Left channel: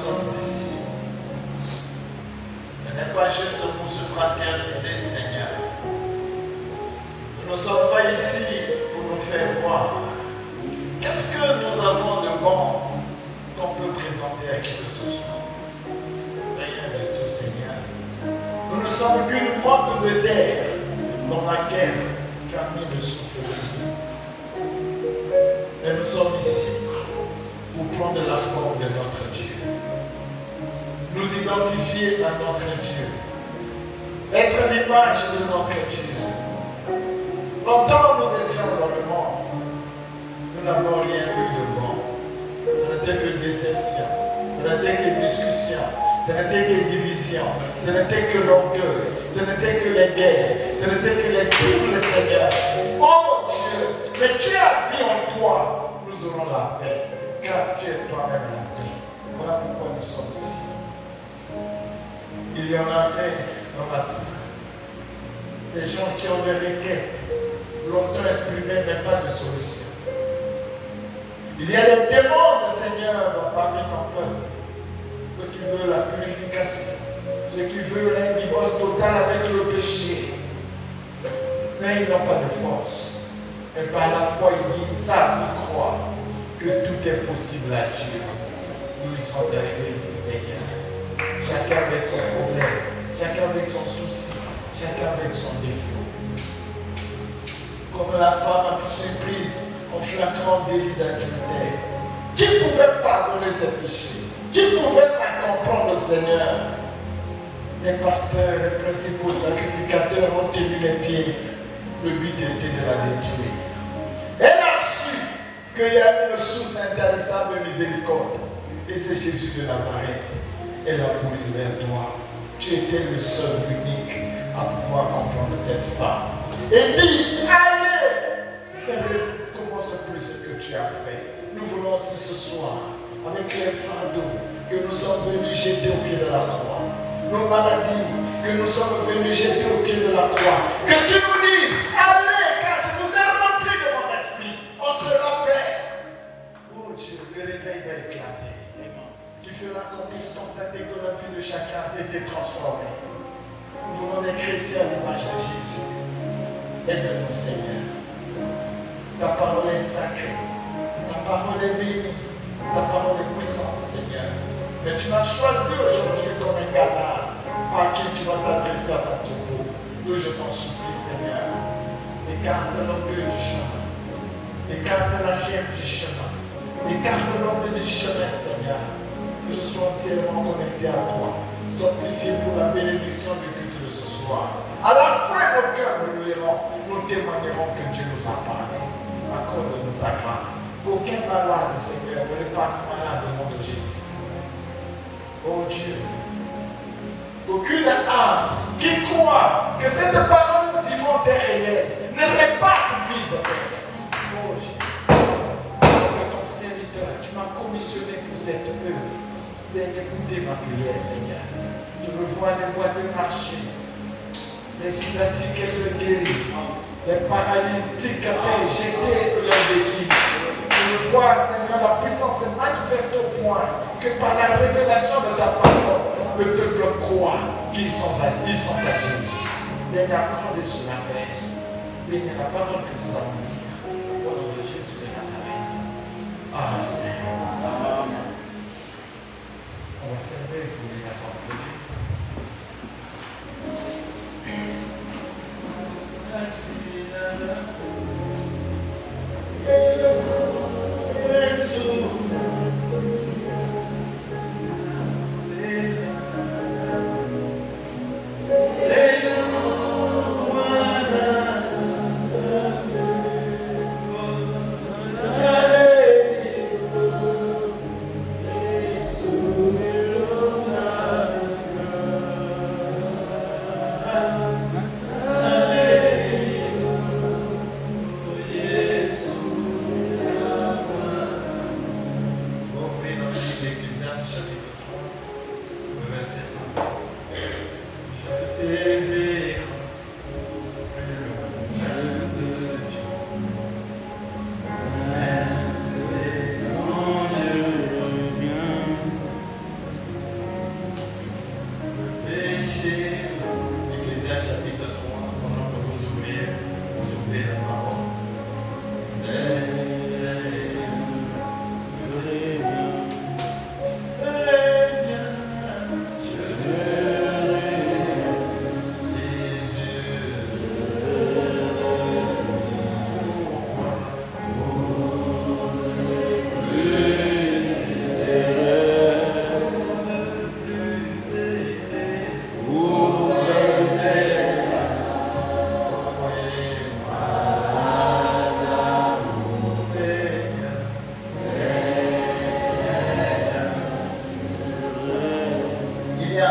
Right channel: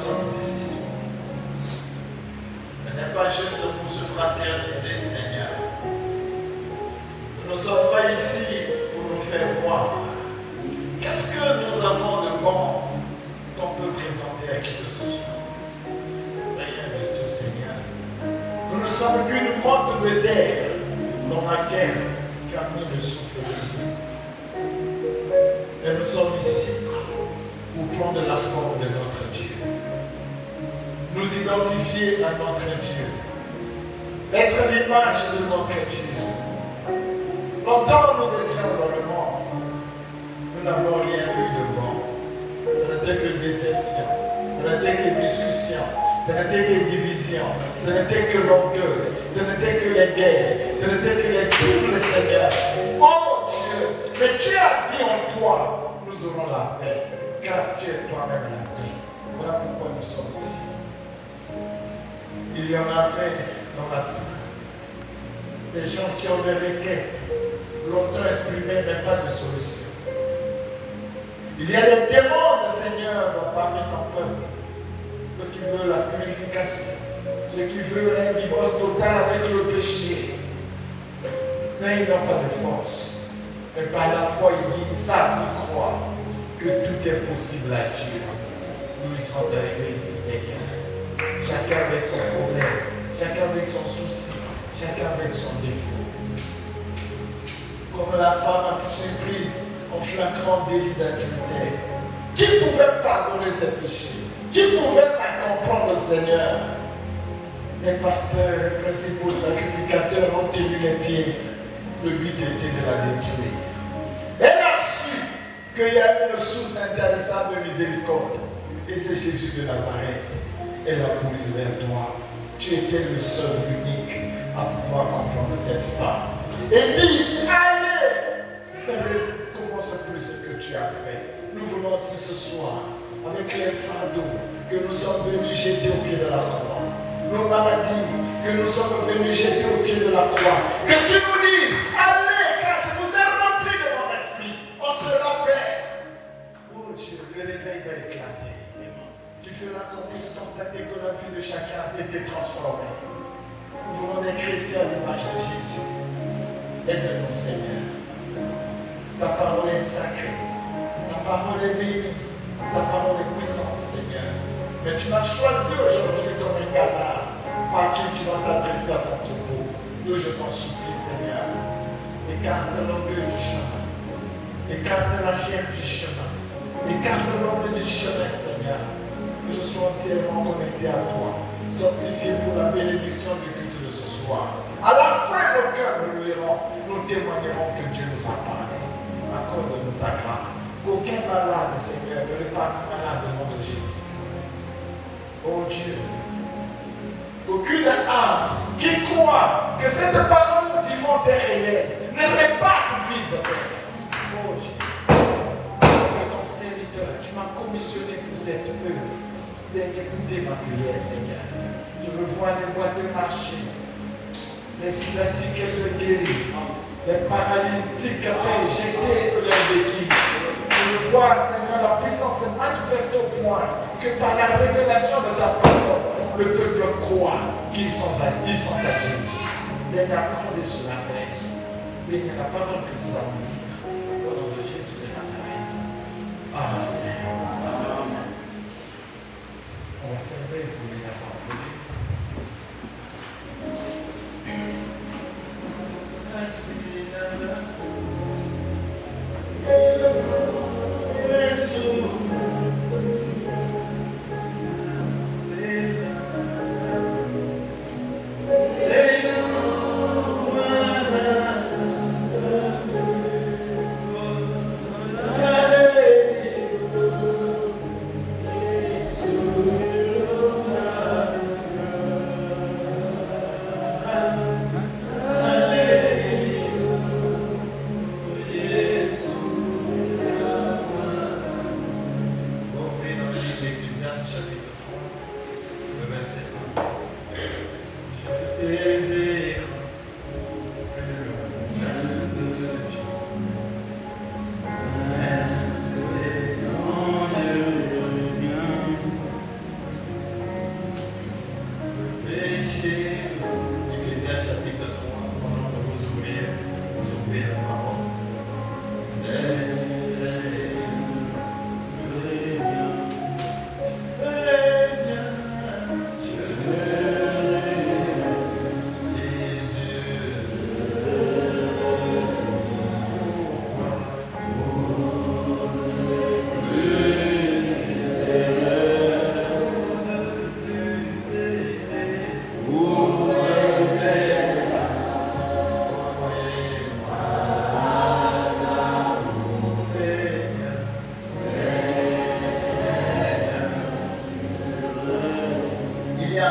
sommes ici, ce n'est pas juste pour se fraterniser, Seigneur. Nous ne sommes pas ici pour nous faire voir. Qu'est-ce que nous avons de bon qu'on peut présenter à qui que ce soit? Rien de tout, Seigneur. Nous ne sommes qu'une boîte de terre dans laquelle tu as mis le souffle de vie. Et nous sommes ici pour prendre la forme de notre Dieu. Nous identifier à notre Dieu. Être l'image de notre Dieu. Longtemps nous étions dans le monde. Nous n'avons rien eu de bon. Ce n'était que déception. Ce n'était que discussion. Ce n'était que division. Ce n'était que l'orgueil. Ce n'était que les guerres. Ce n'était que les crimes, Seigneur. Oh Dieu, mais tu as dit en toi, nous aurons la paix. Car tu es toi-même la paix. Voilà pourquoi nous sommes ici. Il y en avait dans la salle. Des gens qui ont des requêtes, longtemps exprimées, mais pas de solution. Il y a des demandes, Seigneur, parmi ton peuple. Ceux qui veulent la purification, ceux qui veulent un divorce total avec le péché. Mais ils n'ont pas de force. Et par la foi, ils savent, ils croient que tout est possible à Dieu. Nous ils sont arrivés ici, Seigneur. Chacun avec son problème, chacun avec son souci, chacun avec son défaut. Comme la femme a fut surprise en flagrant délit d'adultère. Qui pouvait pardonner ses péchés? Qui pouvait la comprendre, Seigneur? Les pasteurs, les principaux sacrificateurs ont tenu les pieds. Le but était de la détruire. Elle a su qu'il y a une source intéressante de miséricorde. Et c'est Jésus de Nazareth. Elle a voulu vers toi. Tu étais le seul, unique à pouvoir comprendre cette femme. Et dit, allez, ne recommence plus ce que tu as fait. Nous voulons aussi ce soir, avec les fardeaux que nous sommes venus jeter au pied de la croix, nos maladies que nous sommes venus jeter au pied de la croix, que tu nous dises, allez, car je vous ai rempli de mon esprit, on sera paix. Oh Dieu, le réveil va éclater. Tu feras qu'on puisse constater que la vie de chacun a été transformée. Nous voulons des chrétiens à l'image de Jésus. Aide-nous, Seigneur. Ta parole est sacrée. Ta parole est bénie. Ta parole est puissante, Seigneur. Mais tu m'as choisi aujourd'hui comme un canal à qui tu vas t'adresser à ton troupeau. Nous, je t'en supplie, Seigneur. Écarte l'orgueil du chemin. Écarte la chair du chemin. Écarte l'ombre du chemin, Seigneur. Que je sois entièrement connecté à toi, sanctifié pour la bénédiction du culte de ce soir. À la fin, au cœur de nous témoignerons que Dieu nous a parlé. Accorde-nous ta grâce. Aucun malade, Seigneur, ne répare malade au nom de Jésus. Oh Dieu, aucune âme qui croit que cette parole vivante est réelle ne répare vide. Oh Dieu, ton serviteur, tu m'as commissionné pour cette œuvre. Écoutez ma prière, Seigneur. Je me vois les boîtes de marcher, les scientifiques être guéris, les paralytiques être jetés de leur béquille. Je me vois, Seigneur, la puissance se manifeste au point que par la révélation de ta parole, le peuple croit qu'ils sont à Jésus. Bénis accorde sur la paix. Bénis la parole que nous avons lue. Au nom de Jésus de Nazareth. Amen. On va servir pour les parole de Dieu. Merci,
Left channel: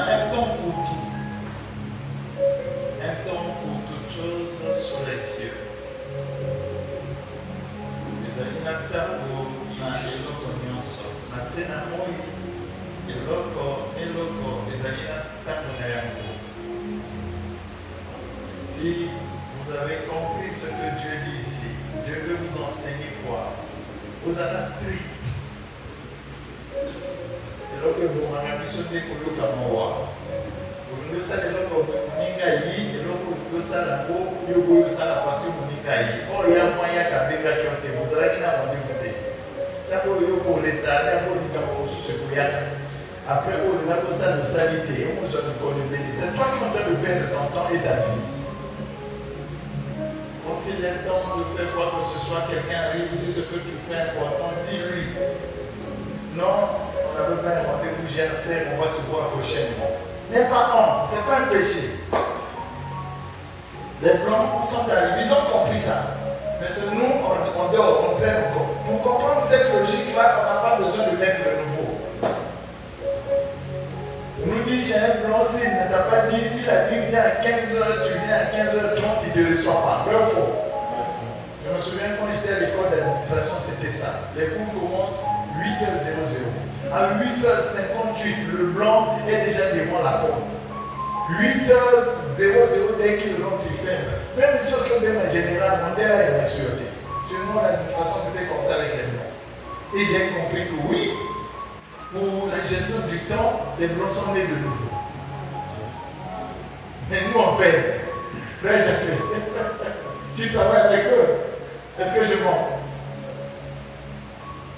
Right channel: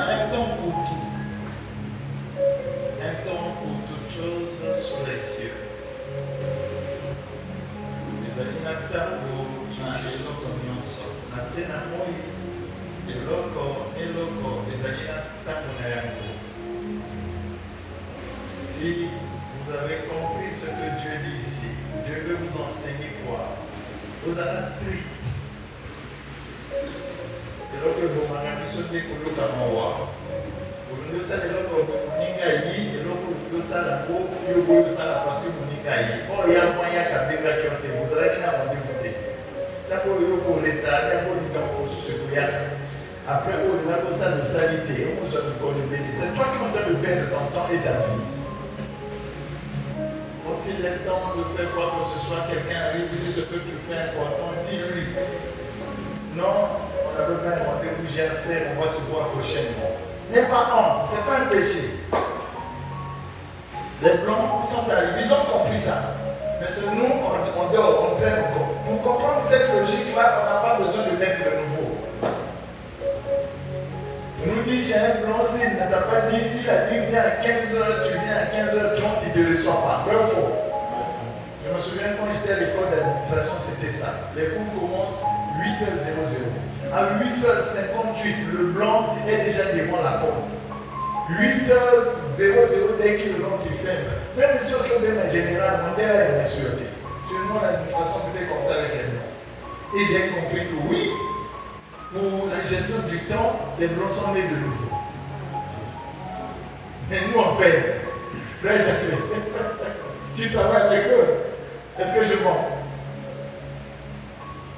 un temps pour tout. Un temps pour toutes choses sur les cieux. Les animateurs qui ont les locaux na scène et locaux les animateurs si vous avez compris ce que Dieu dit ici, Dieu veut vous enseigner quoi? Vous êtes strict. Et donc, vous m'avez sauté pour le Kamawa. Vous savez, vous m'avez dit, et donc, vous savez, vous savez, parce que vous m'avez dit, oh, il y a moyen qu'à bégationner, vous avez dit, à vous voter. D'abord, pour l'État, d'abord, il y a pour ce qu'il y a. Après, on va pour ça de salité, on vous a donné. C'est toi qui es en train de perdre ton temps et ta vie. Quand il est temps de faire quoi que ce soit, quelqu'un arrive ici, ce que tu fais important, dis-lui. Non, on n'a pas un rendez-vous, j'ai à faire, on va se voir prochainement. N'aie pas honte, ce n'est pas un péché. Les blancs sont arrivés, ils ont compris ça. Mais c'est nous, on dort, on traîne encore. Pour comprendre cette logique-là, on n'a pas besoin de mettre le nouveau. On nous dit, j'ai un blanc, s'il ne t'a pas dit, s'il a dit, viens à 15h, tu viens à 15h30, il ne te reçoit pas. Vrai ou faux? Je me souviens quand j'étais à l'école d'administration, c'était ça. Les cours commencent 8h00. À 8h58, le blanc est déjà devant la porte. 8h00, dès qu'il rentre, il ferme. Même si on est en général, on est là, il y a la sûreté. Tout le monde, l'administration, c'était comme ça avec les blancs. Et j'ai compris que oui, pour la gestion du temps, les blancs sont nés de nouveau. Mais nous, on perd. Frère, j'ai fait. Tu travailles avec eux. Est-ce que je mens?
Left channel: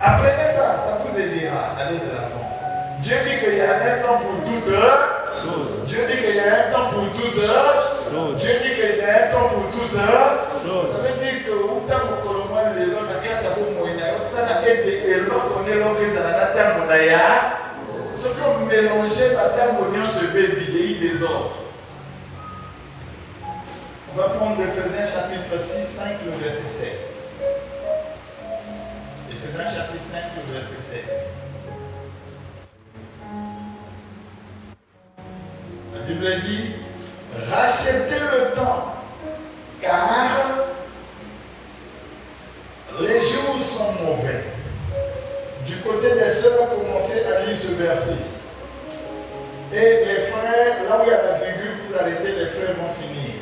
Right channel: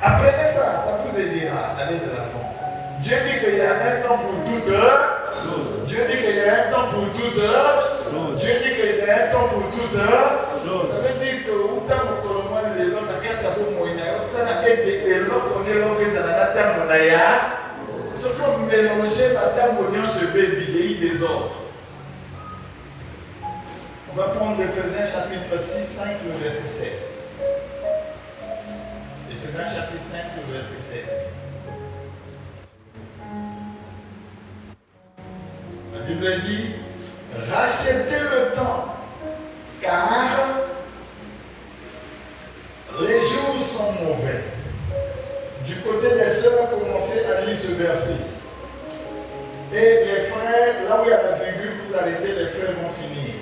Apprenez ça, ça vous aidera à aller de l'avant. Dieu dit qu'il y a un temps pour toute heure. Dieu dit qu'il y a un temps pour toute heure. Dieu dit qu'il y a un temps pour toute heure. Ça veut dire que où tu as mon colombo, le long de la carte, ça vaut moins. Ça n'a été et l'autre, on est là, ça n'a pas été mon aïe. Ce que vous mélangez, madame, au lieu de se vieillir des ordres. On va prendre l'Éphésiens chapitre 6, 5, le verset 16. Éphésiens chapitre 5, le verset 16. La Bible dit, rachetez le temps, car les jours sont mauvais. Du côté des sœurs, commencez à lire ce verset. Et les frères, là où il y a la virgule, vous arrêtez, les frères vont finir.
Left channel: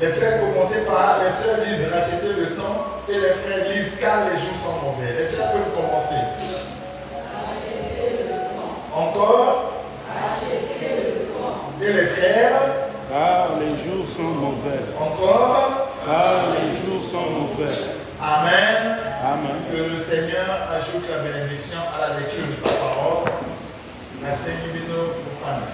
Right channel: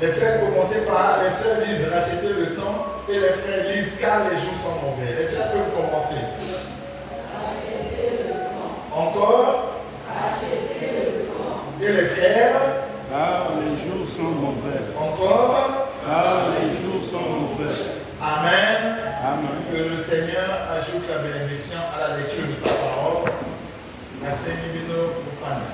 Les frères commencez par là, les sœurs disent rachetez le temps, et les frères disent car les jours sont mauvais. Les sœurs peuvent commencer. Encore. Et les frères. Car les jours sont mauvais. Encore. Car les jours sont mauvais. Amen. Amen. Que le Seigneur ajoute la bénédiction à la lecture de sa parole. Merci Divino Profane.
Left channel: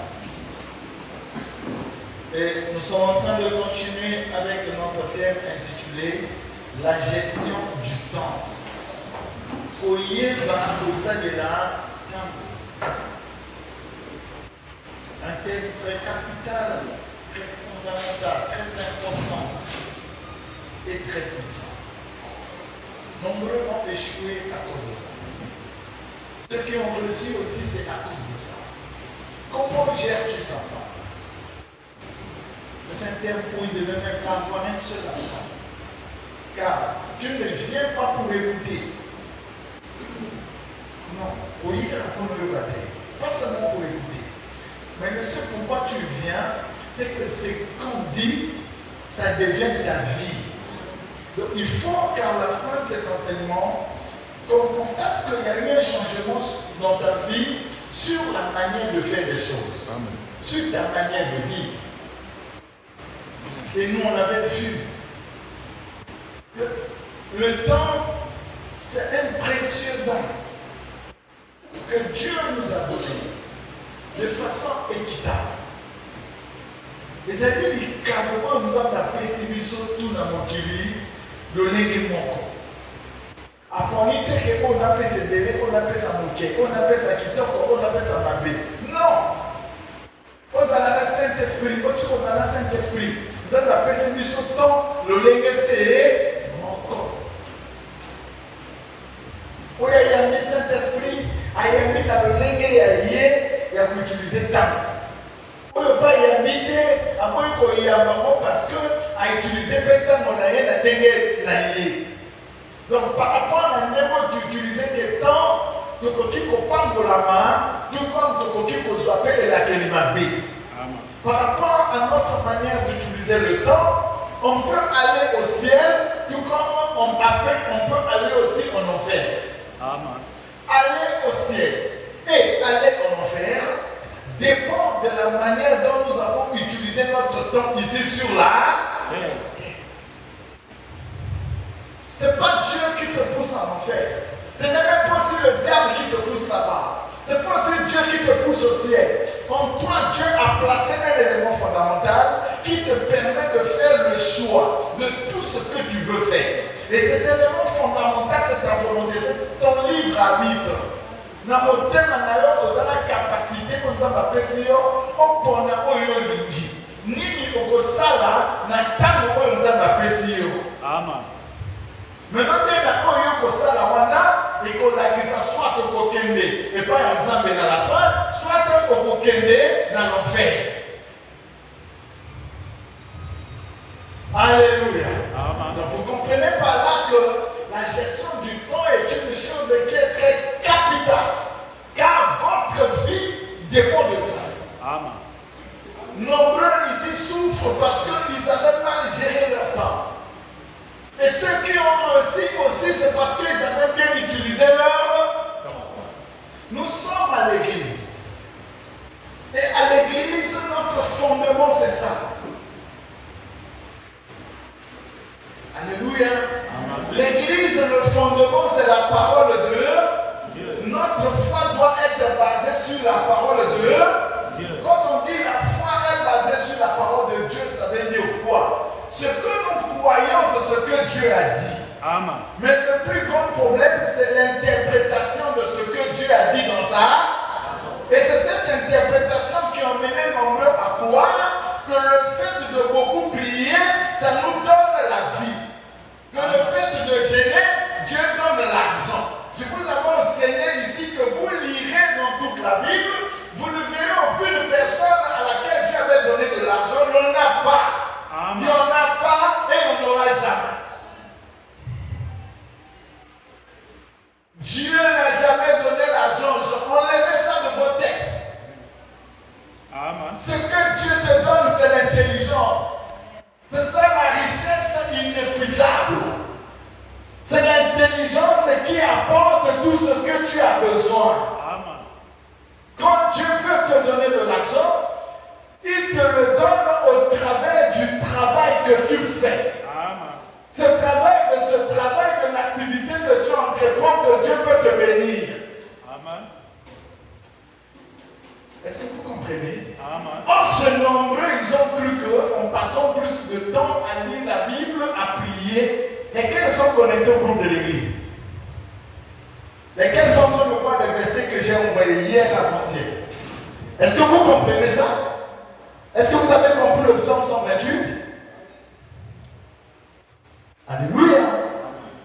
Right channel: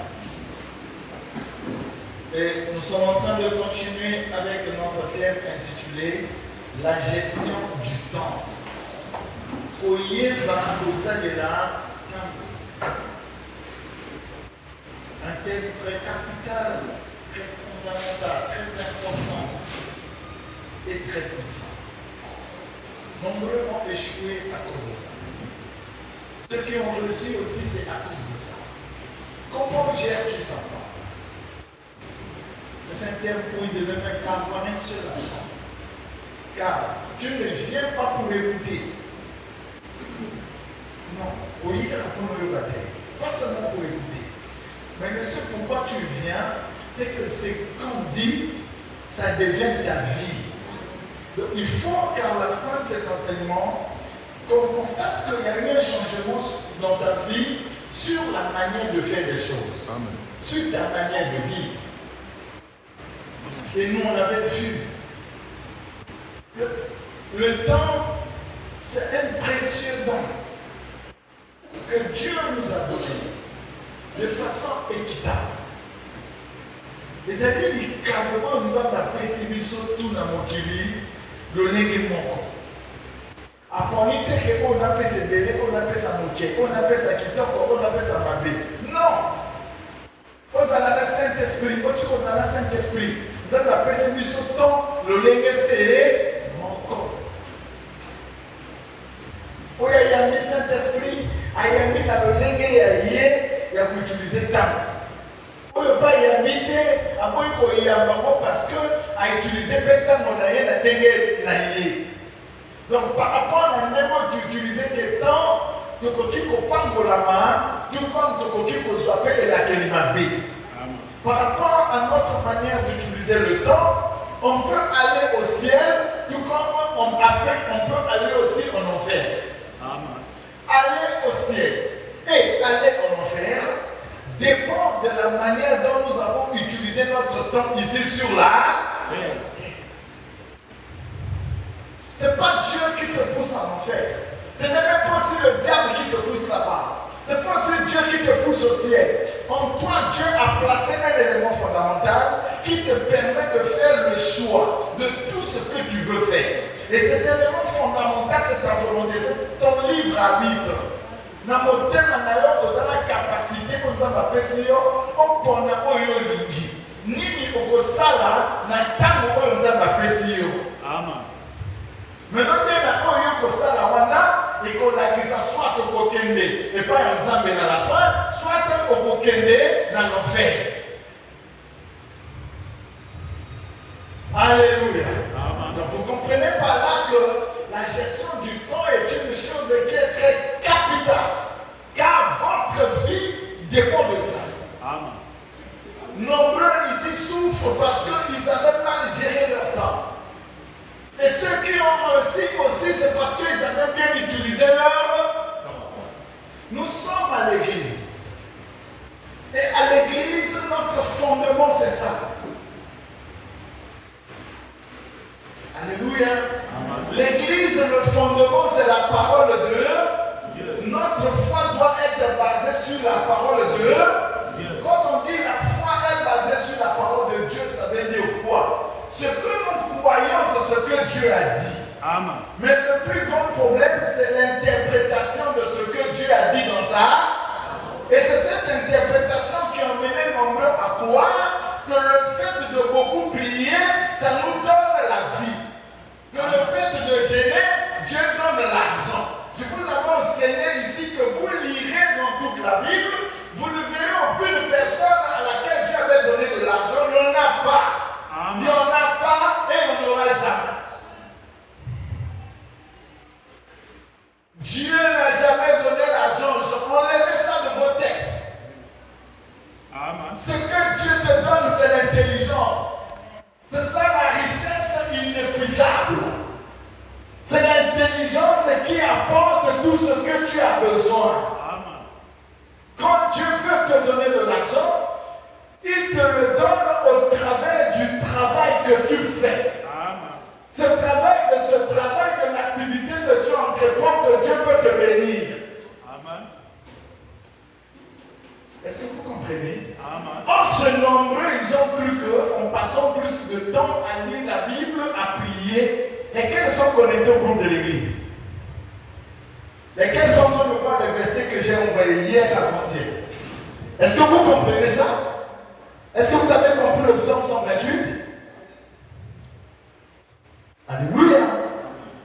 Et nous sommes en train de continuer avec notre thème intitulé La gestion du temps. Oye Barbosa de la temps. Un thème très capital, très fondamental, très important et très puissant. Nombreux ont échoué à cause de ça. Ceux qui ont réussi aussi, c'est à cause de ça. Comment gères-tu ton temps? C'est un thème où il ne devait même pas avoir un seul accent. Car tu ne viens pas pour écouter. Non, au lieu de répondre le bataille, pas seulement pour écouter. Mais ce pourquoi tu viens, c'est que ce qu'on dit, ça devient ta vie. Donc il faut qu'à la fin de cet enseignement, qu'on constate qu'il y a eu un changement dans ta vie sur la manière de faire les choses. Amen. Sur ta manière de vivre. Et nous, on avait vu que le temps, c'est un précieux don que Dieu nous a donné de façon équitable. Les amis du carrément nous ont appris si surtout dans mon kili, le légué mon. À comité qu'on appelle ses bébés, qu'on appelle sa moquette, qu'on appelle sa kitoko, qu'on appelle sa mabé. Non! Vous avez le Saint-Esprit, vous avez le Saint-Esprit. Vous avez appelé ce mission temps, le légué c'est mon corps. Où il y a mis Saint-Esprit, il y a mis dans le légué, il y a utilisé temps. parce que a utilisé peut-être mon aïe la dégué. Donc par rapport à n'importe d'utiliser des temps, tu peux pas la main, tout comme tu peux swapper et la kelimabé. Par rapport à notre manière d'utiliser le temps, on peut aller au ciel, tout comme on peut aller aussi en enfer. Aller au ciel et aller en enfer dépend de la manière dont nous avons utilisé notre temps ici sur la terre. Ce n'est pas Dieu qui te pousse en enfer. Ce n'est même pas aussi le diable qui te pousse là-bas. Ce n'est pas aussi Dieu qui te pousse au ciel. En toi, Dieu a placé un élément fondamental qui te permet de faire le choix de tout ce que tu veux faire. Et cet élément fondamental, c'est ta volonté, c'est ton libre arbitre. Na motema na yo ozala capacité ko nzamba pesi yo opona oyo lingi nini okosala na ntango oyo nzamba pesi yo. Amen. Maintenant na oyo okosala wana ekolakisa soit okokende epai ya Nzambe na la fin soit okokende na l'enfer. Alléluia. Donc vous comprenez par là que la gestion du temps est une chose qui est très capitale. Car votre vie dépend de ça. Amen. Nombreux ici souffrent parce qu'ils avaient mal géré leur temps. Et ceux qui ont aussi c'est parce qu'ils avaient bien utilisé leur temps. Nous sommes à l'église. Et à l'église, notre fondement, c'est ça. Alléluia. L'église, le fondement, c'est la parole de Dieu. Notre foi doit être basée sur la parole de Dieu. Quand on dit la foi est basée sur la parole de Dieu, ça veut dire quoi? Ce que nous croyons, c'est ce que Dieu a dit. Amen. Mais le plus grand problème, c'est l'interprétation de ce que Dieu a dit dans ça. Et c'est cette interprétation qui a mené nombreux à croire que le fait de beaucoup prier, ça nous donne la vie. Que le fait de gêner, Dieu donne l'argent. Je vous avais enseigné ici que vous lirez dans toute la Bible, vous ne verrez aucune personne à laquelle Dieu avait donné de l'argent. Il n'y en a pas. Il n'y en a pas et il n'y en aura jamais. Dieu n'a jamais donné l'argent. Enlevez ça de vos têtes. Ce que Dieu te donne, c'est l'intelligence. C'est ça la richesse inépuisable. C'est l'intelligence qui apporte tout ce que tu as besoin. Quand Dieu veut te donner de l'argent, il te le donne au travers du travail que tu fais. Ce travail, de l'activité que tu entreprends, que Dieu peut te bénir. Est-ce que vous comprenez? Or, chez nombreux, ils ont cru qu'en passant plus de temps à lire la Bible, à prier, et quels sont connectés au groupe de l'église? Et quels sont le point de versets que j'ai envoyé hier avant-hier? Est-ce que vous comprenez ça? Est-ce que vous avez compris le psaume 128? Alléluia!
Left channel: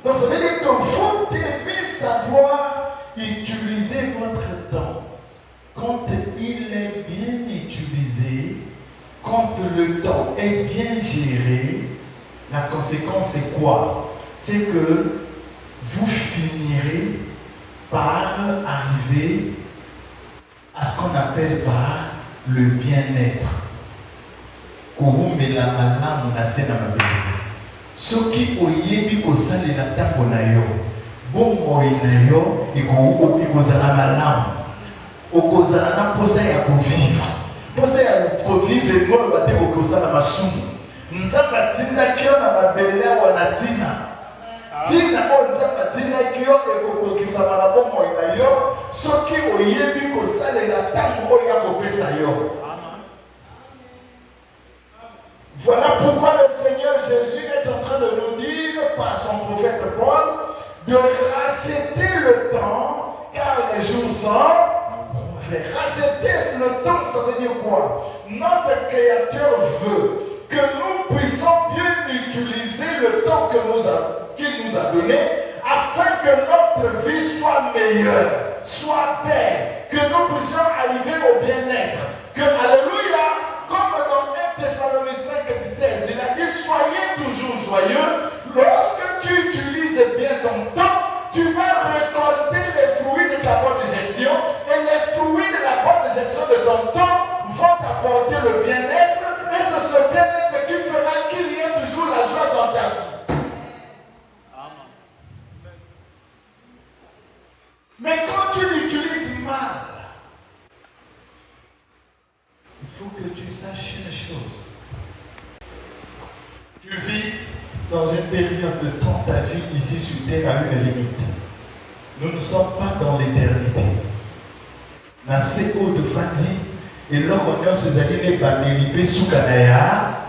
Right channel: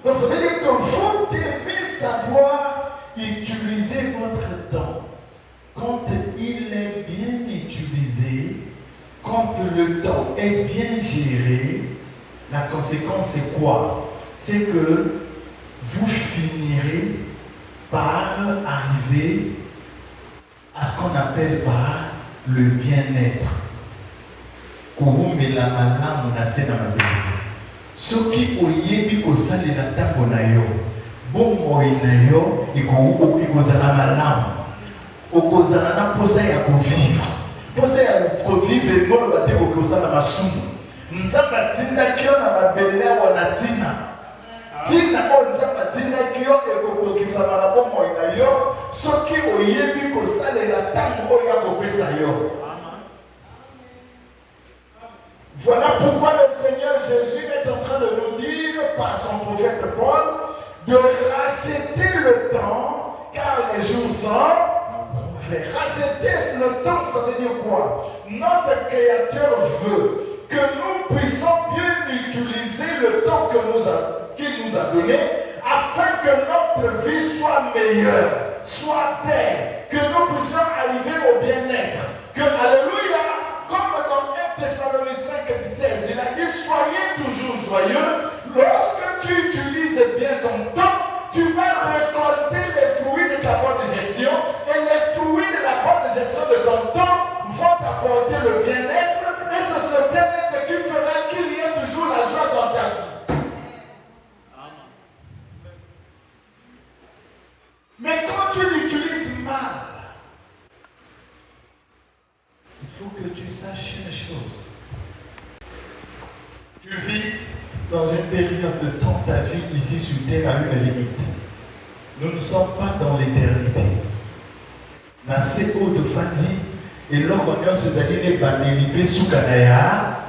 Donc ça veut dire que vous devez savoir utiliser votre temps. Quand il est bien utilisé, quand le temps est bien géré, la conséquence c'est quoi? C'est que vous finirez par arriver à ce qu'on appelle par le bien-être. Ce qui oyebi kosalela ntango na yo bomoi na yo ikozala malamu okozala na posa ya kovivre. Posa ya kovivre ngolo bate okosala masumu nzambe atindaki yo na mabele awa na tina tina oyo nzambe atindaki yo ekokokisama na bomoi na yo soki oyebi kosalela ntango oyo akopesa yo. Voilà pourquoi le Seigneur Jésus est en train de nous dire par son prophète Paul de racheter le temps car les jours sont mauvais. Racheter le temps, ça veut dire quoi? Notre Créateur veut que nous puissions bien utiliser le temps qu'il nous a donné afin que notre vie soit meilleure, soit belle, que nous puissions arriver au bien-être. Que, alléluia, comme dans 1 Thessaloniciens joyeux. Lorsque tu utilises bien ton temps, tu vas récolter les fruits de ta bonne gestion. Et les fruits de la bonne gestion de ton temps vont t'apporter le bien-être. Et c'est ce bien-être qui fera qu'il y ait toujours la joie dans ta vie. Mais quand tu l'utilises mal, il faut que tu saches une chose. Tu vis dans une période de temps, ta vie ici sur terre a une limite. Nous ne sommes pas dans l'éternité. Nassé haut de fatigue, et là on est sur les bamélipés sous Kanaya.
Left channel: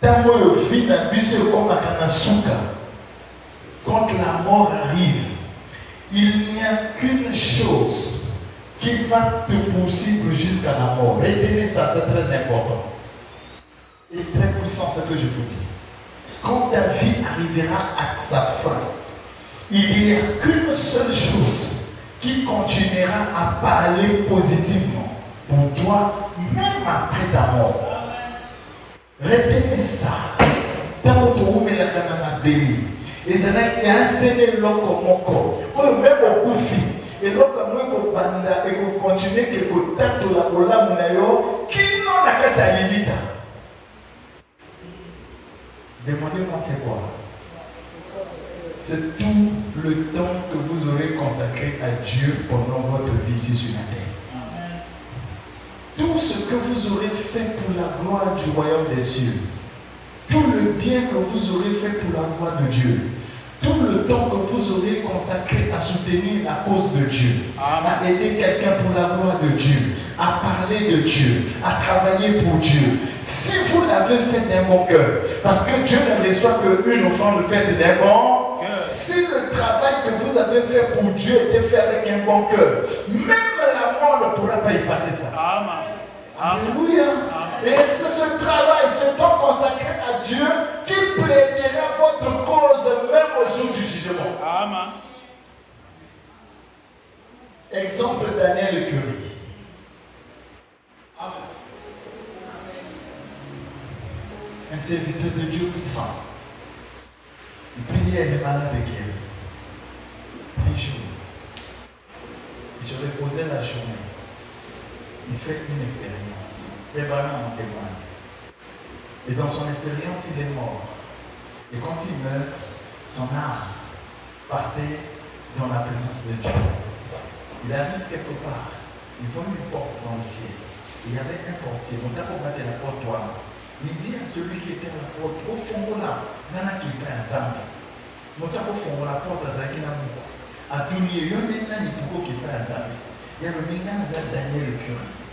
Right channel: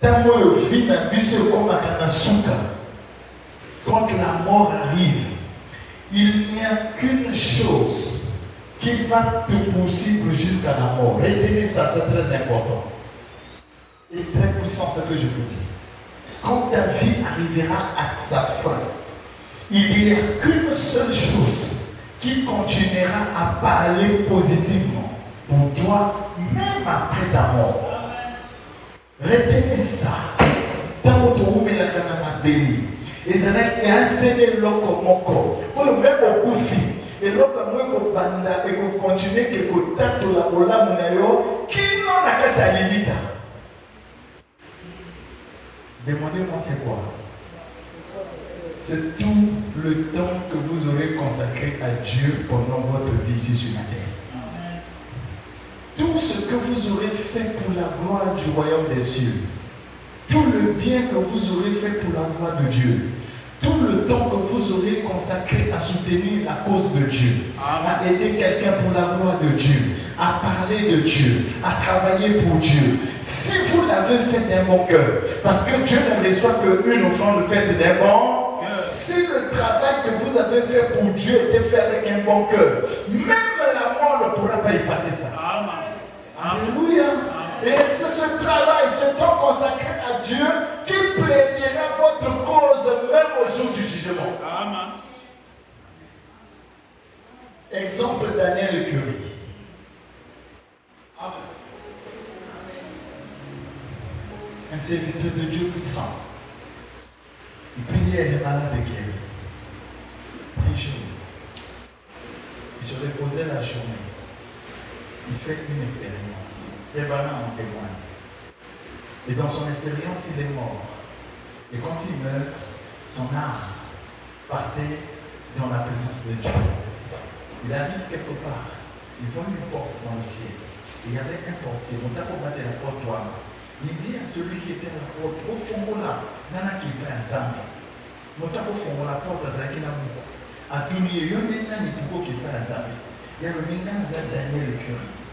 Tant que vie la buse comme à Kanasuka, quand la mort arrive, il n'y a qu'une chose qui va te poursuivre jusqu'à la mort. Retenez ça, c'est très important. Et très puissant ce que je vous dis. Quand ta vie arrivera à sa fin, il n'y a qu'une seule chose qui continuera à parler positivement pour toi, même après ta mort. Retenez ça. Tant que vous mettez la béni. Et c'est un seigneur comme mon corps. Pour même au coufi. Et donc, quand banda et qu'on continue que le temps de la bola qui n'en a qu'à ta limite. Demandez-moi c'est quoi? C'est tout le temps que vous aurez consacré à Dieu pendant votre vie ici sur la terre. Tout ce que vous aurez fait pour la gloire du royaume des cieux. Tout le bien que vous aurez fait pour la gloire de Dieu. Tout le temps que vous aurez consacré à soutenir la cause de Dieu, à aider quelqu'un pour la gloire de Dieu, à parler de Dieu, à travailler pour Dieu. Si vous l'avez fait d'un bon cœur, parce que Dieu ne reçoit qu'une offrande faite d'un bon cœur. Si le travail que vous avez fait pour Dieu était fait avec un bon cœur, même la mort ne pourra pas effacer ça. Alléluia. Et c'est ce travail, ce temps consacré à Dieu qui plaidera votre cause même au jour du jugement. Amen. Exemple Daniel Curie. Un serviteur de Dieu puissant. Il priait les malades guéris. Un jour, il se reposait la journée. Il fait une expérience. Et dans son expérience, il est mort. Et quand il meurt, son âme partait dans la présence de Dieu. Il arrive quelque part, il voit une porte dans le ciel. Il y avait un portier, donc là, on battait la porte toi. Il dit à celui qui était à la porte, au fond là, nana qui était un zambi. Donc au fond, la porte a zaki na mouko. À tout milieu, il y a maintenant une pouco qui est un zambi. Il y a le maintenant Daniel Curie.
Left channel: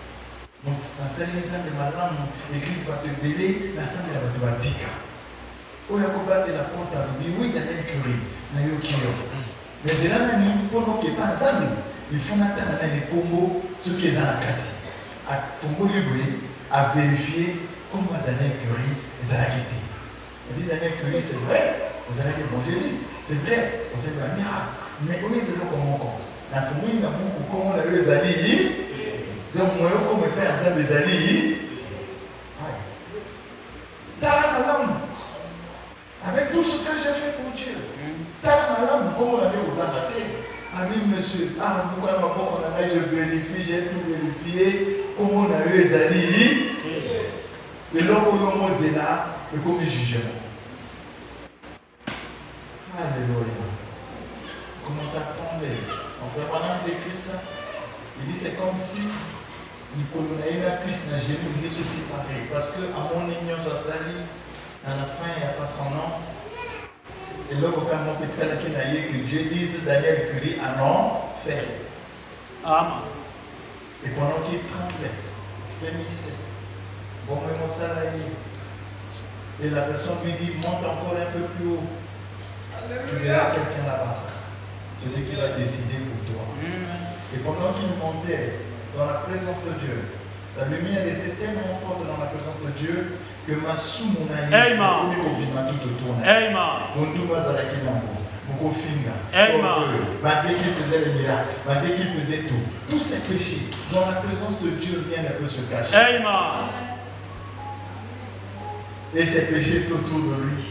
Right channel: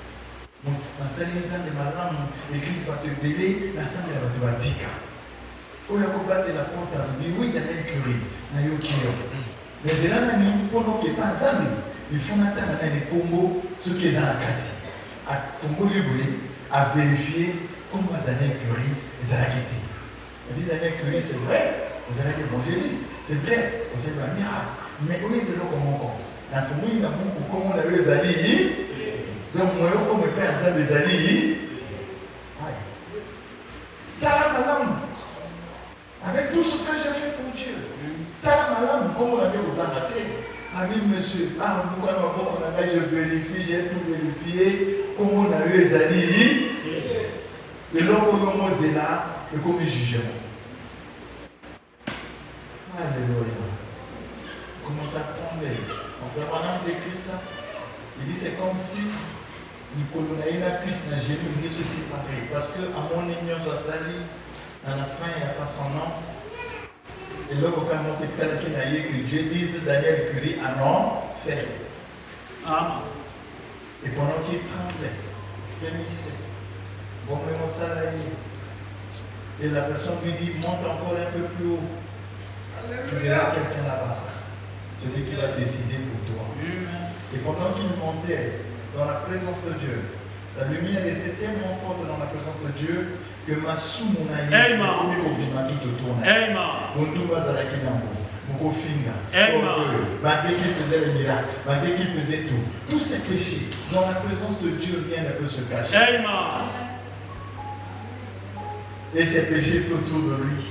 Mon enseignant de madame, l'église va te délai, la salle va te piquer. Quand il y a combattu la porte à l'oublier, oui, Daniel Curie, n'a eu aucun. Mais c'est là même pour qu'il n'y ait pas de il faut attendre les Congo, ce qui est dans la carte. À Congo Libre, à vérifier comment Daniel Curie les a quittés. Et puis Daniel Curie, c'est vrai, vous avez l'évangéliste, c'est vrai, vous avez un miracle. Mais où est le lot comme encore? La famille, comment on a eu les amis. Donc, moi, comme je fais ensemble les amis, avec tout ce que j'ai fait pour Dieu, comment on a vu aux abattés. Ami, monsieur, pourquoi je vérifie, j'ai tout vérifié, comment on a eu les amis, et l'homme où on est là, et comme il juge. Alléluia. Comment ça prend? On fait maintenant des Christ. Il dit c'est comme si nous connaissions un Christ n'a jamais dit ceci pareil. Parce que à mon union, Jassali, à la fin, il n'y a pas son nom. Et là, quand mon petit frère qui n'a écrit, Dieu dit Daniel Curie à non faire. Amen. Et pendant qu'il tremblait, frémissait, bon, mais mon salarié. Et la personne lui dit monte encore un peu plus haut. Tu verras quelqu'un là-bas. Celui qui l'a décidé pour toi. Et pendant qu'il montait dans la présence de Dieu, la lumière était tellement forte dans la présence de Dieu que ma sous-monaïe, tout autour. Mon nous a la kinambo, mon finga, malgré qu'il faisait le miracle, malgré qu'il faisait tout. Tous ces péchés, dans la présence de Dieu, rien ne peut se cacher. et ses péchés tout autour de lui.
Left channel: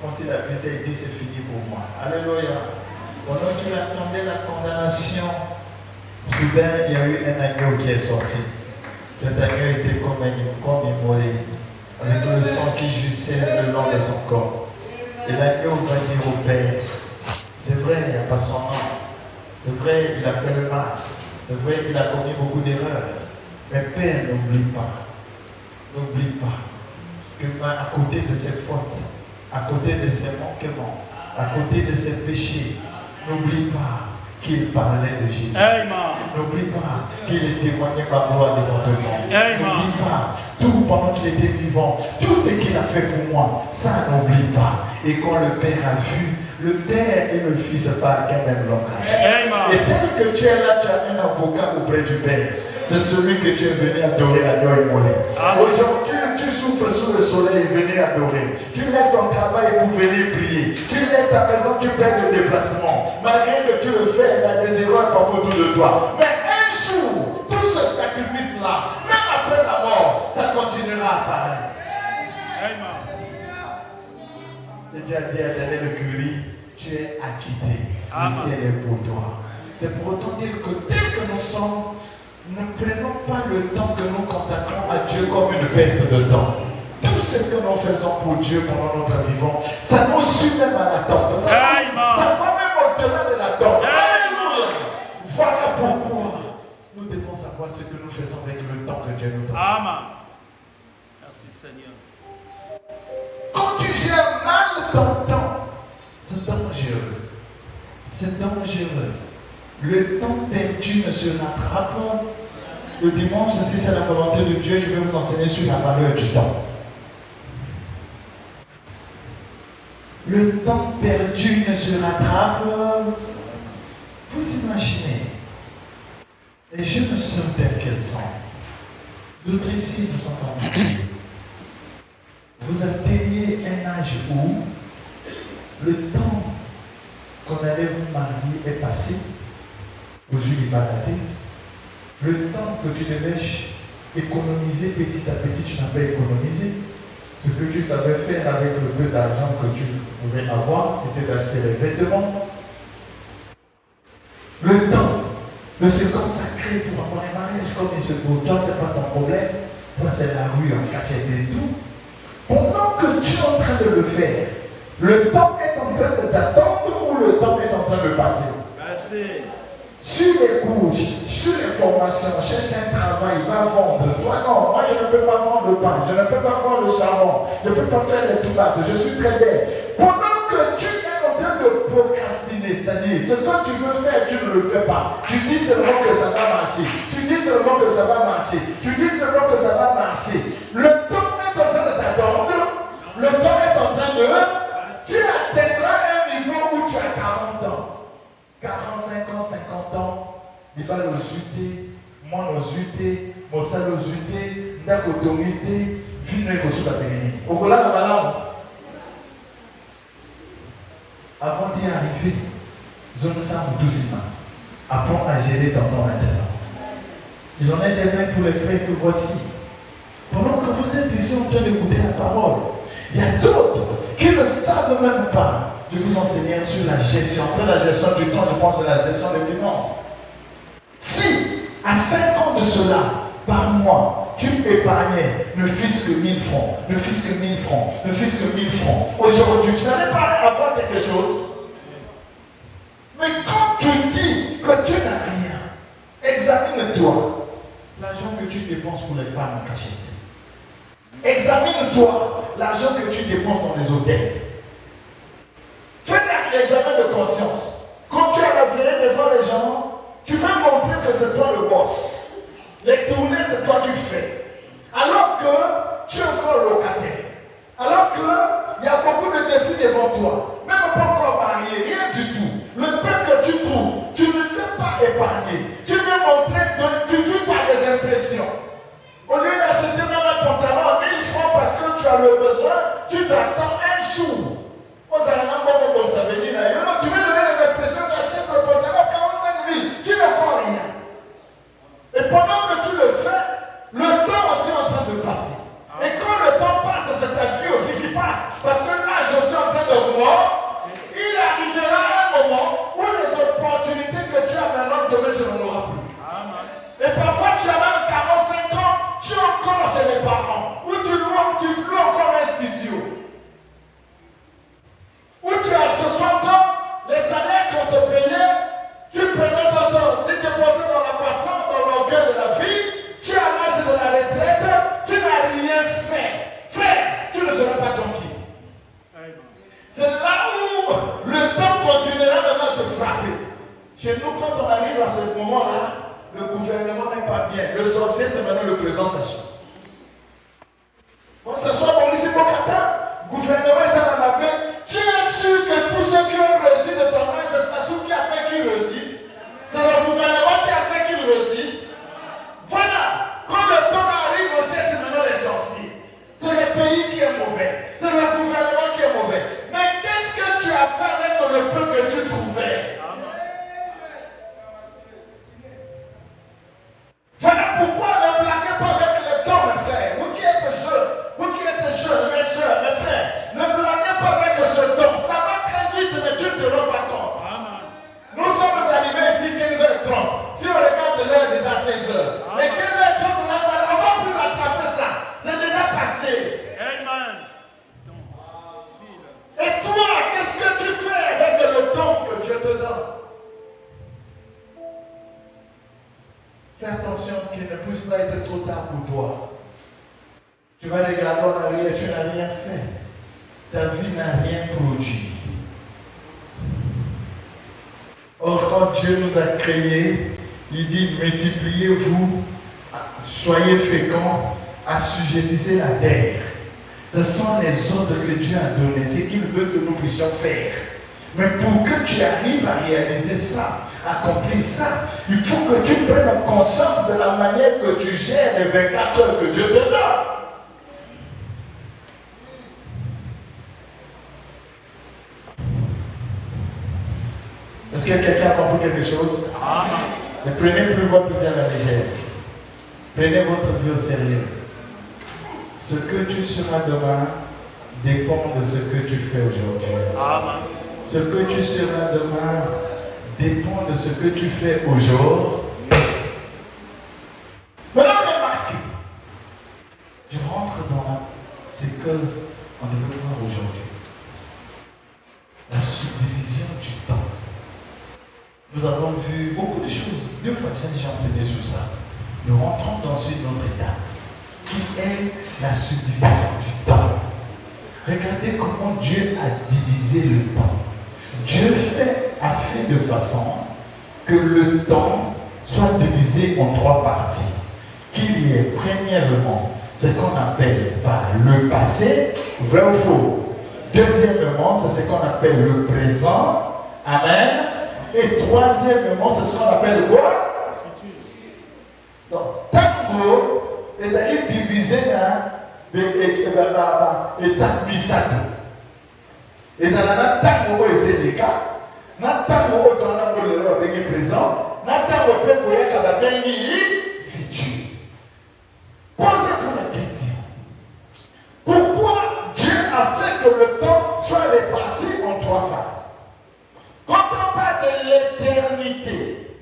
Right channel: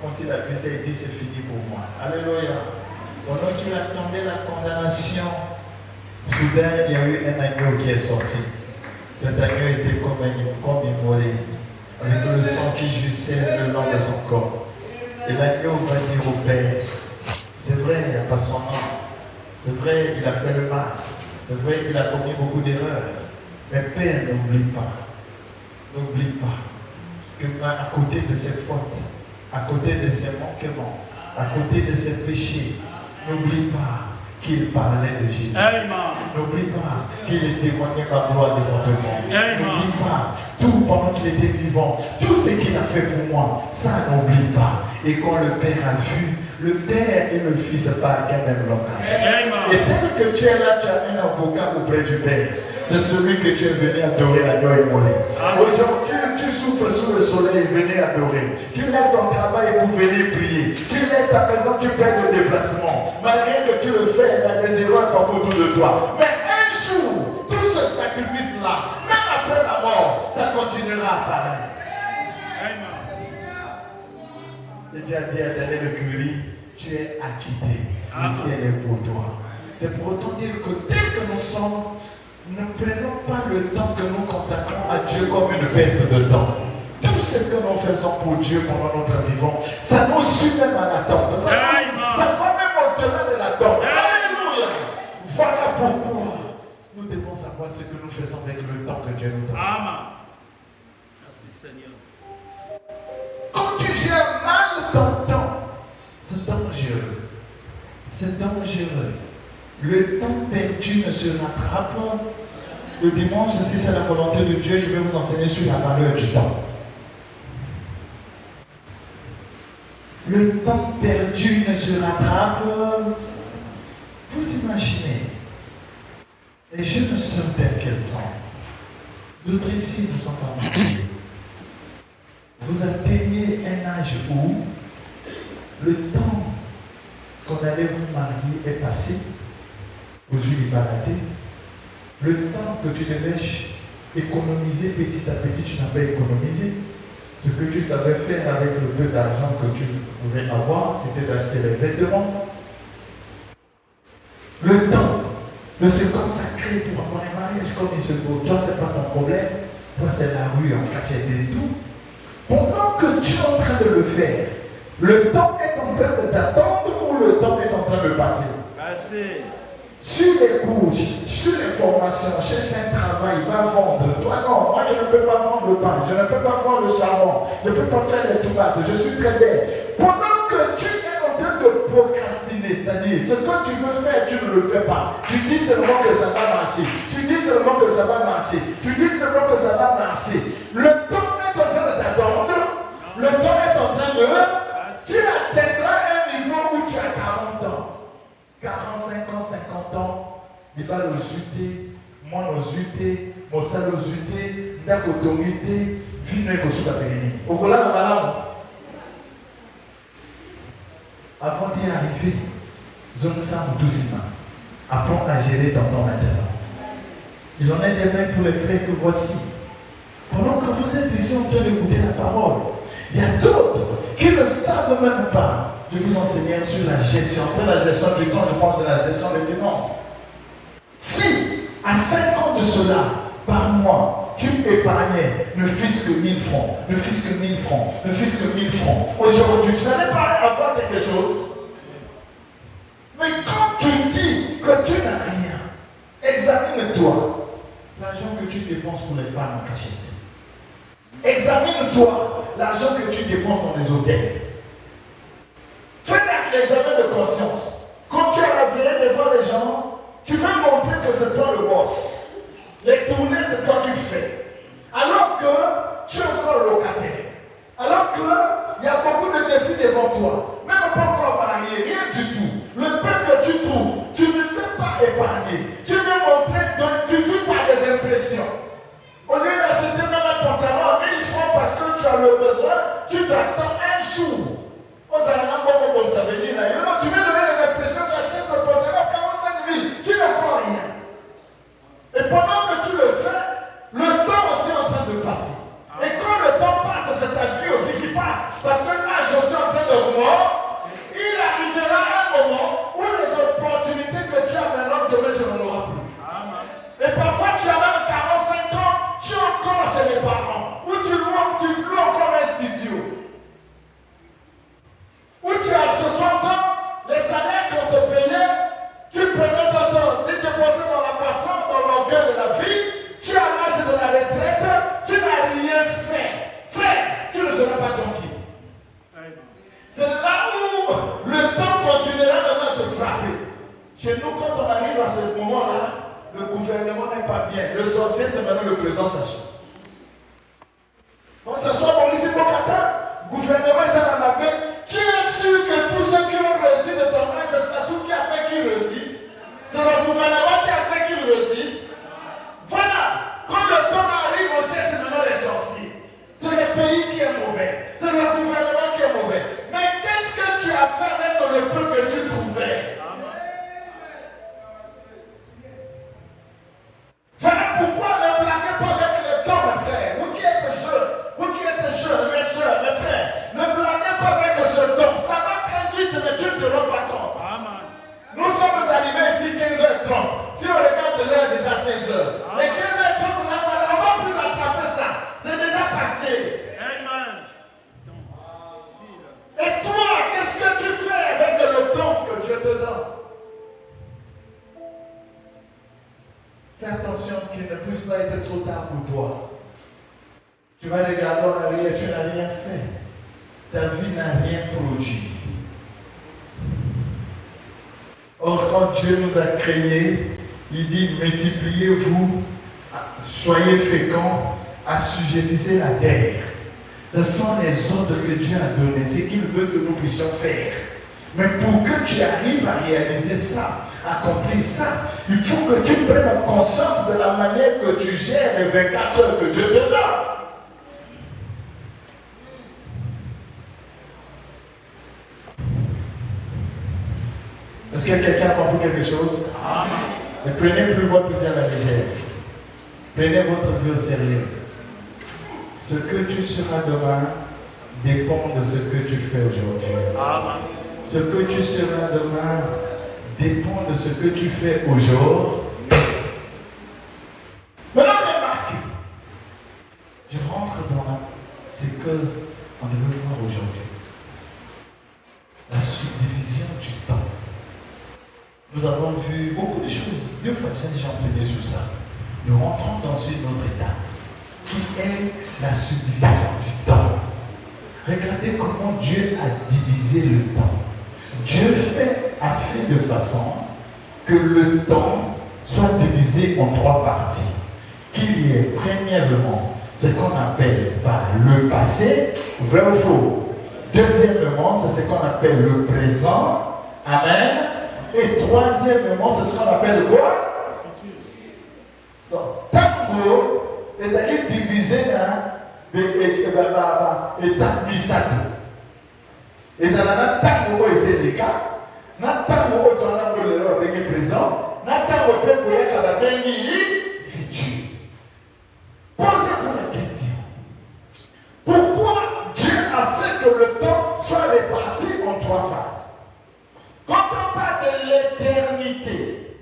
Quand il a fait ça, il dit c'est fini pour moi. Alléluia. Pendant qu'il attendait la condamnation, soudain il y a eu un agneau qui est sorti. Cet agneau était comme immolé, avec le sang qui jouissait le long de son corps. Et l'agneau va dire au Père, c'est vrai, il n'y a pas son nom. C'est vrai, il a fait le mal. C'est vrai qu'il a commis beaucoup d'erreurs. Mais Père, n'oublie pas. N'oublie pas que à côté de ses fautes, à côté de ses manquements, à côté de ses péchés, n'oublie pas qu'il parlait de Jésus. N'oublie pas qu'il témoignait ma gloire devant toi. N'oublie pas tout pendant qu'il était vivant, tout ce qu'il a fait pour moi, ça n'oublie pas. Et quand le Père a vu, le Père et le Fils parlent quand même langage. Et tel que tu es là, tu as un avocat auprès du Père. C'est celui que tu es venu adorer, adorer, mourir. Aujourd'hui, tu souffres sous le soleil, venez adorer. Tu laisses ton travail pour venir prier. Tu laisses ta maison, tu perds le déplacement. Malgré que tu le fais, il y a des erreurs parfois autour de toi. Mais un jour, tout ce sacrifice-là, même après la mort, ça continuera à apparaître. Et Dieu a dit à Daniel Curie, tu es acquitté. Le ciel est pour toi. C'est pour autant dire que dès que nous sommes, ne prenons pas le temps que nous consacrons à Dieu comme une fête de temps. Tout ce que nous faisons pour Dieu pendant notre vivant, ça nous suit même à l'attente. Ça va même au-delà de l'attente. Alléluia. Voilà pourquoi nous devons savoir ce que nous faisons avec le temps que Dieu nous donne. Amen. Merci Seigneur. Quand tu gères mal ton temps, c'est dangereux. C'est dangereux. Le temps perdu ne se rattrape. Le dimanche, si c'est la volonté de Dieu, je vais vous enseigner sur la valeur du temps. Le temps perdu ne se rattrape. Vous imaginez, les jeunes sœurs telles qu'elles sont, d'autres ici ne sont pas mariées. Vous atteignez un âge où le temps qu'on allait vous marier est passé. Aux yeux du baraté, le temps que tu devais économiser petit à petit, tu n'as pas économisé. Ce que tu savais faire avec le peu d'argent que tu pouvais avoir, c'était d'acheter les vêtements. Le temps de se consacrer pour avoir un mariage comme il se faut. Toi, ce n'est pas ton problème. Toi, c'est la rue en cachette et tout. Pendant que tu es en train de le faire, le temps est en train de t'attendre ou le temps est en train de passer? Sur les couches, sur les formations, cherche un travail, va vendre. Toi non, moi je ne peux pas vendre le pain, je ne peux pas vendre le charbon, je ne peux pas faire les toubasses, je suis très belle. Pendant que tu es en train de procrastiner, c'est-à-dire ce que tu veux faire, tu ne le fais pas. Tu dis seulement que ça va marcher, tu dis seulement que ça va marcher, tu dis seulement que ça va marcher. Le temps est en train de t'attendre, le temps est en train de... Tu atteindras un niveau où tu as 40 ans. 45 ans, 50 ans, il va nous uter, moi nous uter, mon sang nous uter, d'autorité, finir nous sur la périmie. Au voilà dans la langue. Avant d'y arriver, zone ça doucement. Apprends à gérer dans ton maintenant. Il en est des mêmes pour les frères que voici. Pendant que vous êtes ici en train d'écouter la parole, il y a d'autres qui ne savent même pas. Je vous enseigne sur la gestion. Après la gestion du temps, je pense à la gestion des finances. Si, à 5 ans de cela, par mois, tu épargnais ne fût-ce que 1000 francs, ne fût-ce que 1000 francs, ne fût-ce que 1000 francs, aujourd'hui, tu n'allais pas avoir quelque chose. Mais quand tu dis que tu n'as rien, examine-toi l'argent que tu dépenses pour les femmes en cachette. Examine-toi l'argent que tu dépenses dans les hôtels. Fais un examen de conscience. Quand tu es réveillé devant les gens, tu veux montrer que c'est toi le boss. Les tournées, c'est toi qui fais. Alors que tu es encore locataire. Alors qu'il y a beaucoup de défis devant toi. Même pas encore marié, rien du tout. Le peu que tu trouves, tu ne sais pas épargner. Tu veux montrer que tu vis par des impressions. Au lieu d'acheter même un pantalon à 1000 francs parce que tu as le besoin, tu t'attends un jour. Tu veux donner les impressions, tu achètes le pantalon à 45 000, tu n'as pas rien. Et pendant que tu le fais, le temps Chez nous, quand on arrive à ce moment-là, le gouvernement n'est pas bien. Le sorcier, c'est maintenant le président Sassou. On s'assoit comme ici, mon kata. Gouvernement, c'est dans la main. Tu es sûr que tous ceux qui ont réussi de ton main, c'est Sassou qui a fait qu'ils réussissent. C'est le gouvernement qui a fait qu'ils réussissent. Voilà. Quand le temps arrive, on cherche maintenant les sorciers. C'est le pays qui est mauvais. C'est le gouvernement qui est mauvais. Mais qu'est-ce que tu as fait avec le peu que tu trouvais? Voilà pourquoi ne blaguez pas avec le temps, mes frères. Vous qui êtes jeunes, mes soeurs, mes frères, ne blaguez pas avec ce temps. Ça va très vite, mais Dieu ne te rend pas compte. Nous sommes arrivés ici 15h30. Si on regarde l'heure, déjà 16h. Les 15h30, là, ça ne va plus rattraper ça. C'est déjà passé. Et toi, qu'est-ce que tu fais avec le temps que Dieu te donne? Fais attention qu'il ne puisse pas être trop tard pour toi. Tu vas regarder en arrière, tu n'as rien fait. Ta vie n'a rien produit. Or, quand Dieu nous a créés, il dit multipliez-vous, soyez féconds, assujettissez la terre. Ce sont les ordres que Dieu a donnés, c'est qu'il veut que nous puissions faire. Mais pour que tu arrives à réaliser ça, accomplir ça, il faut que tu prennes conscience de la manière que tu gères les 24 heures que Dieu te donne. Est-ce que quelqu'un a compris quelque chose? Ne prenez plus votre vie à la légère. Prenez votre vie au sérieux. Ce que tu seras demain dépend de ce que tu fais aujourd'hui. Ce que tu seras demain dépend de ce que tu fais aujourd'hui. Maintenant, remarque, je rentre dans ce que on veut voir aujourd'hui. La subdivision du temps. Nous avons vu beaucoup de choses. 2 fois 5 gens s'étaient sur ça. Nous rentrons dans une autre étape qui est la subdivision du temps. Regardez comment Dieu a divisé le temps. Dieu a fait de façon que le temps soit divisé en 3 parties. Qu'il y ait premièrement ce qu'on appelle par le passé, vrai ou faux. Deuxièmement, c'est ce qu'on appelle le présent. Amen. Et troisièmement, c'est ce qu'on appelle quoi? Donc, tango, les alliés divisés dans l'étape misato. Les alliés tango et sénéka, n'a tango dans la présent, n'a tango pour la futur. Posez-vous la question. Pourquoi Dieu a fait que le temps soit réparti en 3 phases? Quand on parle de l'éternité,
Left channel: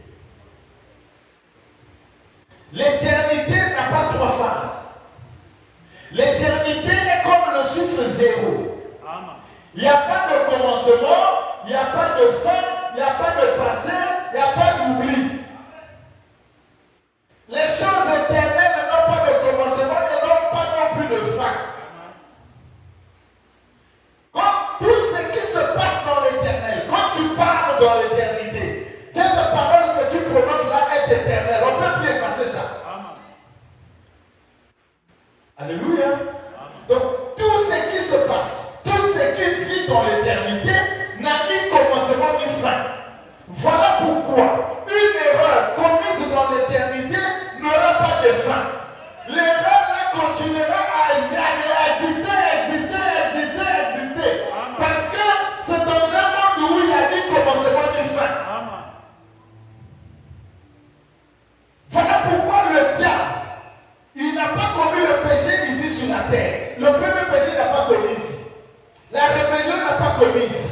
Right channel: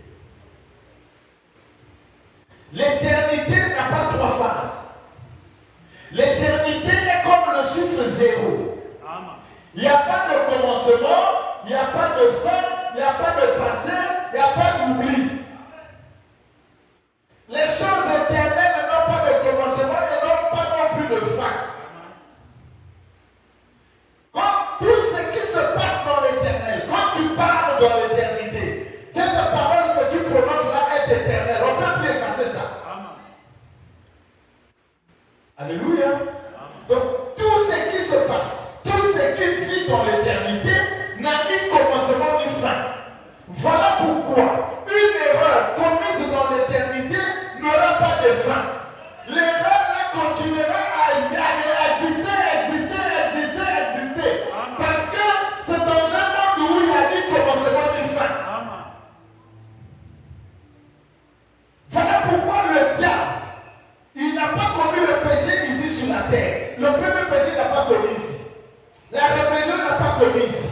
l'éternité n'a pas 3 phases. L'éternité est comme le chiffre 0. Il n'y a pas de commencement, il n'y a pas de fin, il n'y a pas de passé, il n'y a pas d'oubli. Les choses éternelles n'ont pas de commencement et n'ont pas non plus de fin. Quand tout ce qui se passe dans l'éternel, quand tu parles dans l'éternité, cette parole que tu prononces là est éternelle. On ne peut plus effacer ça. Alléluia. Donc tout ce qui se passe, tout ce qui vit dans l'éternité n'a ni commencement ni fin. Voilà pourquoi une erreur commise dans l'éternité n'aura pas de fin. L'erreur là continuera à exister. Parce que c'est dans un monde où il y a ni commencement ni fin. Voilà pourquoi le diable, il n'a pas commis le péché ici sur la terre. Le premier péché n'a pas commis ici. La rébellion n'a pas commis ici.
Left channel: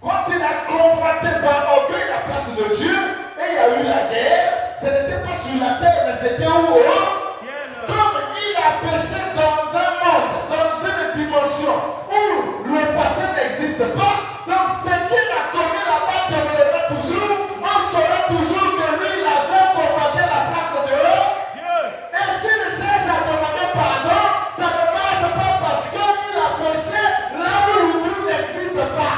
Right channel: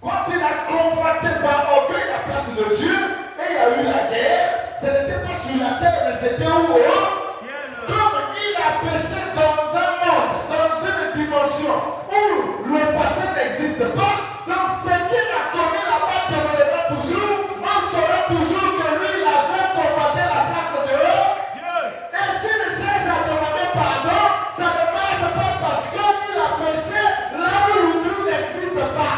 Quand il a confronté par orgueil la place de Dieu, et il y a eu la guerre, ce n'était pas sur la terre, mais c'était où? Comme il a péché dans un monde, dans une dimension où le passé n'existe pas, donc ce qu'il a commis là-bas demeurera toujours, on saura toujours que lui, il avait combattu la place de Dieu. Et s'il cherche à demander pardon, ça ne marche pas parce qu'il a péché là où l'oubli n'existe pas.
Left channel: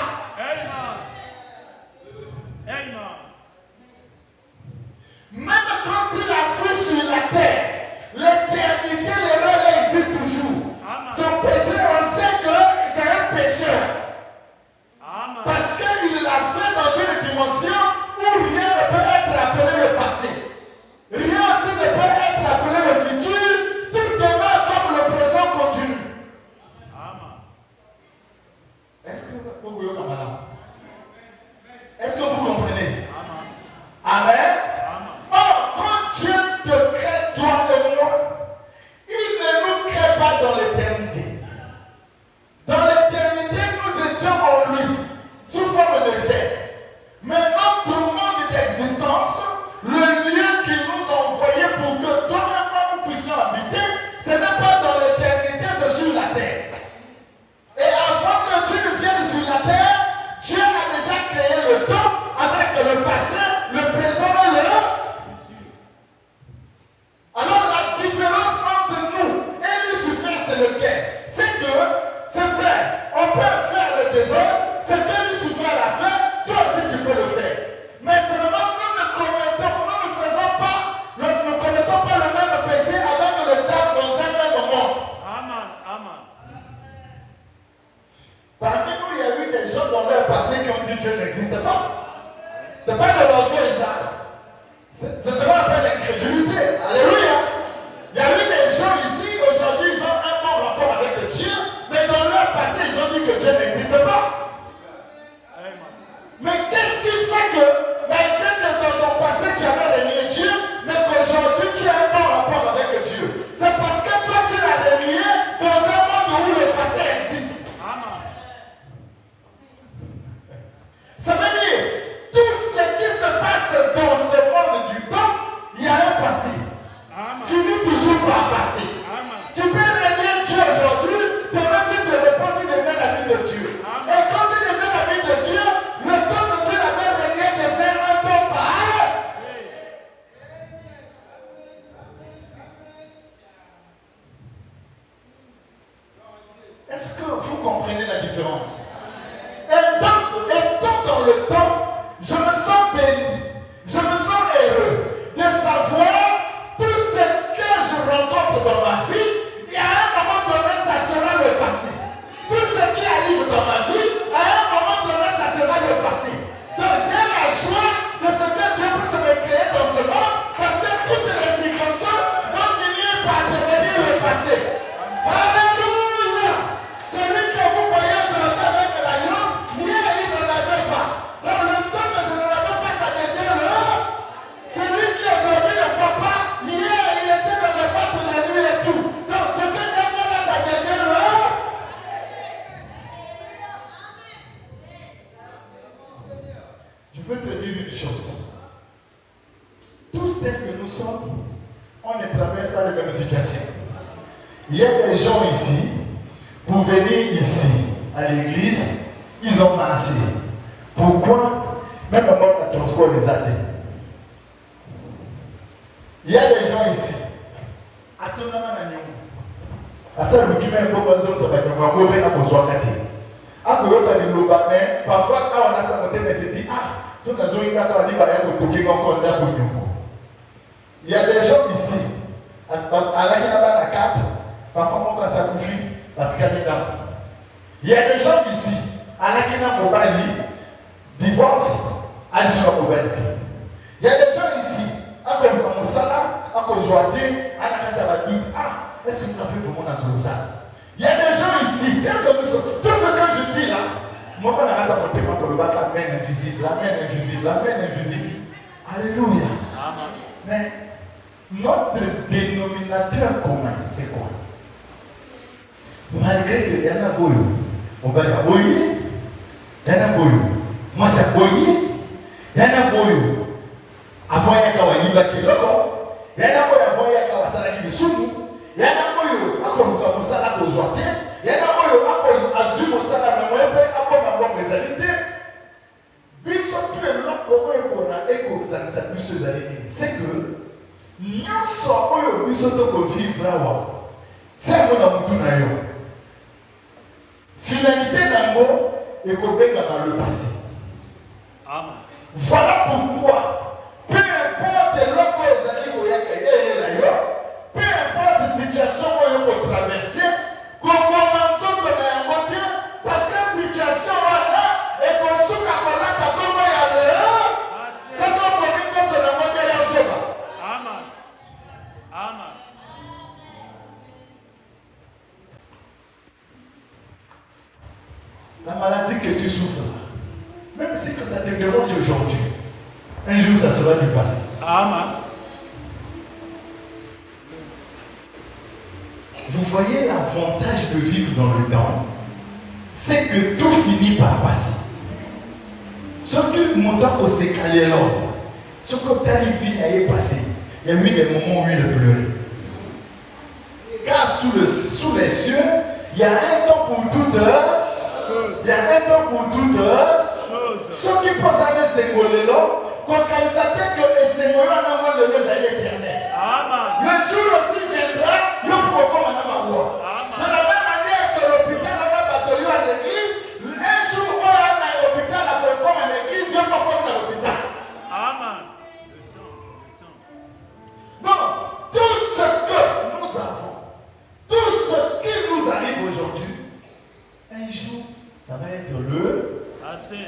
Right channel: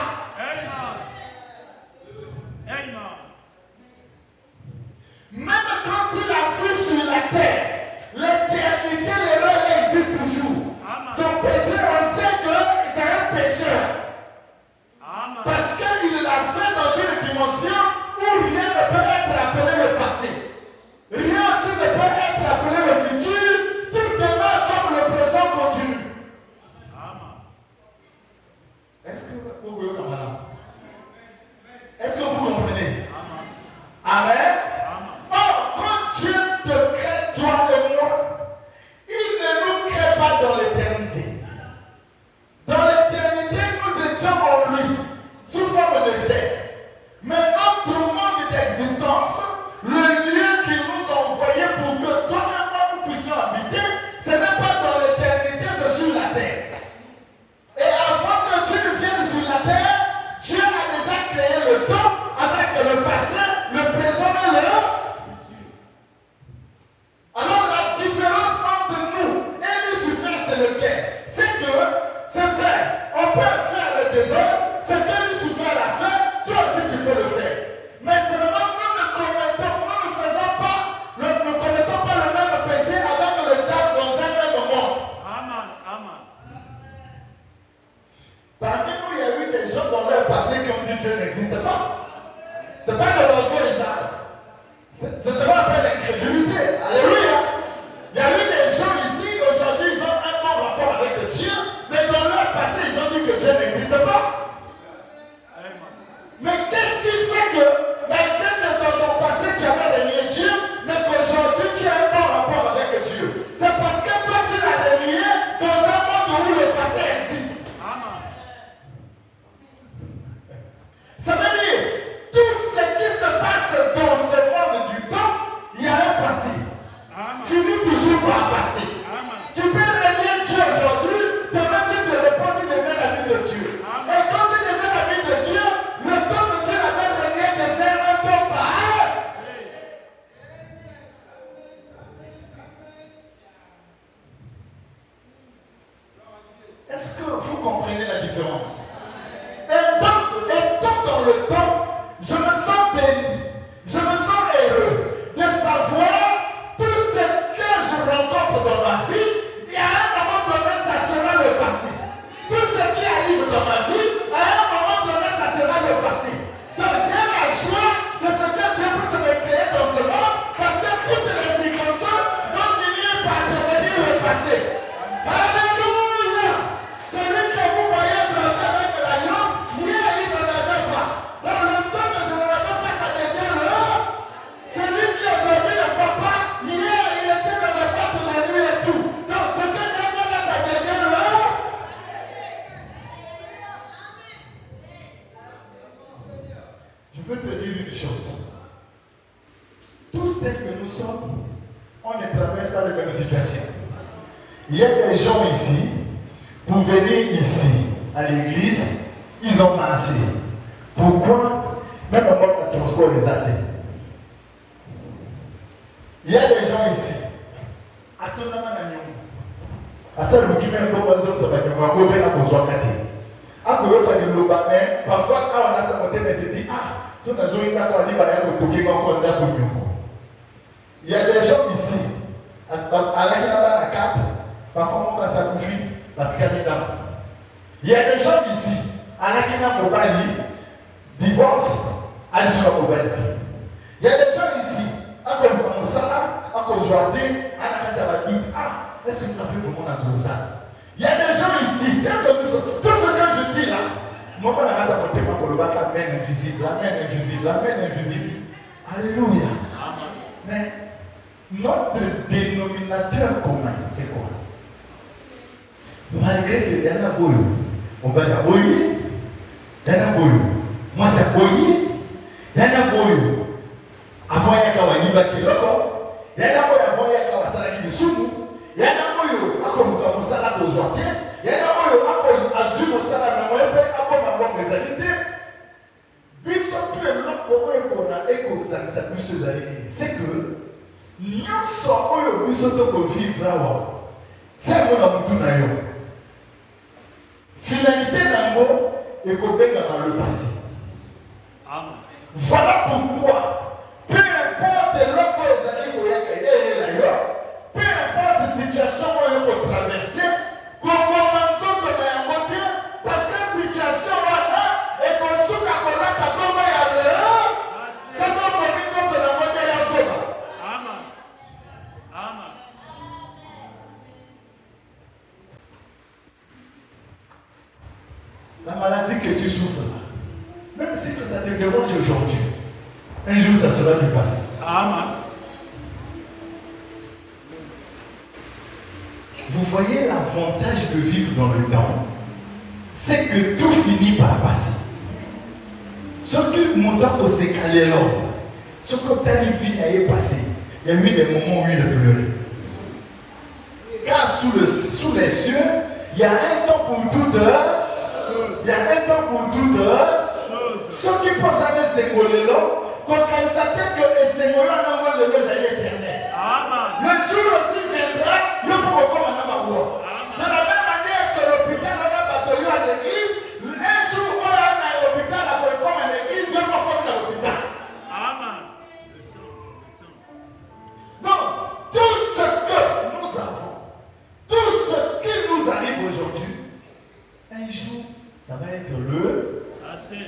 Ce sera pas l'incrédulité. Alléluia. Il y a eu des gens ici, aujourd'hui, ils ont un bon rapport avec Dieu, mais dans leur passé, ils ont dit que Dieu n'existe pas. Mais qu'est-ce qui fait que, malgré que dans ton passé, tu avais relié Dieu, mais qu'aujourd'hui, tu as un bon rapport avec Dieu? C'est parce que toi, tu l'as relié dans un monde où le passé existe. Ça veut dire, tout ce qui se passe dans ce monde du temps, il y a un passé. Finis toujours par passer. Tu peux relier Dieu aujourd'hui, demain tu te réponds, tu deviens l'ami de Dieu. Et quand tu deviens l'ami de Dieu, le temps que Dieu l'avait relié devient un temps passe. Est-ce que vous comprenez la différence? Et dans le temps, je me sens béni, je me sens heureux de savoir tout ce que je rencontre dans ma vie. Il y a un moment donné, ça sera le passé. Tout ce qui arrive dans ma vie, à un moment donné, ça sera le passé. Donc j'ai la joie de ce que Dieu peut se me créer dans ce monde, parce que toutes les circonstances vont finir par devenir le passé. Alléluia! Celui que vous voyez aujourd'hui avec l'alliance, hier il ne l'avait pas. Dans le temps que je ne l'avais pas, ça devient l'heure. Celui qui aujourd'hui ne peut pas, hier il était dans le boîte de la nuit et tout. Donc ce que j'aime là, ça devient l'heure. Je peux te dire une chose. Tous tels que nous sommes, on ne traverse pas les mêmes situations. Il y a des gens ici, pour venir ici, à l'église, ils ont marché. Pourquoi? Même en mode de transport des athées. Il y a des gens ici. Asa lukime ndo wazo sabanya kwa gobe na kozwakati. Akoyota ni lobane, parfois quand on a sa côté mais se dit so na zo ina ka liba ya ko toki ko nda ko nyoko. Il y a des gens ici. Alaki na ba na carte. Parfois on ça confie parce qu'il y a là. Il y a des gens ici. Alaki na mobali divorce alisha mobali. Il y a des gens ici. Akoyota musala, akozwate, anakata ba doute. Est-ce que vous avez vraiment dans ça? Il y a des gens ici, tout ce que je dis là, moi on a montré pour le battre la main invisible, la main invisible, la main invisible. Alléluia. Mais notre dénominateur commun, c'est quoi? Malgré que y en a boyo, on va dire boyo, y en a boyo. Moi c'est boyo, y en a boyo. Avant il y a kawaïba qui loko, y en a boyo avant il y a kawasala qui misumu. Il y a un moyo, ako musala kozwate. Il y a un moyo, ako azu musala na mwepe, ako na mwa mezalite. Biso tu es là pour epona eko zanisa biso zalite. C'est que nyonso oyo biso toko vivre awa. C'est mona mutu na yo. Finalité nango ekobenga dans le passé. Voilà pourquoi peu importe l'oko ezali koyaka ye na yo. Peu importe la situation où il faut traverser, comment on s'en peut côté, parce que la situation là est qu'on se fait qu'on a pas comment il y a dehors, ça doit commencer à côté la chose. Amen. Amen. La maladie que tu souffres, même si que ça te dérange aujourd'hui, un jour ça sera dépassé. Amen. Vous voyez l'avantage de vivre dans le temps, c'est que tout finit par passer. Ce qui montant au sécalier ce que ta vie est passé, il y a eu des moments où il a pleuré. Car sous les cieux, il y a un temps pour toute heure, il y a un temps pour toute heure. Ceux qui pensent à ce symbole-là, quand ils s'attendent que le Seigneur n'a pas de nos alliés éternels. Le jour aussi viendra, nous pourrons comme un avoir. De la même manière que l'hôpital n'a pas battu à l'église, un jour où on a l'hôpital, on peut comme à l'église, il y a pas comme à l'hôpital. Amen. Donc, tout ce que nous avons, tout ce qui nous arrive aujourd'hui, un jour, ça va être le passé.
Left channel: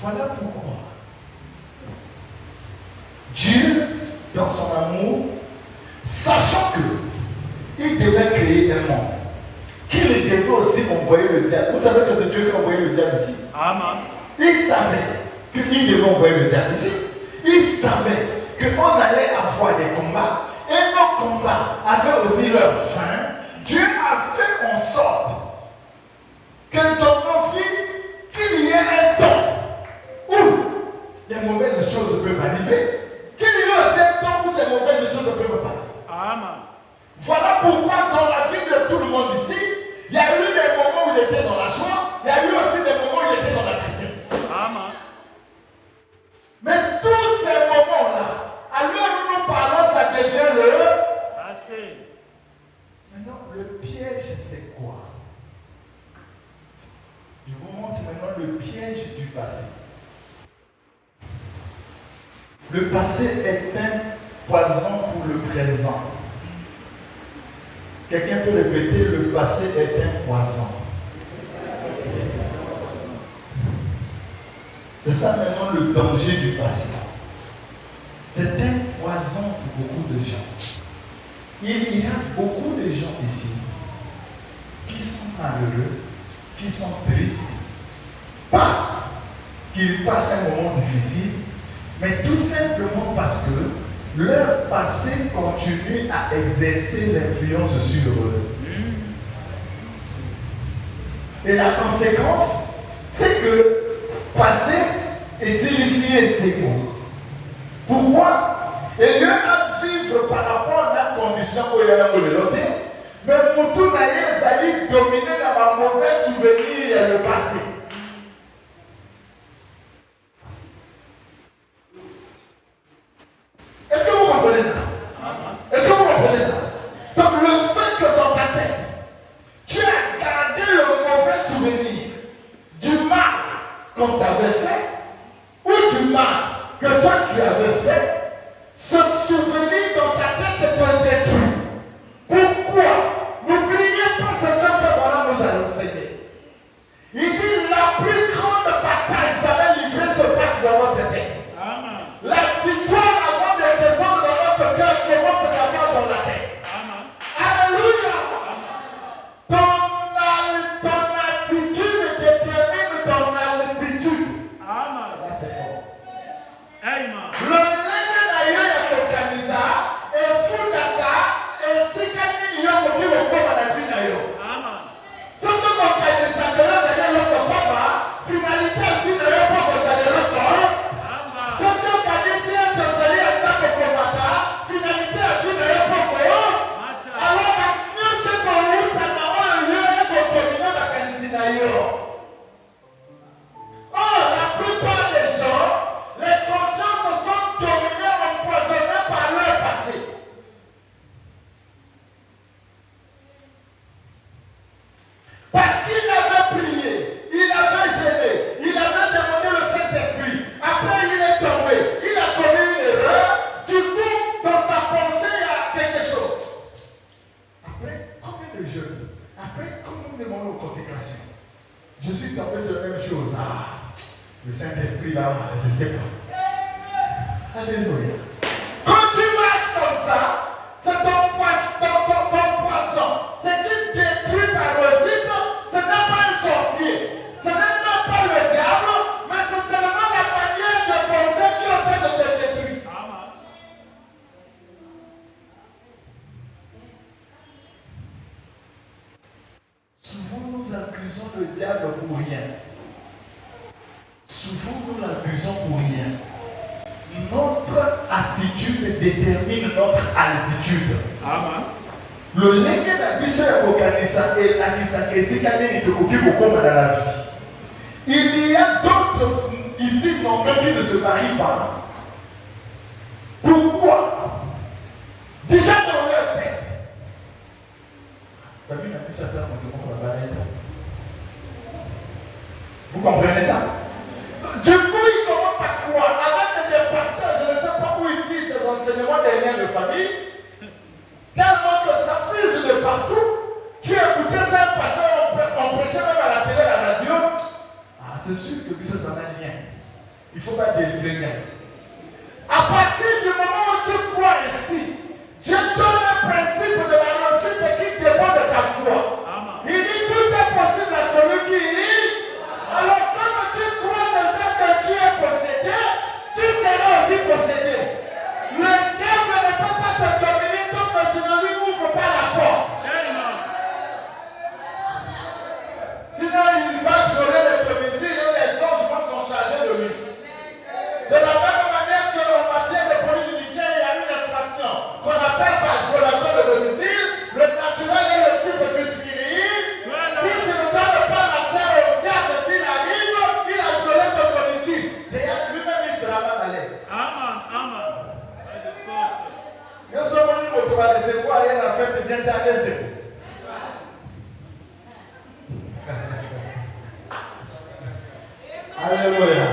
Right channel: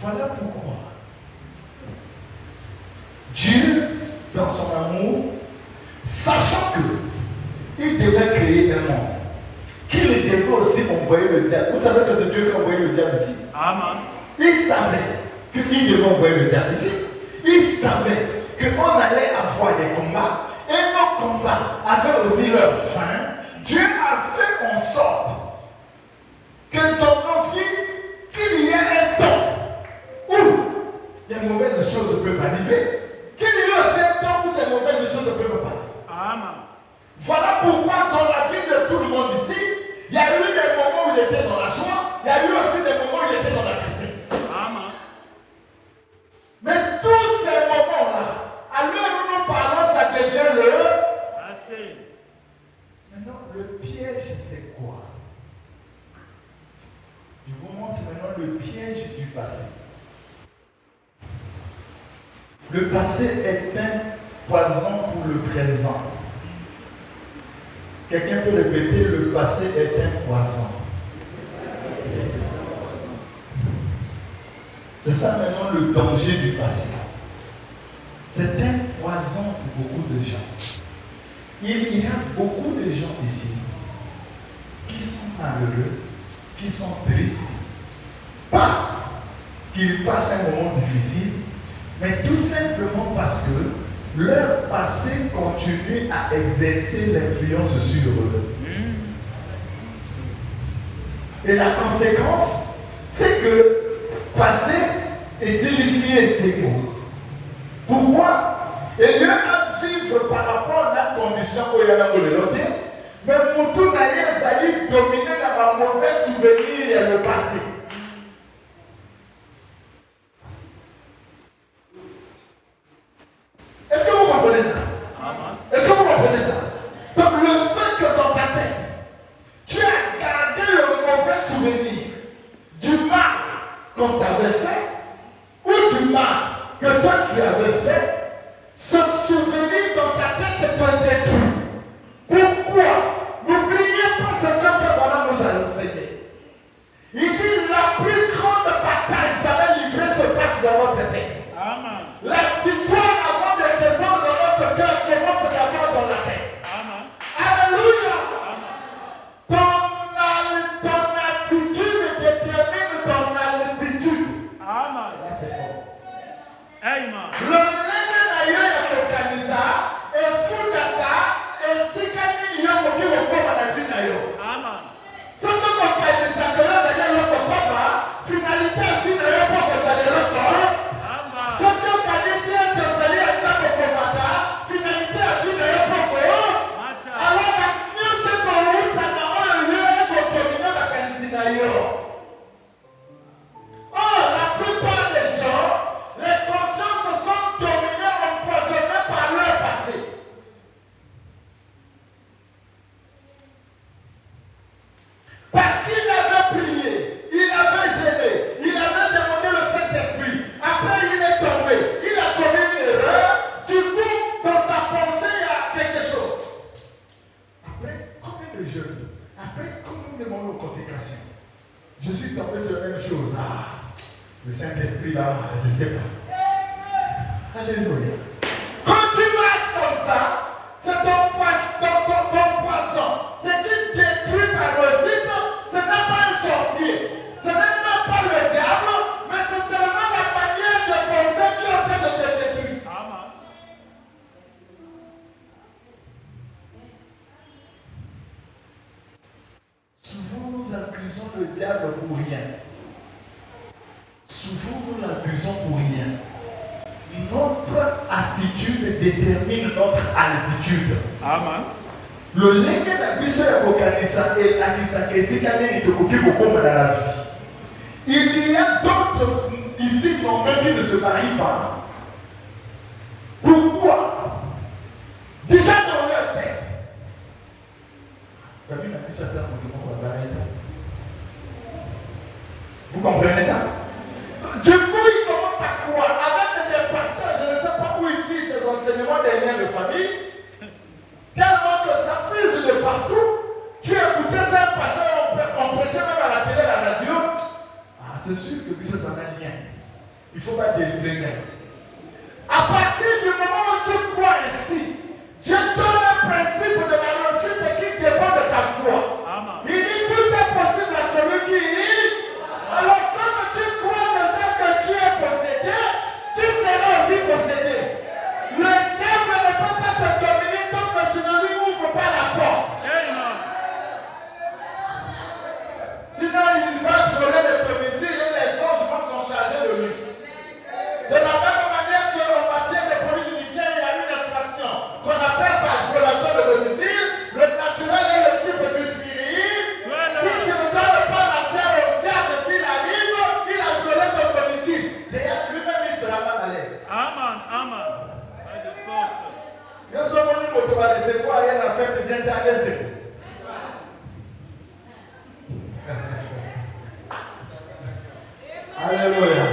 Voilà pourquoi Dieu, dans son amour, sachant que il devait créer un monde, qu'il devait aussi envoyer le diable. Vous savez que c'est Dieu qui a envoyé le diable ici. Amen. Il savait qu'il devait envoyer le diable ici. Il savait qu'on allait avoir des combats. Et nos combats avaient aussi leur fin. Dieu a fait en sorte que dans nos vies, qu'il y ait un temps où les mauvaises choses peuvent arriver, qu'il y ait aussi un temps où ces mauvaises choses peuvent passer. Amen. Voilà pourquoi dans la vie de tout le monde ici, il y a eu des moments où il était dans la joie, il y a eu aussi des moments où il était dans la tristesse. Amen. Mais tous ces moments-là, alors où nous parlons, ça devient le Assez. Maintenant, le piège, c'est quoi? Je vous montre maintenant le piège du passé. Le passé est un poison pour le présent. Quelqu'un peut répéter, le passé est un poison. C'est ça maintenant le danger du passé. C'est un poison pour beaucoup de gens. Il y a beaucoup de gens ici qui sont malheureux, qui sont tristes, pas qu'ils passent un moment difficile, mais tout simplement parce que leur passé continue à exercer l'influence sur eux. Et la conséquence, c'est que passé et ici et c'est beau. Pourquoi? Et lieu à vivre par rapport à la condition où il y a un l'autre, mais pour tout d'ailleurs, ça dit dominer dans ma mauvais souvenir et le passé. Est-ce que vous comprenez ça? Est-ce que vous comprenez ça? Donc le fait que dans ta tête, tu as gardé le mauvais souvenir du mal qu'on t'avait fait, ou du mal que toi tu avais fait, ce souvenir dans ta tête est un détruit. Pourquoi? N'oubliez pas ce que fait Balaam nous a enseigné. Il dit la plus grande bataille jamais livrée se passe dans notre tête. Amen. La victoire avant de descendre dans notre cœur commence d'abord dans la tête. Amen. Alléluia. Ton attitude détermine ton altitude. Amen. C'est fort. Amen. Le lendemain d'ailleurs, le camisa, et Fudaka, et Sikani, Yomo, qui vont comme la vie d'ailleurs. Amen. Ce que mon camisa, que là, vous allez l'autre papa, finalité, finalement, vous allez l'autre. Amen. Ce que camisa, vous allez attaquer comme mata, finalité, finalement, alors, nous, ce qu'on roule, ta maman, il y a un document de camisa d'ailleurs. Or, la plupart des gens, les consciences sont dominées, empoisonnées par leur passé. Parce qu'il avait prié, il avait gêné, il avait demandé le Saint-Esprit. Après, il est tombé, il a commis une erreur. Du coup, dans sa pensée, il y a quelque chose. Après, combien de jeunes? Après, comment nous demandons aux consécrations? Je suis tombé sur la même chose. Ah, le Saint-Esprit là, je ne sais pas. Alléluia. Quand tu marches comme ça, c'est ton poison. C'est qui détruit ta réussite. Ce n'est pas un sorcier. Ce n'est même pas le diable, mais c'est seulement la manière de penser qui est en train de te détruire. Amen. Souvent nous accusons le diable pour rien. Souvent nous l'accusons pour rien. Notre attitude détermine notre altitude. Amen. Le lien de la ya kokanisa et la kisikane ni beaucoup dans la vie. Il y a d'autres ici nombreux qui ne se marient pas. Pourquoi? Déjà dans leur tête. Vous comprenez ça? Du coup, il commence à croire avec des pasteurs, je ne sais pas où ils tirent ces enseignements des liens de famille, tellement que ça fuse de partout. Tu écoutais ça, pasteur, on prêchait même à la télé, à la radio. Ah, c'est sûr que vous êtes dans un lien. Il ne faut pas délivrer rien. À partir Je donne un principe de la réussite qui dépend de ta foi. Il dit tout est possible à celui qui lit. Alors comme tu crois déjà que tu es possédé, tu seras aussi possédé. Le diable ne peut pas te dominer tant que tu ne lui ouvres pas la porte. Sinon il va frôler les domiciles et les anges sont chargés de lui. De la même manière qu'en matière de police judiciaire, il y a une infraction qu'on appelle par violation de domicile. Le naturel est le type de spirituel. Si tu ne donnes pas la serre au diable, s'il arrive, il a violé ton domicile. D'ailleurs, lui-même, il sera mal à l'aise. Amen. Nous sommes venus au pouvoir de c'est quoi, et la fête bien tardée. Alléluia.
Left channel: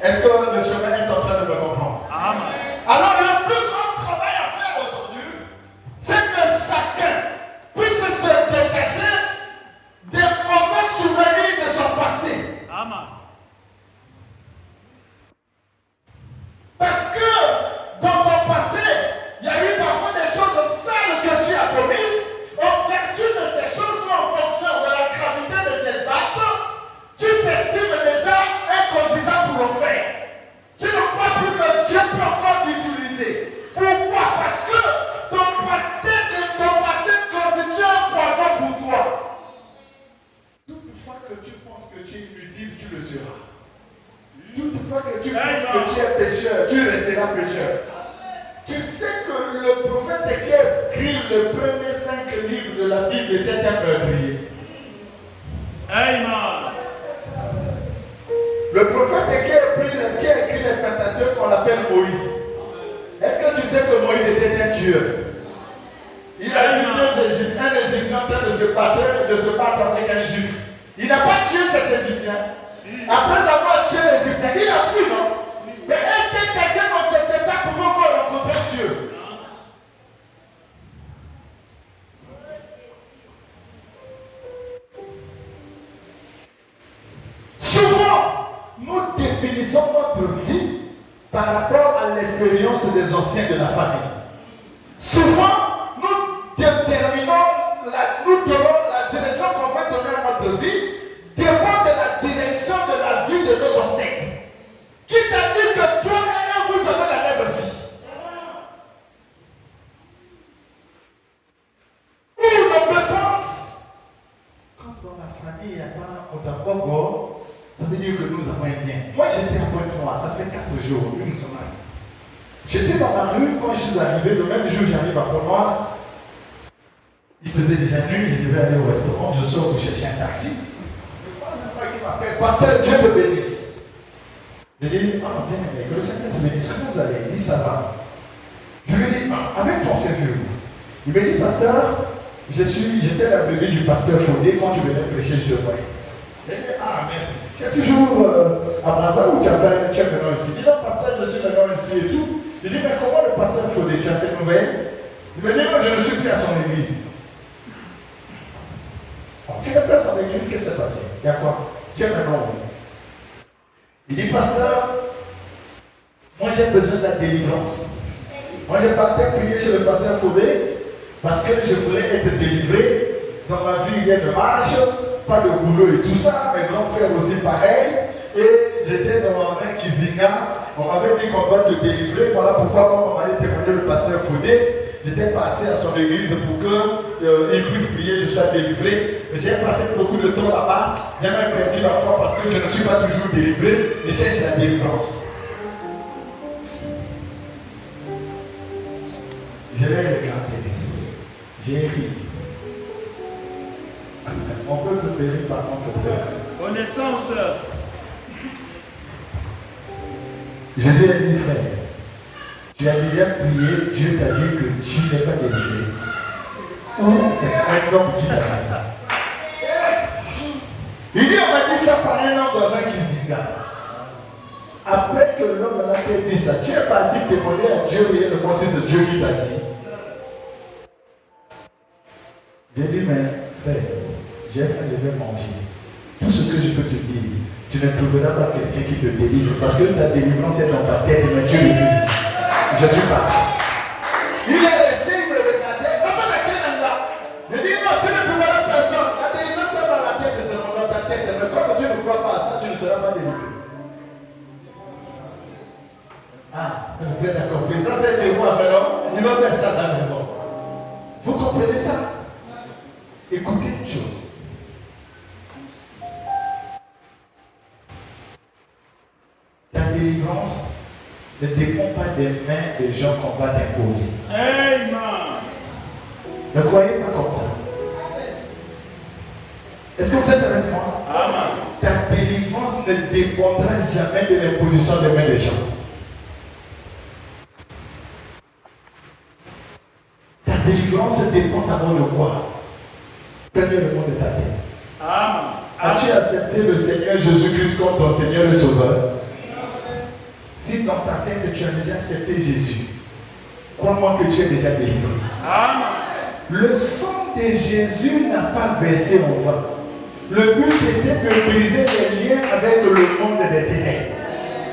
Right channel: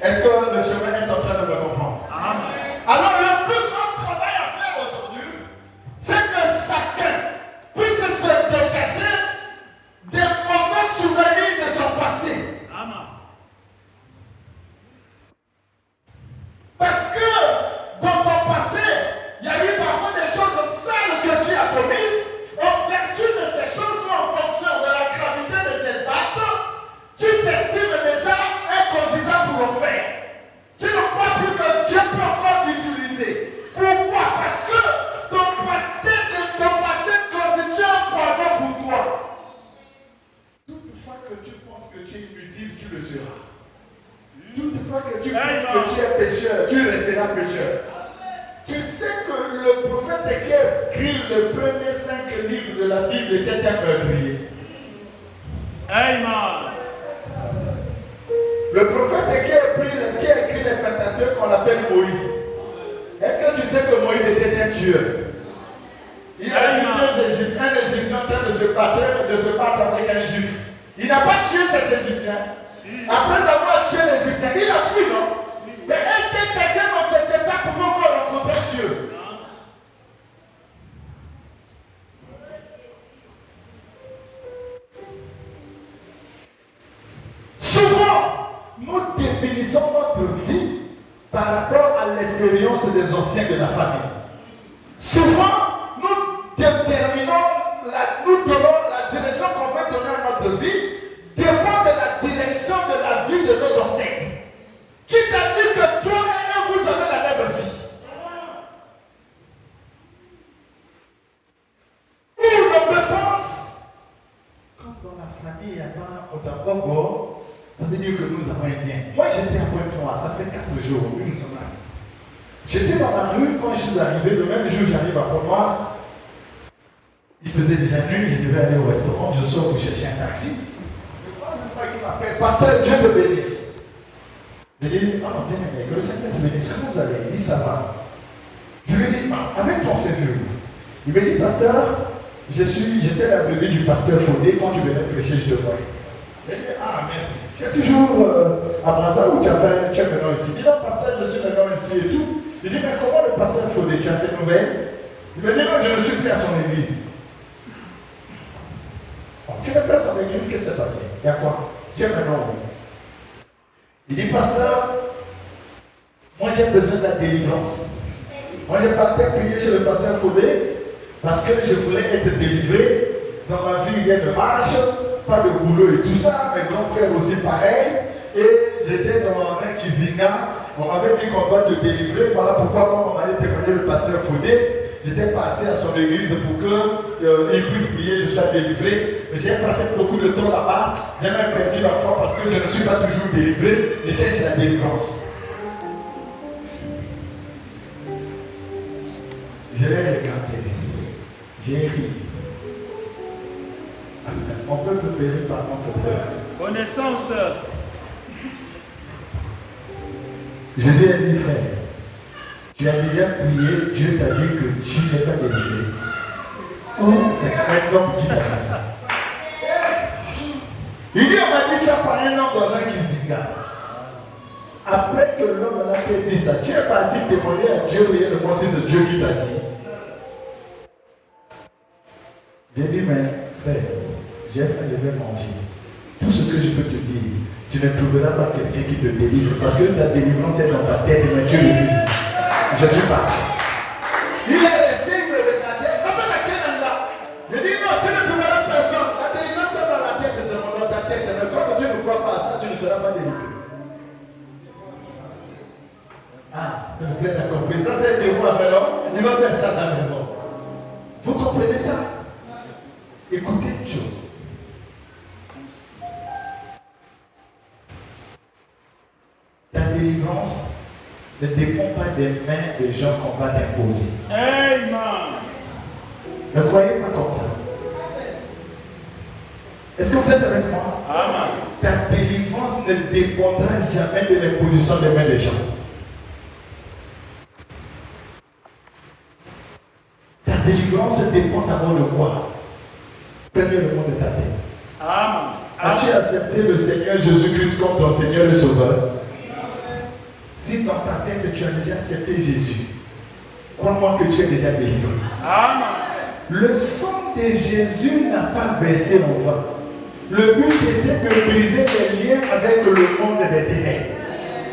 Est-ce que le chemin est en train de me comprendre? Alors, le plus grand travail à faire aujourd'hui, c'est que chacun puisse se détacher des mauvais souvenirs de son passé. Parce que dans ton passé, il y a eu parfois des choses sales que tu as commises. En vertu de ces choses ou en fonction de la gravité de ces actes, tu t'estimes déjà un candidat pour l'enfer. Tu ne crois plus que Dieu peut encore t'utiliser. Pourquoi? Parce que ton passé constitue un poison pour toi. Toutefois que tu penses que tu es inutile, tu le seras. Toutefois que tu penses que tu es pécheur, tu resteras pécheur. Tu sais que le prophète qui a écrit le premier 5 livres de la Bible était un meurtrier. Amen. Le prophète qui a écrit le Pentateuque, on l'appelle Moïse. Est-ce que tu sais que Moïse était un tueur? Il a eu un Égyptien en train de se battre avec un Juif. Il n'a pas tué cet Égyptien. Après avoir tué l'Égyptien, il a fui, non? Mais est-ce que quelqu'un dans cet état pouvait encore rencontrer Dieu? Souvent, nous définissons notre vie par rapport à l'expérience des anciens de la famille. Souvent, nous déterminons, la direction qu'on va donner à notre vie dépend de la direction de la vie de nos ancêtres. Qui t'a dit que toi et eux, vous avez la même vie? Nous, nos dépenses, quand dans la famille, il n'y a pas autant de ça veut dire que nous avons un bien. Moi, j'étais à Pointe-Noire, ça fait 4 jours, nous sommes là. J'étais dans la rue, quand je suis arrivé, le même jour j'arrive à Pointe-Noire, il faisait déjà nuit, je devais aller au restaurant, je sors pour chercher un taxi. Je vois un frère qui m'appelle, pasteur, Dieu te bénisse. Je lui dis, ah, bien aimé, que le Seigneur te bénisse, comment vous allez? Il dit, ça va. Je lui dis, ah, avec ton Seigneur. Il me dit, pasteur, j'étais la brebis du pasteur Fodé, quand je venais prêcher, je te voyais. Il dit, ah, merci. Tu es toujours à Brazza où tu es maintenant ici. Il dit, non, pasteur, je suis maintenant ici et tout. Je dis, mais comment le pasteur Fodé, tu as ces nouvelles? Il me dit, non, je ne suis plus à son église. Tu n'es plus à son église, qu'est-ce qui s'est passé? Il y a quoi? Tu es maintenant où? Il dit, pasteur, moi j'ai besoin de la délivrance. Moi j'ai parti prier chez le pasteur Fodé parce que je voulais être délivré. Dans ma vie, il y a une marche, pas de boulot et tout ça. Mes grands frères aussi pareil. Et j'étais dans un cuisinier. On m'avait dit qu'on doit te délivrer. Voilà pourquoi, quand on m'avait témoigné le pasteur Fodé, j'étais parti à son église pour qu'il puisse prier, je sois délivré. Mais j'ai passé beaucoup de temps là-bas. J'ai même perdu la foi parce que je ne suis pas toujours délivré. Je cherche la délivrance. Je l'ai éclaté. J'ai ri. On peut me périr par notre frère. Connaissance. Je lui ai dit, frère, tu as déjà prié, Dieu t'a dit que tu n'es pas délivré. Ou c'est un homme qui t'a dit ça. Il dit, on m'a dit ça par un homme dans un cuisinier. Après que l'homme a dit ça, tu es parti témoigner à Dieu, et le conseil, c'est Dieu qui t'a dit. J'ai dit, mais frère, j'ai fait, je vais manger. Tout ce que je peux te dire, tu ne trouveras pas quelqu'un qui te délivre. Parce que ta délivrance est dans ta tête, mais Dieu refuse. Je suis parti. Il est resté, il me regardait. Il dit non, tu ne trouveras personne. La délivrance est dans la tête, c'est dans ta tête. Mais comme tu ne crois pas à ça, tu ne seras pas délivré. Ah, le frère a compris. Ça, c'est de vous appelons. Il va faire ça dans la maison. Vous comprenez ça? Écoutez une chose. Ta délivrance ne dépend pas des mains des gens qu'on va t'imposer. Amen. Ne croyez pas comme ça. Est-ce que vous êtes avec moi? Amen. Ta délivrance ne dépendra jamais de l'imposition des mains des gens. Ta délivrance dépend d'abord de quoi? Premièrement de ta tête. Amen. As-tu accepté le Seigneur Jésus-Christ comme ton Seigneur et Sauveur? Si dans ta tête tu as déjà accepté Jésus, crois-moi que tu es déjà délivré. Amen. Le sang de Jésus n'a pas versé en vain. Le but était de briser les liens avec le monde des ténèbres.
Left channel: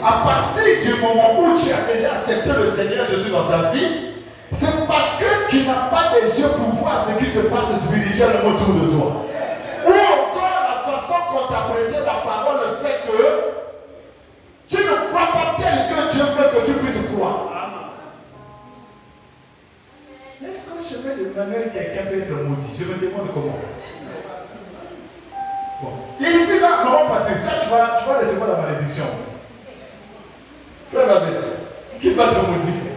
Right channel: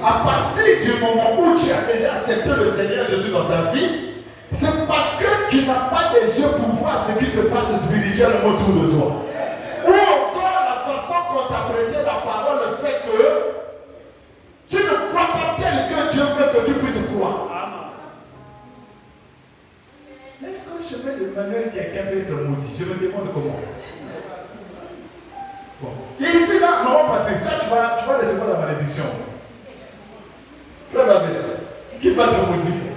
À partir du moment où tu as déjà accepté le Seigneur Jésus dans ta vie, c'est parce que tu n'as pas des yeux pour voir ce qui se passe spirituellement autour de toi. Ou encore la façon qu'on t'a prêché la parole, le fait que tu ne crois pas tel que Dieu veut que tu puisses croire. Est-ce que je vais demander à quelqu'un peut être maudit? Je me demande comment. Bon. Ici, là, maman Patrick, tu vas recevoir la malédiction. Frère Babel, qui va te maudire?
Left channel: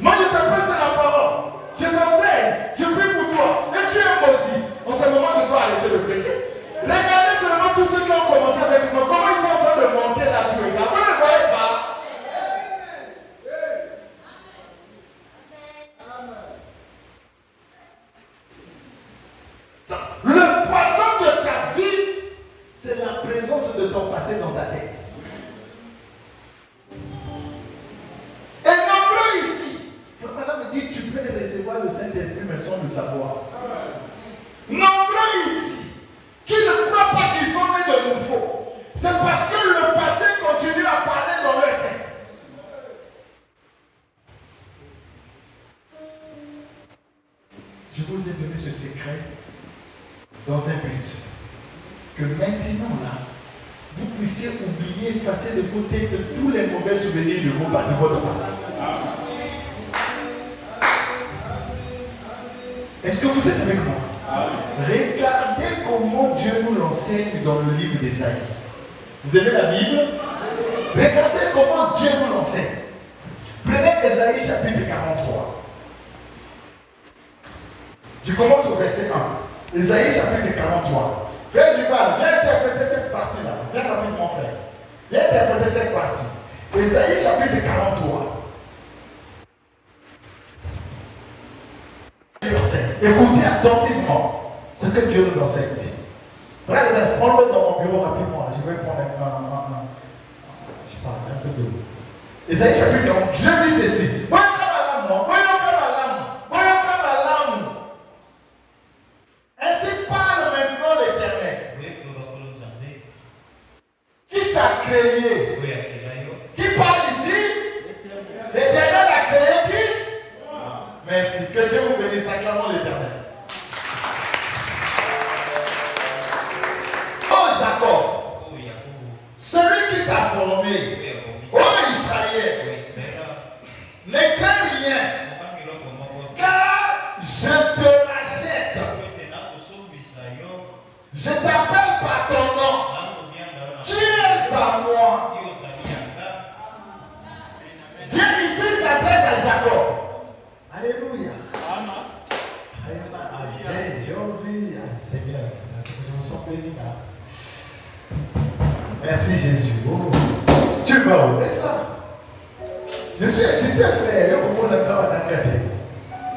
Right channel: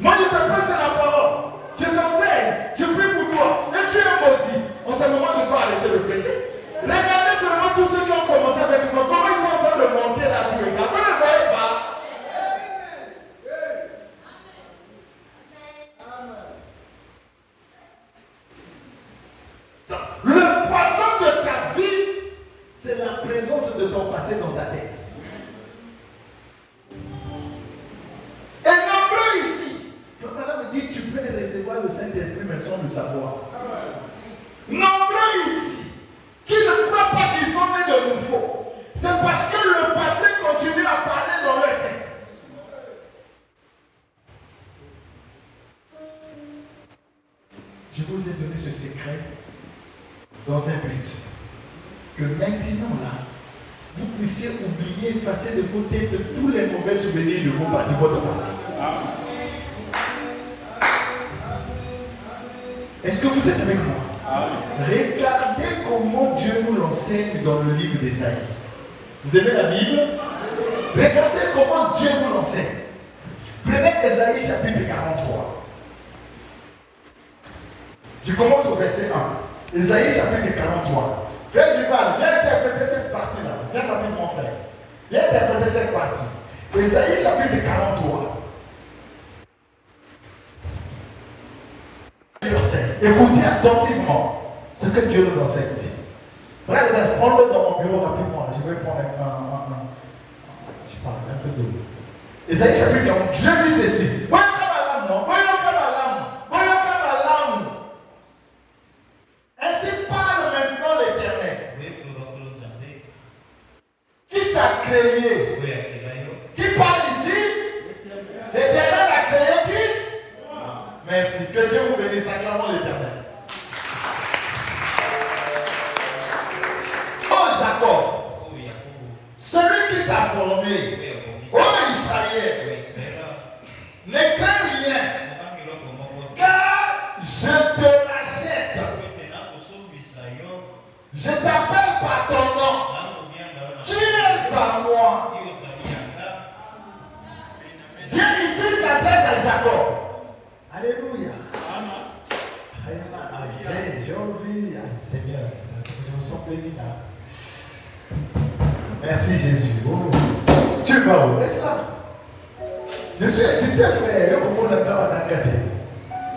Moi, je te prêche la parole. Je t'enseigne. Je prie pour toi. Et tu es maudit. En ce moment, je dois arrêter de prêcher. Regardez seulement tous ceux qui ont commencé avec moi. Comment ils sont en train de monter la truc? Vous ne voyez pas? Le poisson de ta vie, c'est la présence de ton passé dans ta tête. Et nombreux ici, Madame me dit que tu peux recevoir le Saint-Esprit, mais sans le savoir. Nombreux ici, qui ne croient pas qu'ils sont nés de nouveau, c'est parce que le passé continue à parler dans leur tête. Je vous ai donné ce secret dans un but. Que maintenant là, vous puissiez oublier, effacer de vos têtes tous les mauvais souvenirs de votre passé. Est-ce que vous êtes avec moi? Regardez comment Dieu nous l'enseigne dans le livre d'Ésaïe. Vous aimez la Bible? Regardez comment Dieu nous l'enseigne. Prenez Ésaïe chapitre 43. Je commence au verset 1. Ésaïe chapitre 43. Frère Duval, viens interpréter cette partie-là. Viens avec mon frère. Viens interpréter cette partie. Ésaïe chapitre 43. Écoutez attentivement ce que Dieu nous enseigne ici. Frère, prends-le dans mon bureau rapidement. Je vais prendre je parle un peu de l'eau. Ésaïe chapitre 43. Dieu dit ceci. Voyons comme ma lame. Ainsi parle maintenant l'Éternel. Qui t'a créé? Qui parle ici? L'Éternel a créé qui? Merci. Que Dieu vous bénisse sacrément l'Éternel. Oh Jacob, celui qui t'a formé, oh Israël, ne crains rien, car je te rachète. Je t'appelle par ton nom. Tu es à moi. Dieu ici s'adresse à Jacob. Alléluia. Amen. J'ai envie, Seigneur, je me sens béni. Merci Jésus. Oh. Tu vas où? Laisse ça. Je suis excité, frère.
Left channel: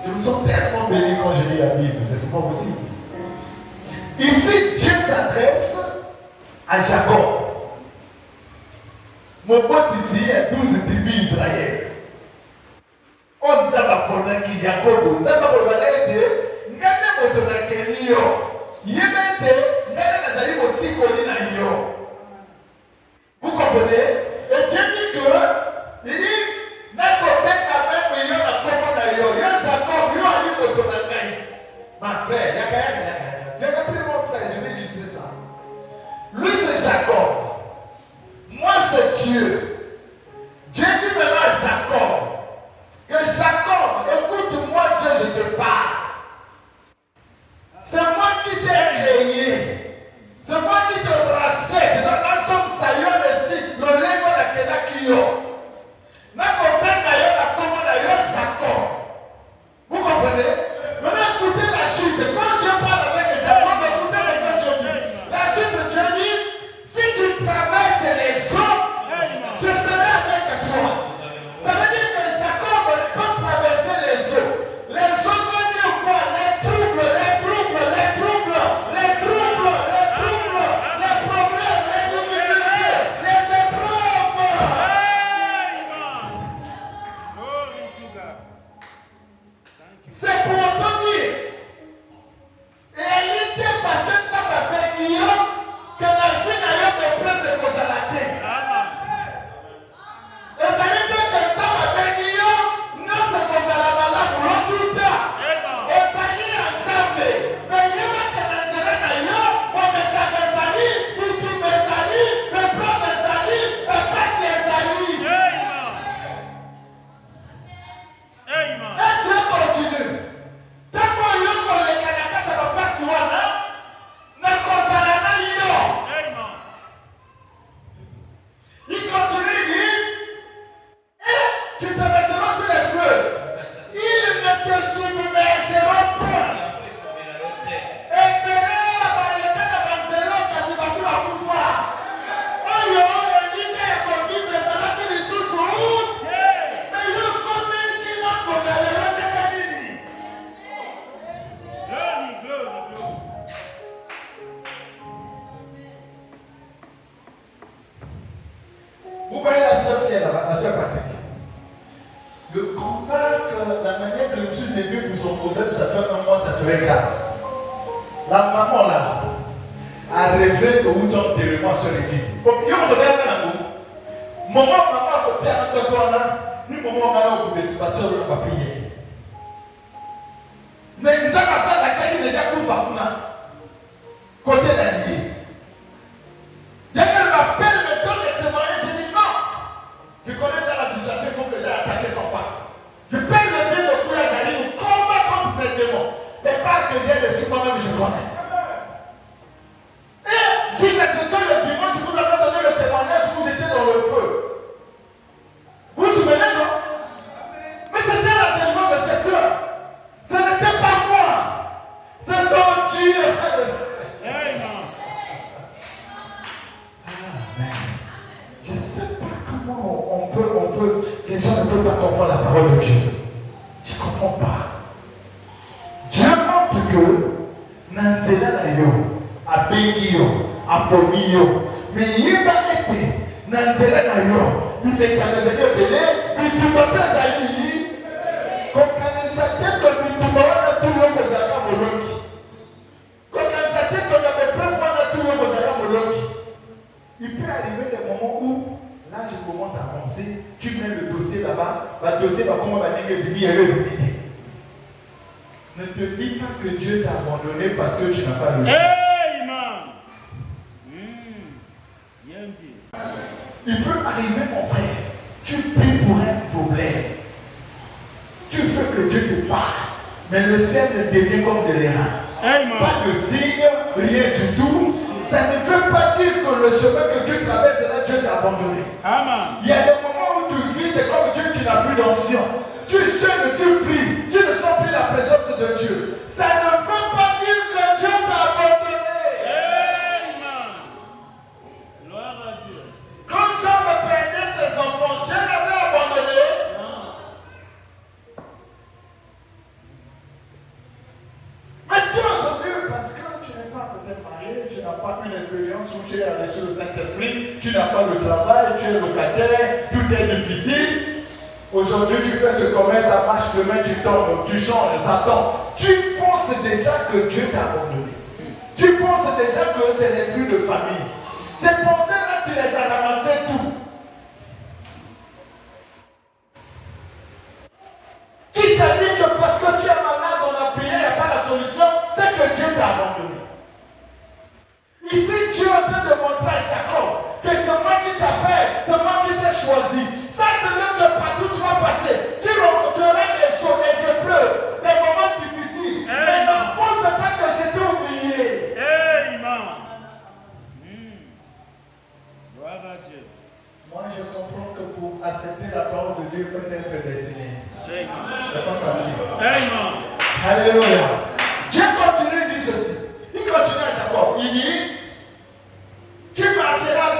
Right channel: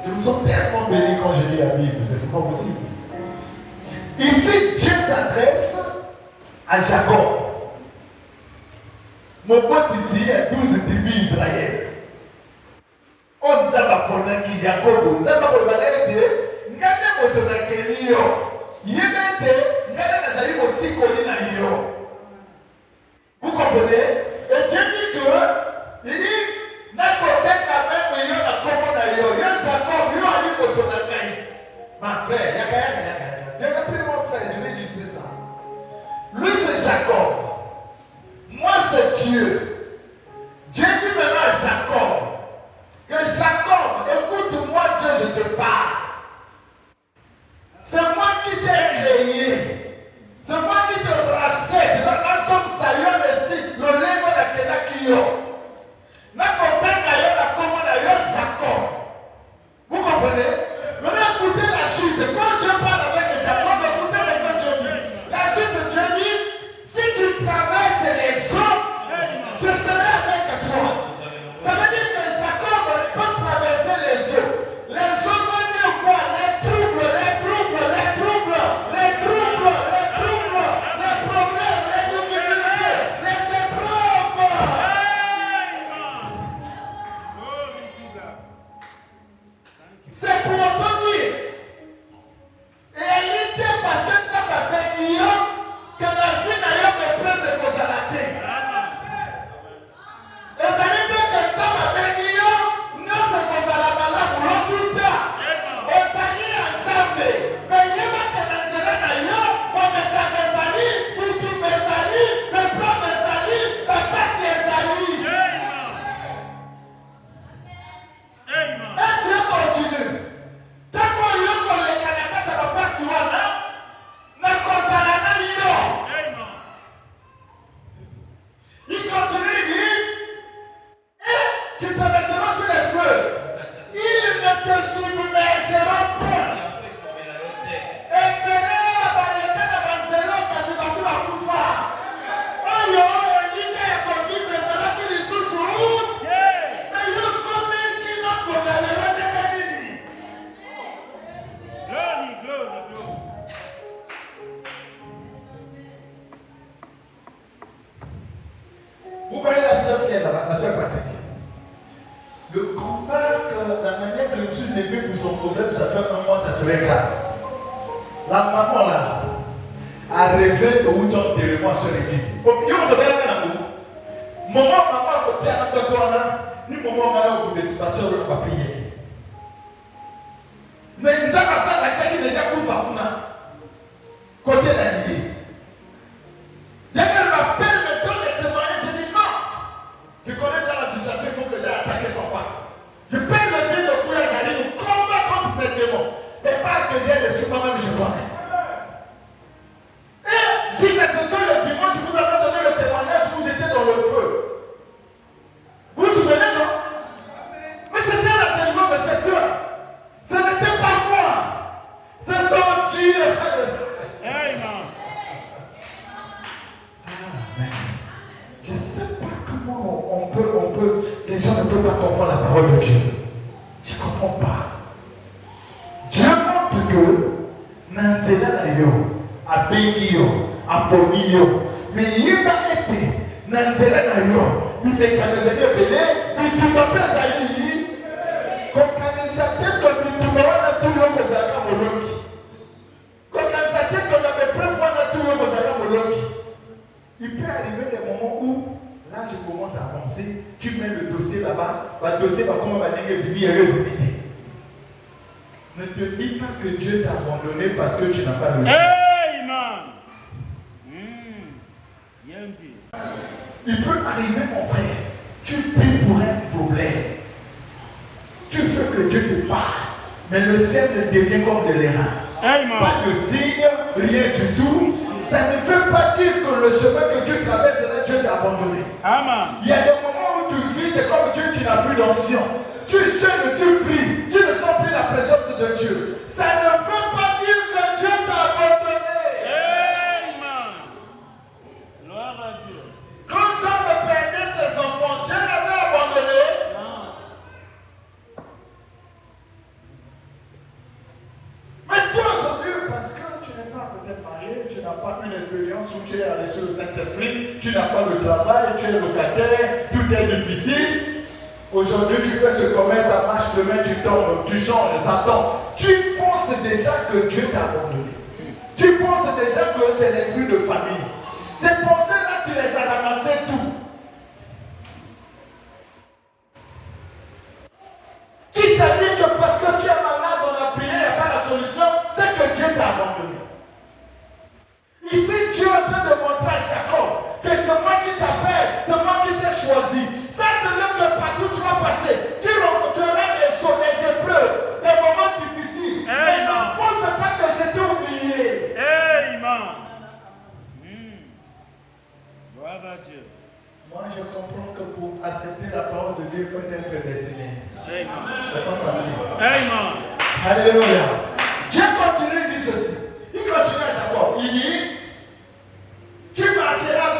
Je me sens tellement béni quand je lis la Bible. C'est pas possible. Ici, Dieu s'adresse à Jacob. Mon pote ici est 12 tribus d'Israël. On dit à qui Jacob, on dit à vous comprenez? Et Dieu dit que, il dit, n'a pas même de Dieu. Dieu dit maintenant à Jacob, que Jacob, écoute-moi Dieu, je te parle. C'est moi qui t'ai créé. C'est moi qui te rachète. La nation de Saïon ici, le lèvre de la Kio. N'a qu'on père d'ailleurs, la commande d'ailleurs, Jacob. Vous comprenez? Maintenant, écoutez la suite. Quand Dieu parle avec Jacob, écoutez ce que Dieu dit. La suite de Dieu dit, si tu traverses les eaux, je serai avec toi. Ça veut dire que Jacob peut traverser les eaux. Les eaux veulent dire quoi? Les troubles, les troubles, les troubles, les troubles, les troubles, les problèmes, les difficultés, les épreuves. C'est pour te dire. Et elle était parce que tu as payé que la vie n'a eu de près de cause à la terre. Et ça veut dire que tu as payé, non c'est cause à la malade pour l'autre temps. Et ça y est ensemble. Mais il y a que l'intérêt d'ailleurs, pour mettre mes amis, pour tous mes amis, mes propres amis, mes passés amis. Et Dieu continue. Tellement l'homme on les canacas de papa sur là, mais cause à la malade. Il continue, il dit, et tu traverseras sur les feux. Ils ne te submergeront point. Et maintenant, par les cas de Banzelo, tu as passé la coufa. Oh, il dit qu'il y a un conflit, mais ça va être une sous-sous. Mais il y a un conflit qui va pour la lèvre de Kadini. Glory, glory, glory. Vous voyez la sœur qui est là-bas, la sœur Patrick. Le combat, la manière que Jésus débute pour son problème, ça fait un mois, ça serait grave. La maman là a rêvé au bout de moi sur l'église. Donc, il y a un regard dans nous. Maman, maman, côté à toi là, nous, maman, maman, au bout de la sœur, on va payer. Mais il y a la sœur, la sœur qui est déjà pour Famouna. Côté la vie. D'ailleurs, l'appel me donne des témoignages, je dis non. Je connais déjà la situation, il faut que j'ai attaqué son passe. Je paye le bien de Kouya Kali, ou combat contre ces démons. Les parts que j'ai reçues, moi-même, je connais. Et jusqu'à ce que le dimanche, vous avez donné le témoignage, vous étiez dans le feu. Vous vous souvenez, non? Mais c'était l'enterrement de cette heure. Ce n'était pas moi. C'est son Dieu. Amen. Je ne sais pas comment on peut, les gens ne peuvent pas comprendre la parole de Dieu. Je ne comprends pas. Dieu montre que Nanzela Nayo, Abengiyo, Aponiyo, mais il y a été Nanzela Nayo, il est canalisé au télé, mais tu ne peux pas aller. Comme canalisé, comme tu ne peux pas tout le monde aux agents moloki. Comme canalisé, comme tu ne peux pas tout le monde aux agents moloki. Il peut arriver des moments où là je commence à avancer, tu mets le dossier là-bas, le dossier va comment va dire midi. Ne te dis pas que Dieu t'a abandonné parce que tu n'as pas le choix. Amen. Bien dit. Il peut arriver mon frère, tu pries pour un problème. Tu veux que Dieu te parle, mais le ciel devient comme de l'air. Pas de signe, rien du tout. Ça ne veut pas dire que le chemin que Dieu traverse, c'est là Dieu t'a abandonné. Amen. Il y a des moments où tu vis, c'est comme Dieu qui n'a plus d'onction. Tu jeûnes, tu pries, tu ne sens plus la présence de Dieu. Ça ne veut pas dire que Dieu t'a abandonné. Amen. Gloire à Dieu. Quand Jean perdait ses enfants, Dieu l'avait abandonné. Maintenant, aujourd'hui, parce que tu n'es pas peut-être marié, tu n'as pas une expérience où tu es allé sur le Saint-Esprit, tu n'as pas le travail, tu es locataire, tout est difficile. Aujourd'hui, tu fais ce commerce, ça marche, demain tu tombes, tu changes, ça tombe. Tu penses déjà que Dieu t'a abandonné. Tu penses déjà que c'est l'esprit de famille. Ces pensées-là, tu les as ramassées tout. Qui t'a dit que parce que tu es malade, on a prié, il n'y a pas la solution, c'est que Dieu t'a abandonné. Ici, Dieu est en train de montrer à Jacob que c'est moi qui t'appelle, c'est moi qui t'ai choisi. Sache même que partout tu vas passer, tu rencontreras des choses, des épreuves, des moments difficiles. Mais ne pense pas que je t'ai oublié. Amen. Gloire à Dieu. Moi, je comprends que pour accepter la parole de Dieu, il faut être prédestiné. Amen. C'est pas facile. Amen. Alléluia. Dieu continue, il dit ceci. Il continue à Jacob. Il dit, tu marcheras,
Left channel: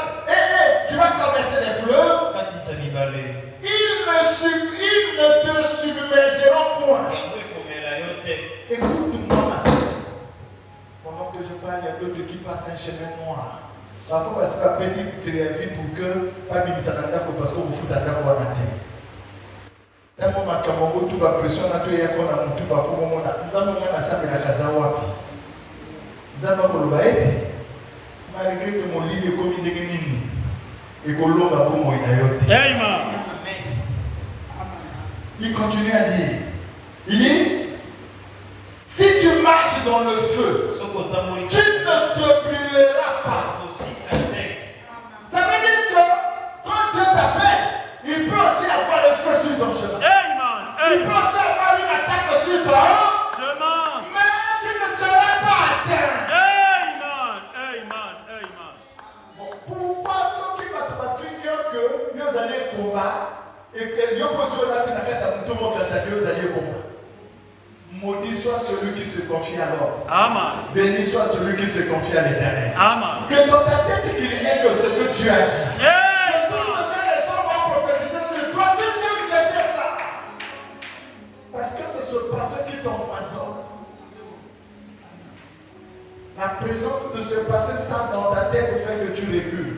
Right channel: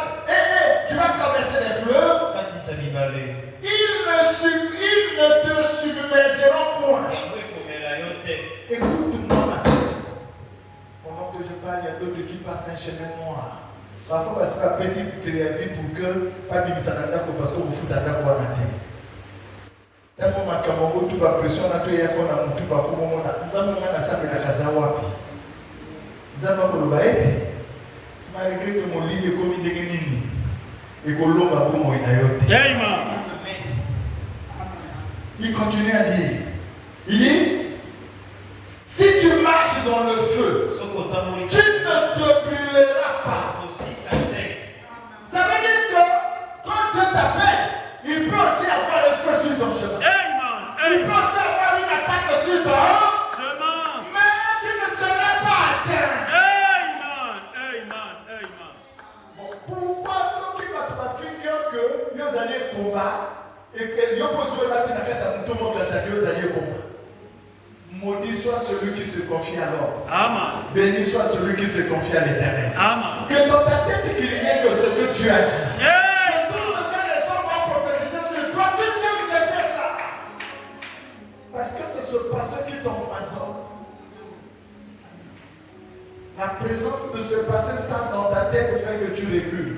tu vas traverser les fleuves. Ils ne te submergeront point. Écoute-moi, ma soeur. Pendant que je parle, il y a d'autres qui passent un chemin noir. Parfois, parce que après, si vous créez la vie pour que, pas bien, ça n'a pas parce que vous foutez à la voie matin. Tellement ma camarade, tout va pression, on a tout et qu'on a tout va faire au monde. Nous avons un assemblée à Kazawa. Nous avons le baït. Malgré que mon livre est commis de Bénin. Et que l'eau va pour moi, Amen. il continue à dire. Il dit, si tu marches dans le feu, tu ne te brûleras pas. Ça veut dire que quand Dieu t'appelle, il peut aussi avoir le feu sur ton chemin. Il peut aussi avoir une attaque sur ton chemin. Mais tu ne seras pas atteint. Bon, pourquoi ceux qui ne pas finir que nous allons combattre et que nous posons là, c'est tout le monde va dire nous allons combattre. Maudit soit celui qui se confie à l'homme. Amen. Béni soit celui qui se confie à l'Éternel. Amen. Que dans ta tête qu'il y ait que ce que Dieu a dit. Amen. Que tout ce que les hommes ont prophétisé sur toi, que Dieu nous ait fait ça. Parce que c'est ce passé qui t'empoisonne. La présence de ce passé ça dans ta tête fait que tu recules.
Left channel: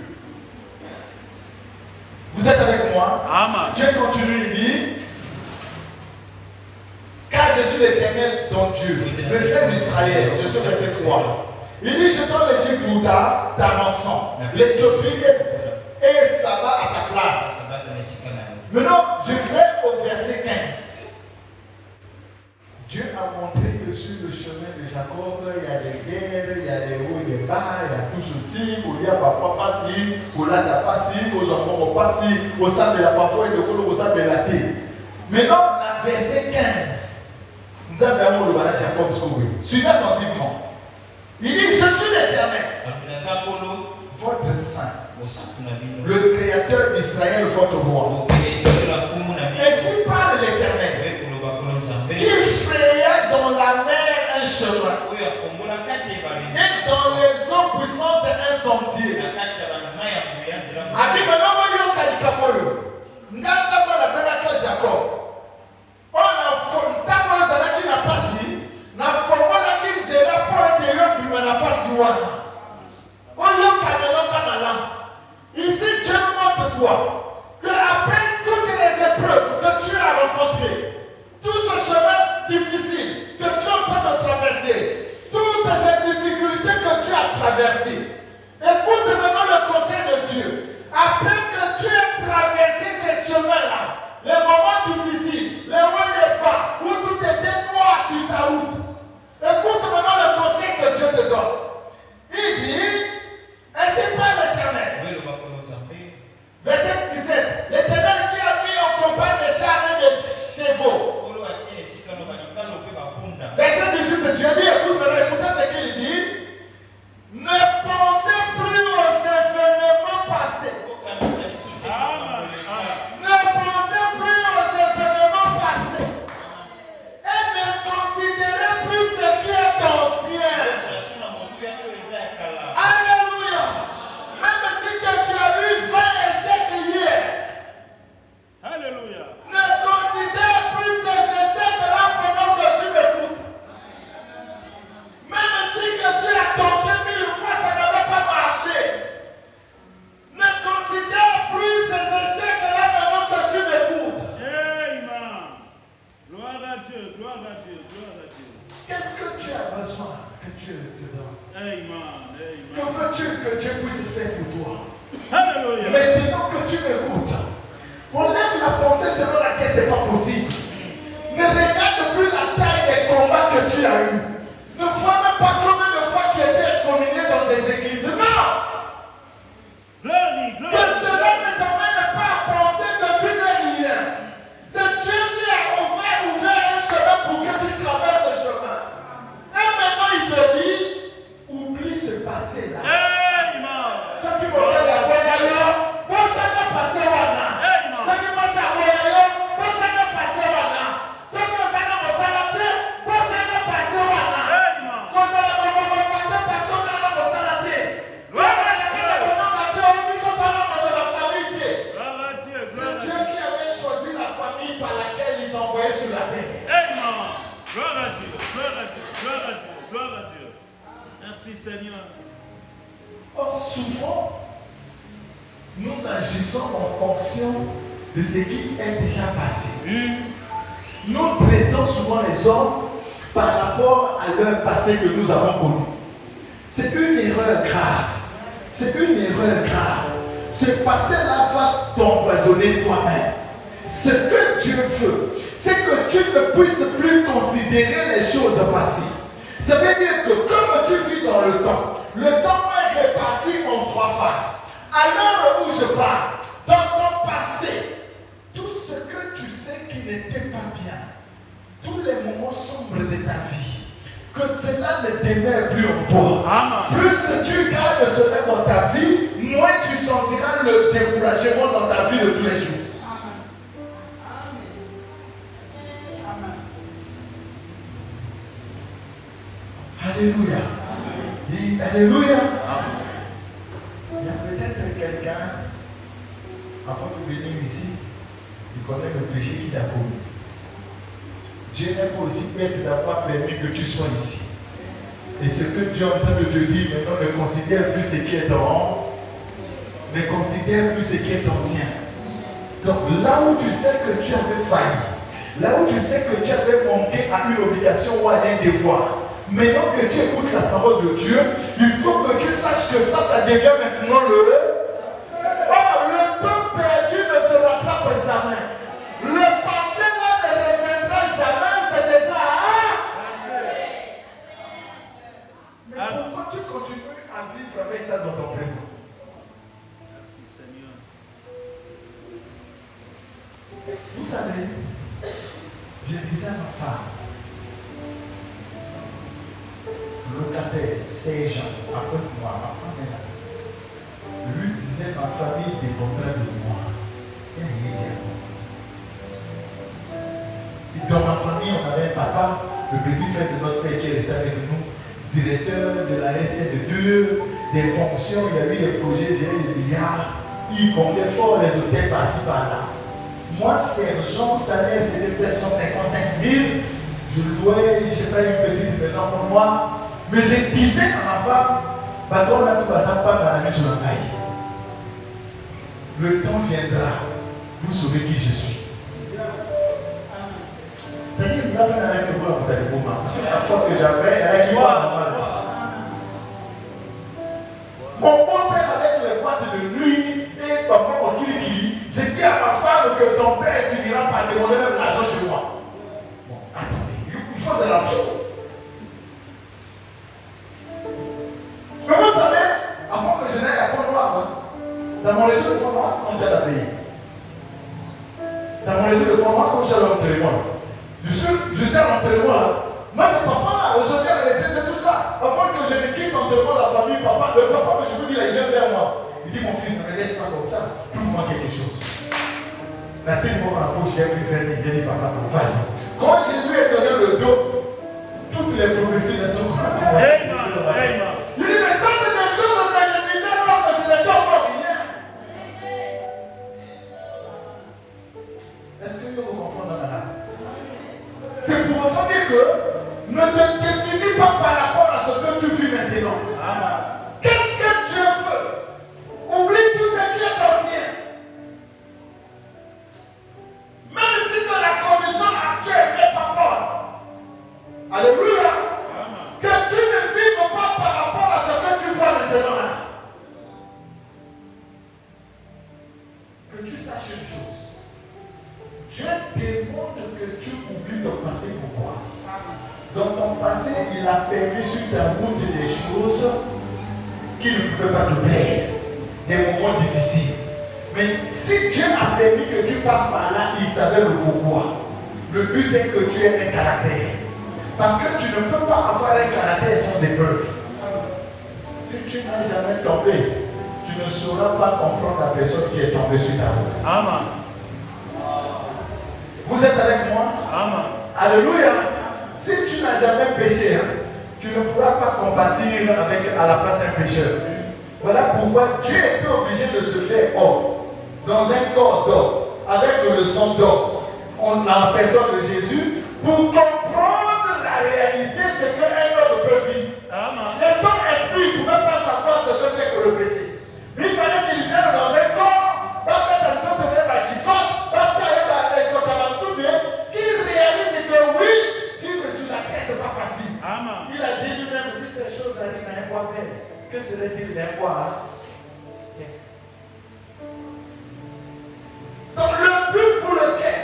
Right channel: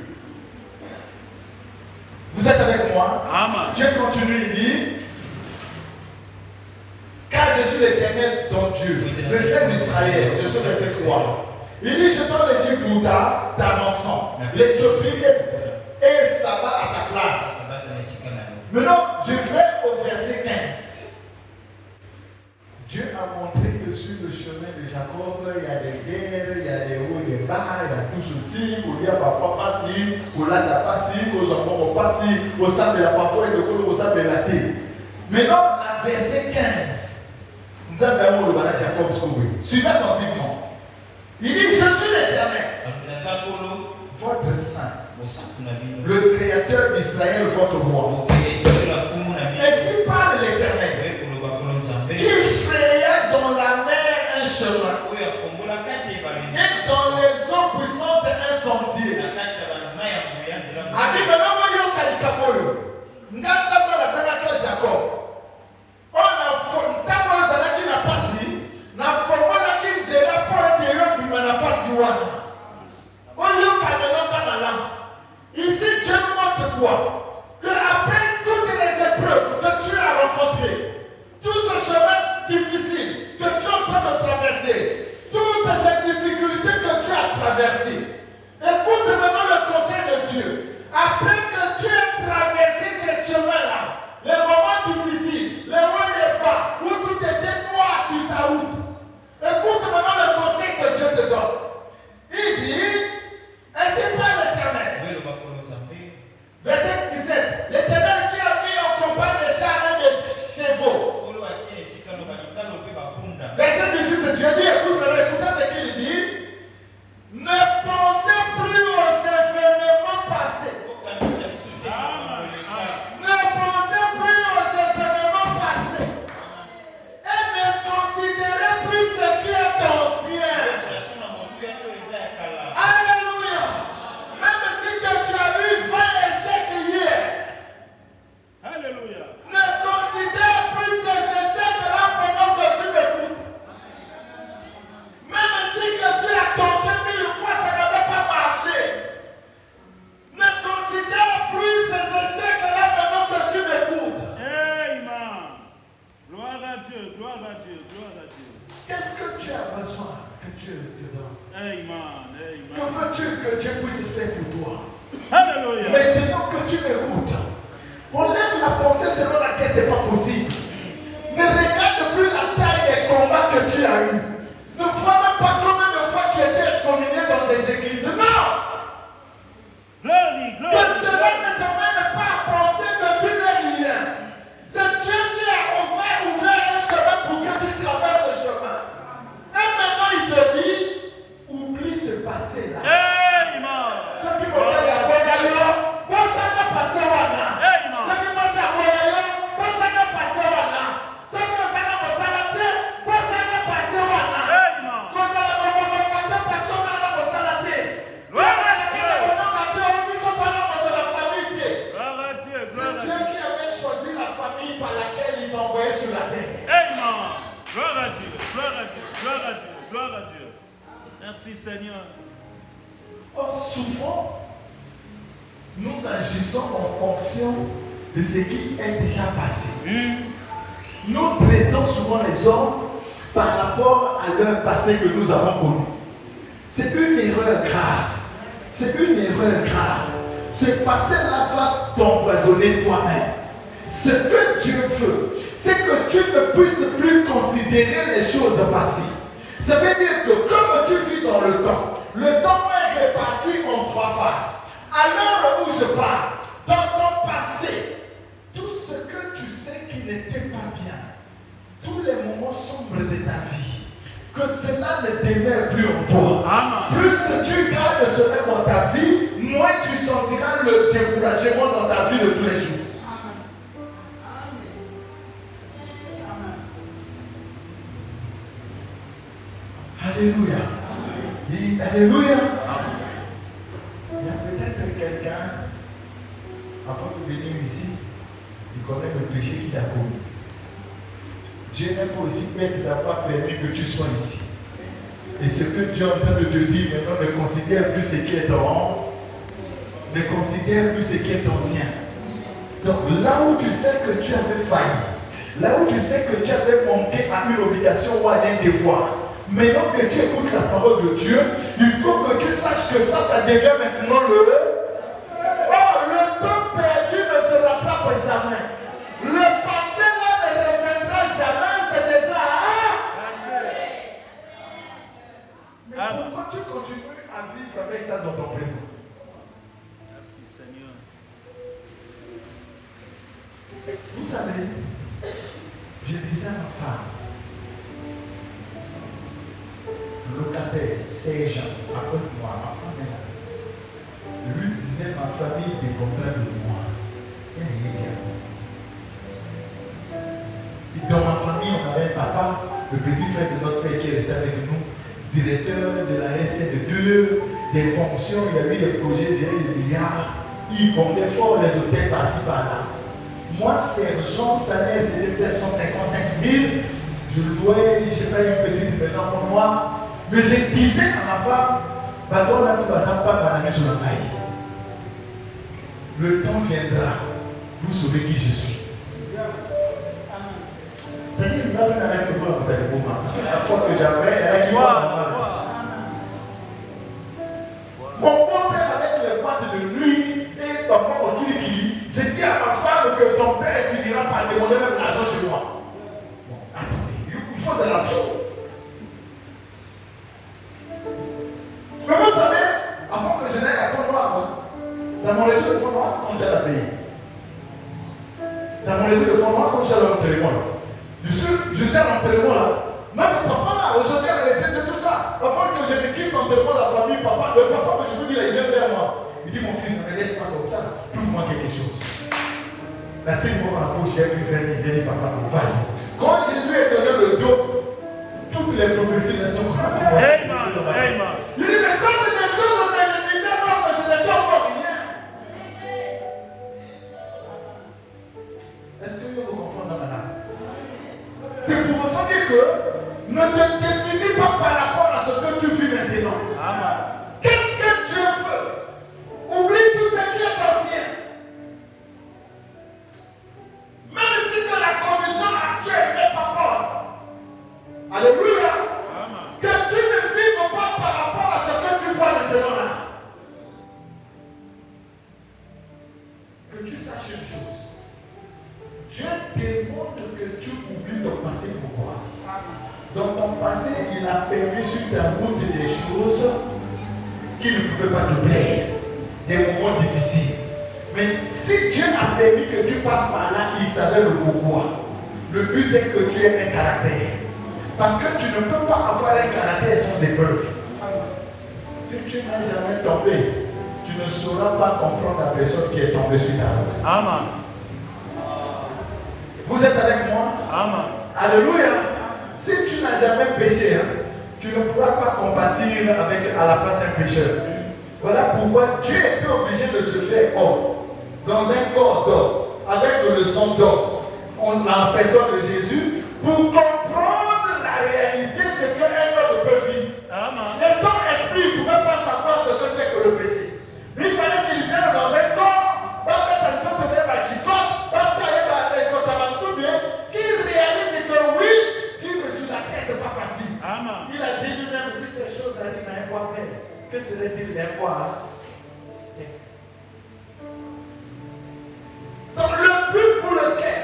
Vous êtes avec moi? Amen. Dieu continue, il dit. Car je suis l'Éternel ton Dieu, le Saint d'Israël, je suis verset 3. Il dit, je t'en ai dit pour ta rançon, l'Éthiopie et ça va à ta place. Maintenant, je vais au verset 15. Dieu a montré que sur le chemin de Jacob, il y a des guerres, il y a des hauts et des bas, il y a tout ceci, pour dire papa pas si, pour là pas si, aux enfants pas si, au sein de la parfois et au sein de la terre. Maintenant, verset 15. Nous avons le balai Jacob sauvé. Suivez attentivement. Il dit, je suis l'Éternel, votre saint, le Créateur d'Israël, votre roi. Ainsi parle l'Éternel, qui fraya dans la mer un chemin, et dans les eaux puissantes un sentier. Jacob. On a formé Zalaki n'a pas si, n'a formé la qui dira pas de l'homme n'a pas si wana. On l'a caméra pas malin. Ici, Dieu montre quoi? Que après toutes les épreuves que tu as rencontrées, tout ce chemin difficile que tu es en train de traverser, toutes ces difficultés que tu as traversées, écoute maintenant le conseil de Dieu. Après que tu aies traversé ces chemins-là, les moments difficiles, les hauts et les bas, où tout était noir sur ta route. Écoute maintenant le conseil que Dieu te donne. Il dit, ainsi parle l'Éternel. Verset 17. L'Éternel qui a mis en campagne des chars et des chevaux. Verset 18. Dieu dit, écoute maintenant, écoutez ce qu'il dit. Ne pensez plus aux événements passés. Gloire à Dieu, gloire à Dieu, gloire à Dieu, gloire à Dieu. Merci Seigneur. Or, souvent, nous agissons en fonction de ce qui est déjà passé. Nous traitons souvent les hommes par rapport à leur passé que nous avons connu. C'est une erreur grave. C'est une erreur grave. Ce passé-là va t'empoisonner toi-même. Ce que Dieu veut, c'est que tu ne puisses plus considérer les choses passées. Ça veut dire que comme tu vis dans le temps est réparti en 3 phases. À l'heure où je parle, dans ton passé, tout ce que tu sais qui n'était pas bien, tous les moments sombres de ta vie, que cela ne demeure plus en toi. Plus tu gardes cela dans ta vie, moins tu sentiras le découragement dans ta vie de tous les jours. Alléluia. Dis Alléluia. Il y a peut-être quelqu'un, avant de venir ici, il connaît le péché qu'il a commis. Dieu aime aussi bien qu'il n'a pas permis que tu sois ici. Et ce que Dieu est en train de te dire maintenant, ne considère plus ce qui est en, ne considère plus ce qui est ancien. Donc là où tu sais que tu avais failli, là où tu sais que tu avais manqué à une obligation ou à un devoir, maintenant que tu écoutes la parole de Dieu, il faut que tu saches que ça devient maintenant le... Oh, le temps perdu ne se rattrape jamais. Le passé là ne reviendra jamais, c'est déjà... Mais pourquoi tu continues à vivre avec ça dans ton présent? Merci Seigneur. Vous savez, je disais à ma femme, locataire, Sergent, après moi, ma femme est là. Lui disait, ma famille dépendrait de moi. Il n'y a rien. Et dans ma famille, on avait un papa, le petit frère de notre père qui est resté avec nous, directeur de la SN2, des fonctions, il y a eu des projets gérés des milliards, il comptait fort les hôtels par-ci par-là. Moi, Sergent, salaire, c'était peut-être 155 000. Je louais, je sais pas, une petite maison pour moi. Mais je disais à ma femme, pardon, là, tu vas pas m'amener sur la maille. Le temps viendra, vous saurez qui je suis. C'est une blague avec le blanc de moment. Parce que la fois que j'avais, elle a dit, mon beau-père avec les boîtes de nuit et maman au kiki, j'ai dit à ma femme que ton père, tu n'iras pas demander même l'argent chez moi. Bon, attendez, il faut que ça la chose. Mais vous savez, avant que je n'aille à Pont-Noir, ça m'a laissé le Pont-Noir comme j'ai la paye. Ça m'a laissé le Pont-Noir comme j'ai l'entraînement. J'étais à l'entraînement là. Même papa là, aujourd'hui, elle était tout ça. Avant que je ne quitte l'entraînement de la famille, papa, le papa que je peux dire, il vient vers moi. Il dit, mon fils, ne me laisse pas comme ça. Trouve-moi quelque chose. La tire-moi dans la bouche, j'ai pu faire mes dit, papa, vas-y. Quand je lui ai donné le dos, toutes les prophéties ne sont pas. Il dit, mais ça, c'est des choses que je disais avant que je n'étais pas rien. Est-ce que vous comprenez maintenant? C'est pour autant dire que ne te définis pas par rapport à ce que tu vis maintenant. Qu'est-ce que Dieu veut? Oublie tout ce qui est ancien. Même si de la condition actuelle n'est pas bonne. Alléluia. Que tu ne vives pas par rapport à ce que tu vois maintenant. Que tu saches une chose. Dieu demande que tu oublies ton passé. Pourquoi? Dans ton passé, il a permis sur ta route des choses qui ne pouvaient pas te plaire, des moments difficiles. Mais si Dieu a permis que tu passes par là, il savait le pourquoi. Le but est que tu aies un caractère. Parce que tu ne peux pas avoir un caractère sans épreuve. Si tu n'as jamais tombé, tu ne sauras pas comprendre la personne qui est tombée sur ta route. Amen. Vous êtes avec moi? Amen. Alléluia. Si tu n'as jamais péché, tu ne pourras pas compatir à la place d'un pécheur. Voilà pourquoi Dieu était obligé de se faire homme, dans un corps d'homme, avec le sang d'homme, en personne de Jésus, pour comprendre Que serait-il mais quoi là? Donc le but pour lequel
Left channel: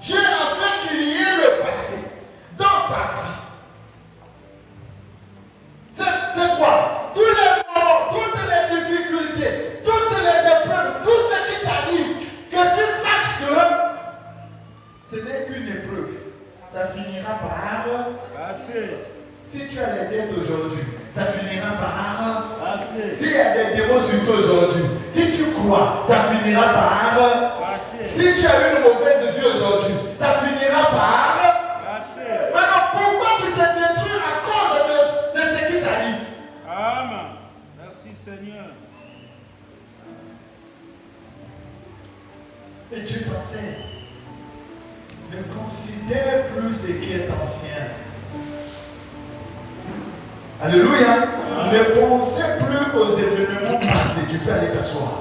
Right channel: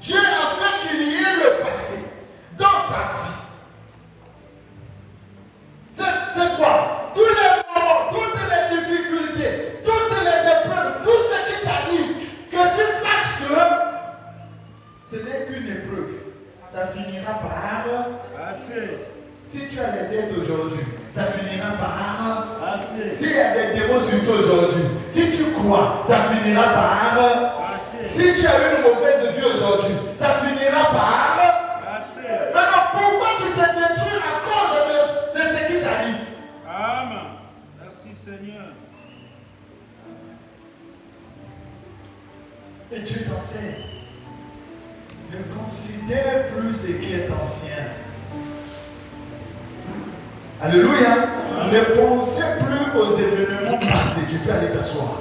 Dieu a fait qu'il y ait le passé dans ta vie, c'est quoi? Tous les moments, toutes les difficultés, toutes les épreuves, tout ce qui t'arrive, que tu saches que ce n'est qu'une épreuve. Ça finira par... Si tu as les dettes aujourd'hui, ça finira par... S'il y a des démons sur toi aujourd'hui, si tu crois, ça finira par... Si tu as une mauvaise vie aujourd'hui, ça finira par... Maintenant, pourquoi tu te détruis à cause de ce qui t'arrive? Amen. Merci Seigneur. Et Dieu t'enseigne. Ne considère plus ce qui est ancien. Alléluia. Ne pensez plus aux événements passés. Tu peux aller t'asseoir.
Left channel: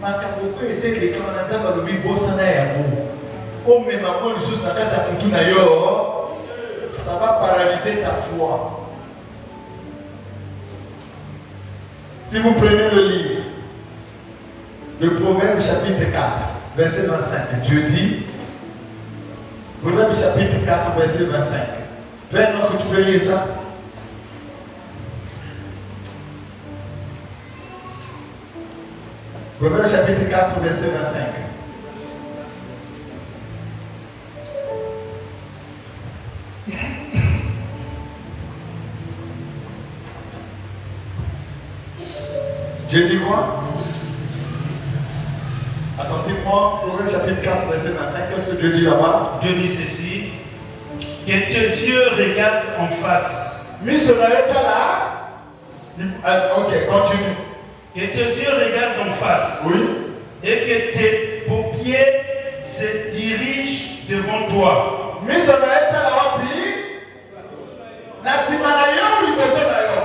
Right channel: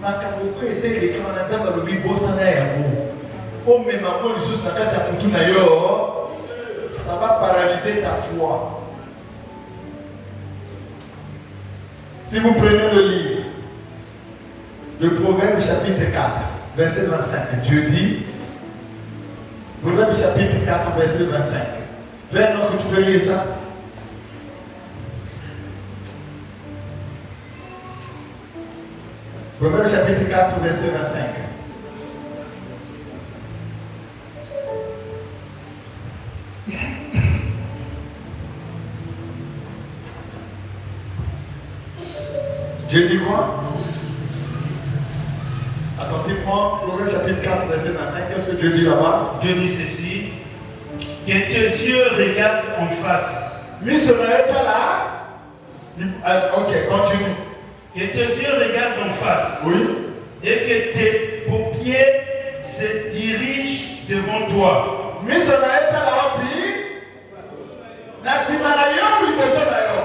Makaboko ezeki kana nzamba lobi bosana yango. O memako juste na kati ya kutu na yo, ça va paralyser ta foi. Si vous prenez le livre, le Proverbe chapitre 4, verset 25, Dieu dit, Proverbe chapitre 4, verset 25. Vraiment que tu peux lire ça. Proverbe chapitre 4, verset 25. Dieu dit quoi? Attention-moi, Proverbe chapitre 4, verset 25. Qu'est-ce que Dieu dit là-bas? Dieu dit ceci. Que tes yeux regardent en face. Mais cela est là. Ok, continue. Que tes yeux regardent en face. Oui. Et que tes paupières se dirigent devant toi. Mais cela est là, puis. La Simanayo ou le Bosonayo?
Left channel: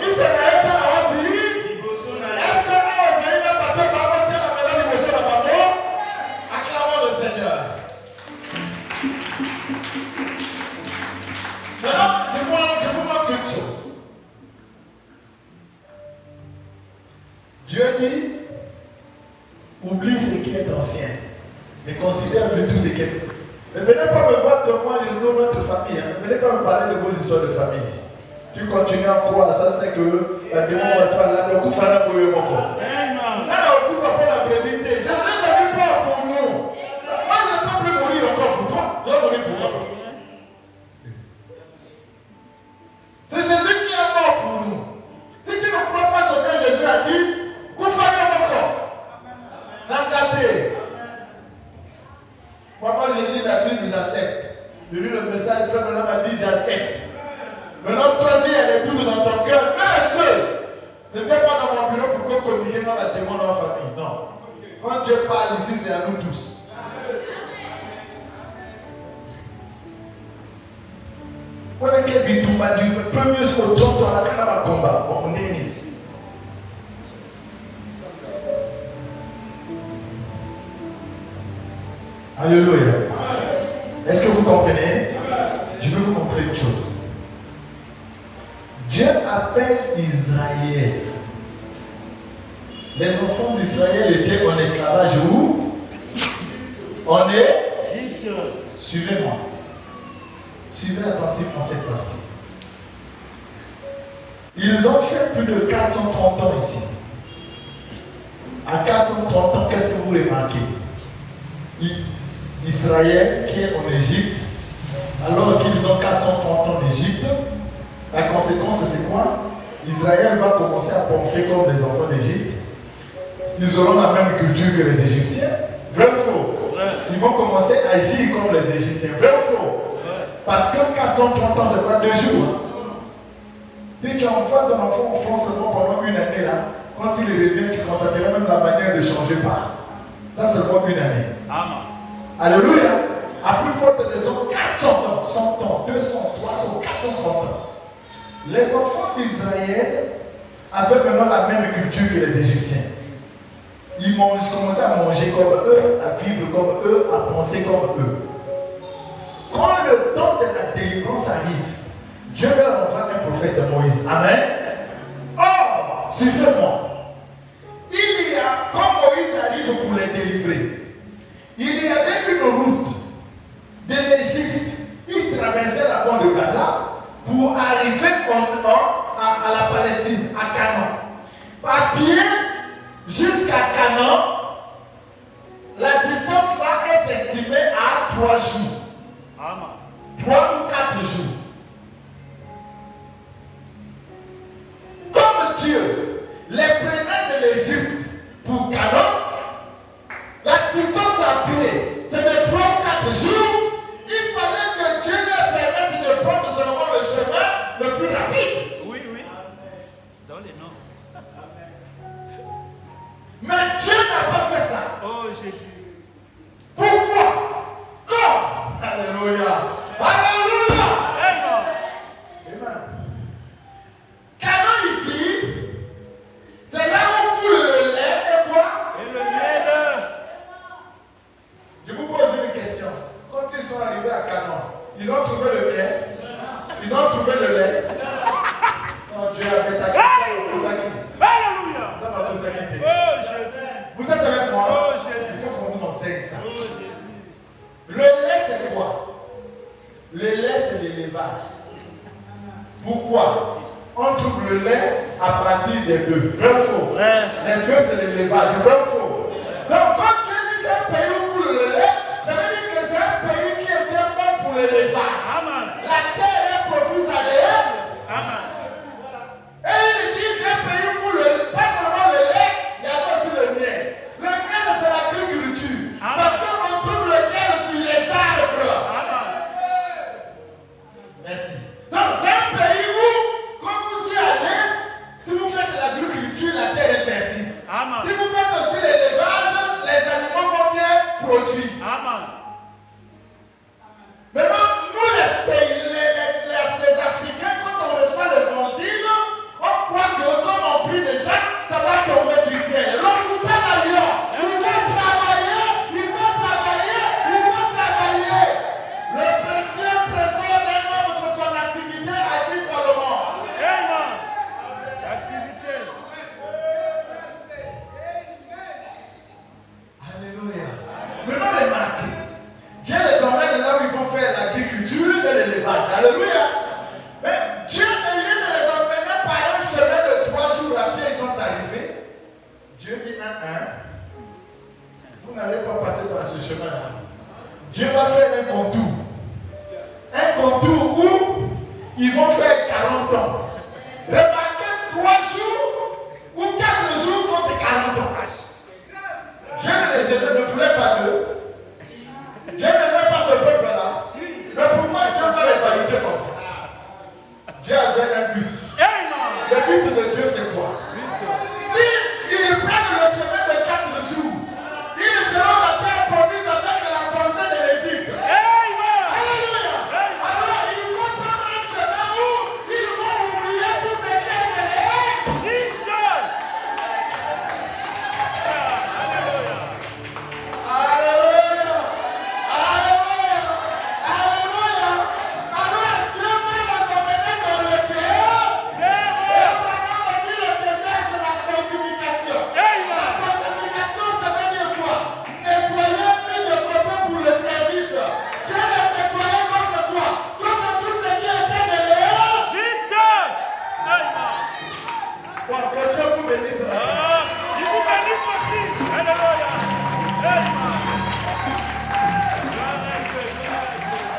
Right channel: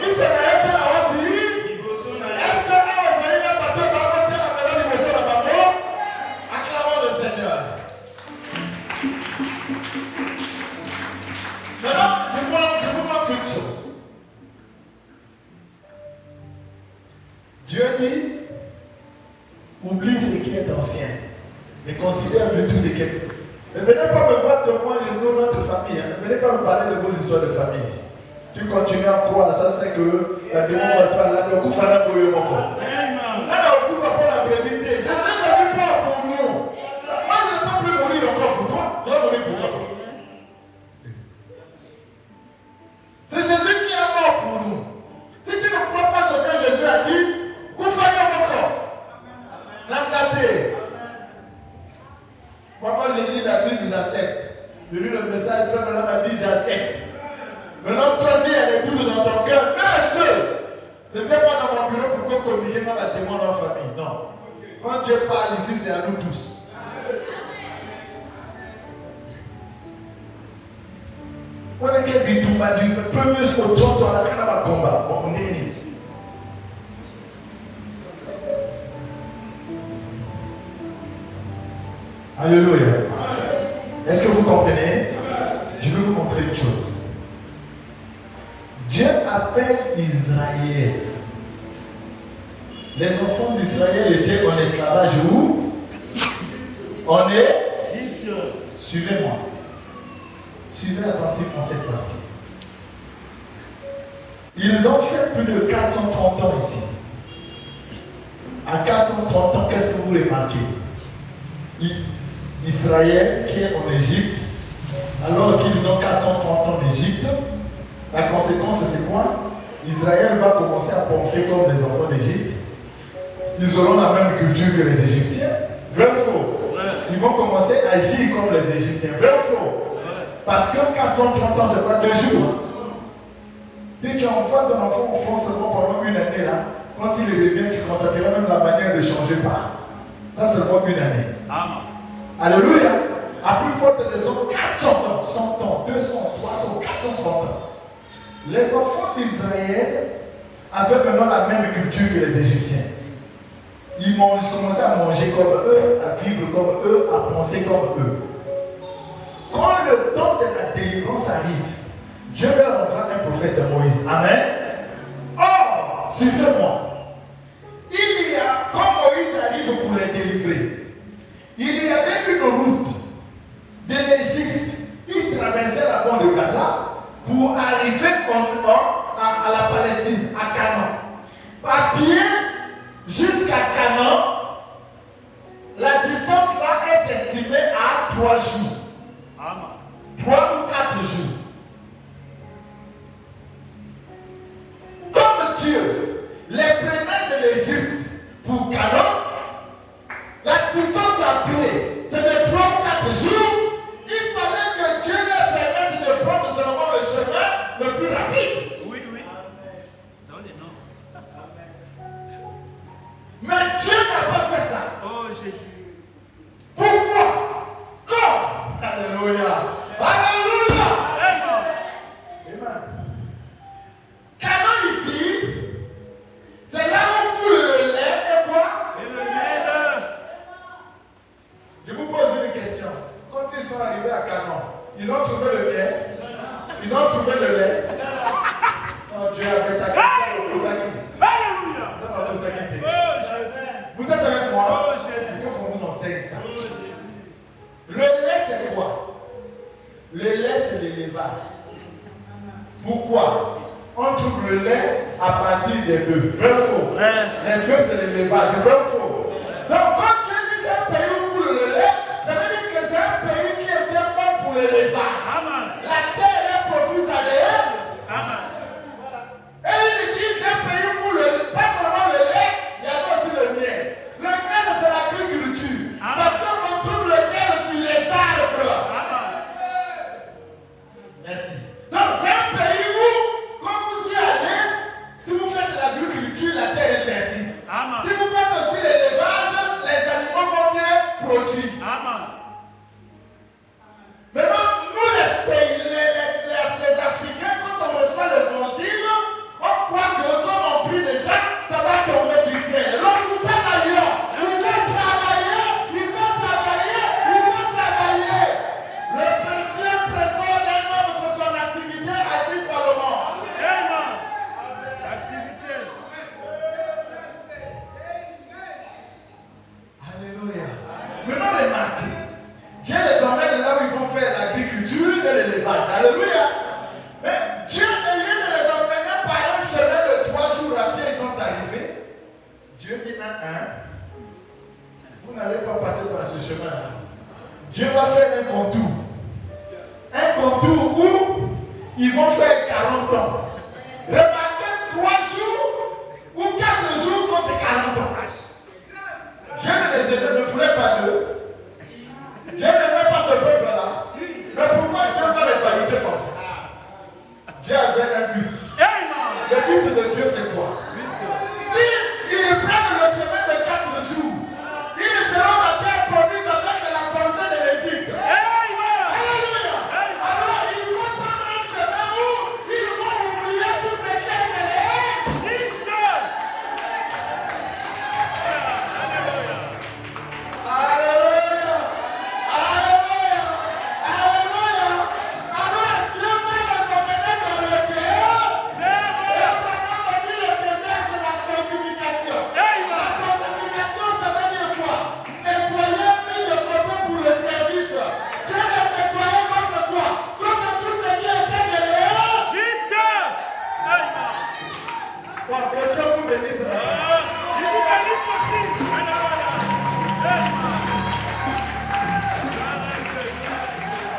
Mais cela est là, puis. Est-ce que vous avez la patate à la madame du Bosonayo? Acclamons le Seigneur. Maintenant, je vous montre quelque chose. Dieu dit, oublie ce qui est ancien, mais considère tout ce qui est. Ne venez pas me voir comme moi, je veux notre famille. Ne venez pas me parler de vos histoires de famille ici. Tu continues à croire, ça c'est que la démon va se faire là, le coup fera pour eux encore. Là, le coup va faire la probabilité. Je sais que tu peur pour nous. Moi, je ne peux plus mourir encore pour toi. Je vais mourir pour toi. C'est Jésus qui est mort pour nous. Si tu ne crois pas ce que Jésus a dit, qu'on fasse encore. Regardez. Pourquoi je dis la Bible, j'accepte. Je lis le message, le frère m'a dit, j'accepte. Maintenant, toi, s'il y a des doutes dans ton cœur, un seul. Ne viens pas dans mon bureau pour que communiquer dans la démon dans la famille. Non. Quand Dieu parle ici, c'est à nous tous. On a quel but on m'a dit, premier au temps de la combat. Bon, on est mis. Alléluia. Est-ce que vous comprenez? Je vais vous montrer une chose. Dieu appelle Israël. Les enfants d'Israël étaient en esclavage où? On est? Suivez-moi. Suivez attentivement cette partie. Ils ont fait plus de 430 ans ici. À 430 ans, qu'est-ce que vous remarquez? Israël qui est en Égypte, alors qu'ils ont 430 ans d'Égypte, la conséquence c'est quoi? Israël va commencer à penser comme les enfants d'Égypte. Ils auront la même culture que les Égyptiens. Vrai ou faux? Ils vont commencer à agir comme les Égyptiens. Vrai ou faux? Parce que 430 ans, c'est pas 2 jours. Si tu envoies ton enfant au fond seulement pendant une année là, quand il revient, tu constateras même la manière de changer pas. Ça, c'est pour une année. Alléluia. À plus forte raison, 400 ans, 100 ans, 200, 300, 430 ans. Les enfants d'Israël avaient maintenant la même culture que les Égyptiens. Ils commençaient à manger comme eux, à vivre comme eux, à penser comme eux. Quand le temps de la délivrance arrive, Dieu va envoyer un prophète, c'est Moïse. Amen. Or, suivez-moi. Il y a, quand Moïse arrive pour les délivrer, il y avait une route de l'Égypte. Il traversait la bande de Gaza pour arriver à la Palestine, à Canaan. À pied jusqu'à Canaan, la distance là est estimée à 3 jours. 3 ou 4 jours. Comme Dieu les prenait de l'Égypte pour Canaan, la distance à pied, c'est de 3 ou 4 jours. Il fallait que Dieu leur permette de prendre seulement le chemin le plus rapide. Oui, oui. Dans les noms. Mais Dieu n'a pas fait ça. Oh Jésus. Pourquoi? Comme? Alléluia. Alléluia. Amen. Canaan ici, c'est là où coule le lait et quoi? Et le lait. Je vous pose une question. Quand ils sont arrivés à Canaan, ils ont trouvé le lait. Ils ont trouvé le lait. Mon Dieu avait ta question au Kosaki. Alléluia. Dans ma Kosaki. Oh Jésus. Vous êtes avec moi? Oh Jésus. Il faut qu'on vous enseigne ça. Oh Jésus. Le lait, c'est quoi? Le lait, c'est l'élevage. Pourquoi? On trouve le lait à partir des bœufs. Vrai ou faux? Les bœufs, c'est l'élevage. Vrai ou faux? Donc, quand tu dis c'est un pays où coule le lait, ça veut dire que c'est un pays qui est tellement pour l'élevage. La terre est propice à l'élevage. Et il dit c'est un pays où coule pas seulement le lait, il y a aussi le miel. Le miel, c'est l'agriculture. Parce qu'on trouve le miel sur les arbres. Merci. Donc, c'est un pays où, quand vous y allez, si vous faites de l'agriculture, la terre est fertile. Si vous faites aussi l'élevage, les animaux vont bien produire. Maintenant, nous, les pays, les Africains, quand on reçoit l'évangile, on croit que comme on prie déjà, ça va tomber du ciel. Donc, nous travaillons. Il faut travailler. Il faut travailler. Il faut travailler. Le précieux trésor d'un homme, c'est son activité, a dit Salomon. Activité. Alléluia. Maintenant, remarquez. Dieu les emmène là où ils vont faire l'agriculture et l'élevage. Alléluia. Mais Dieu, au lieu de les emmener par un chemin de 3 jours à pied, ils sont arrivés. Dieu dit vous n'allez pas passer dans ce chemin-là. Dieu va faire un contour. Un contour où ils vont faire 40 ans. Remarquez 3 jours ou 4 jours contre 40 ans. Dieu ne voulait pas d'eux. Dieu n'aimait pas ce peuple-là. Mais pourquoi Dieu va les valider comme ça? Dieu avait un but. Le but de Dieu, c'est quoi? Si ils prennent le chemin de 4 jours, ils seront la terre promise avec la pensée de l'Égypte. Alléluia. Alors, il faut prendre un chemin où ils vont oublier tout ce qui est derrière. Alléluia. Alléluia. Alléluia. Alors, Dieu va les emmener dans le désert. Et maintenant, on dit le désert, c'est la sanctification. La sanctification, ça veut dire quoi? Nettoyer, mis de côté pour le service. Dieu les nettoyer contre quoi? Contre tout ce qui était derrière. Donc, que Dieu vous bénisse.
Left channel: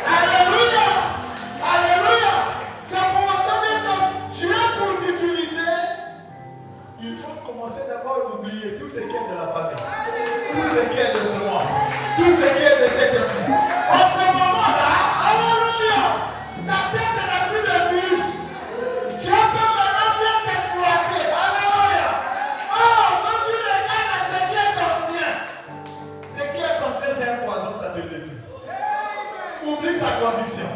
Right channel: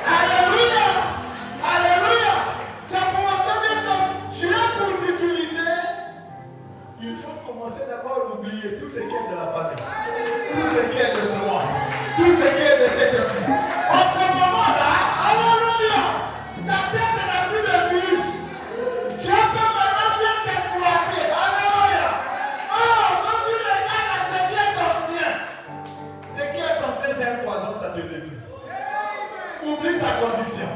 Alléluia. Alléluia. C'est pour entendre que Dieu pour t'utiliser, il faut commencer d'abord à oublier tout ce qui est de la famille, tout ce qui est de ce monde, tout ce qui est de cette vie. En ce moment-là, alléluia, ta tête n'a plus de virus. Dieu peut maintenant bien t'exploiter. Alléluia. Oh, quand tu regardes à ce qui est ancien, c'est un poison, ça te détruit. Oublie ta condition.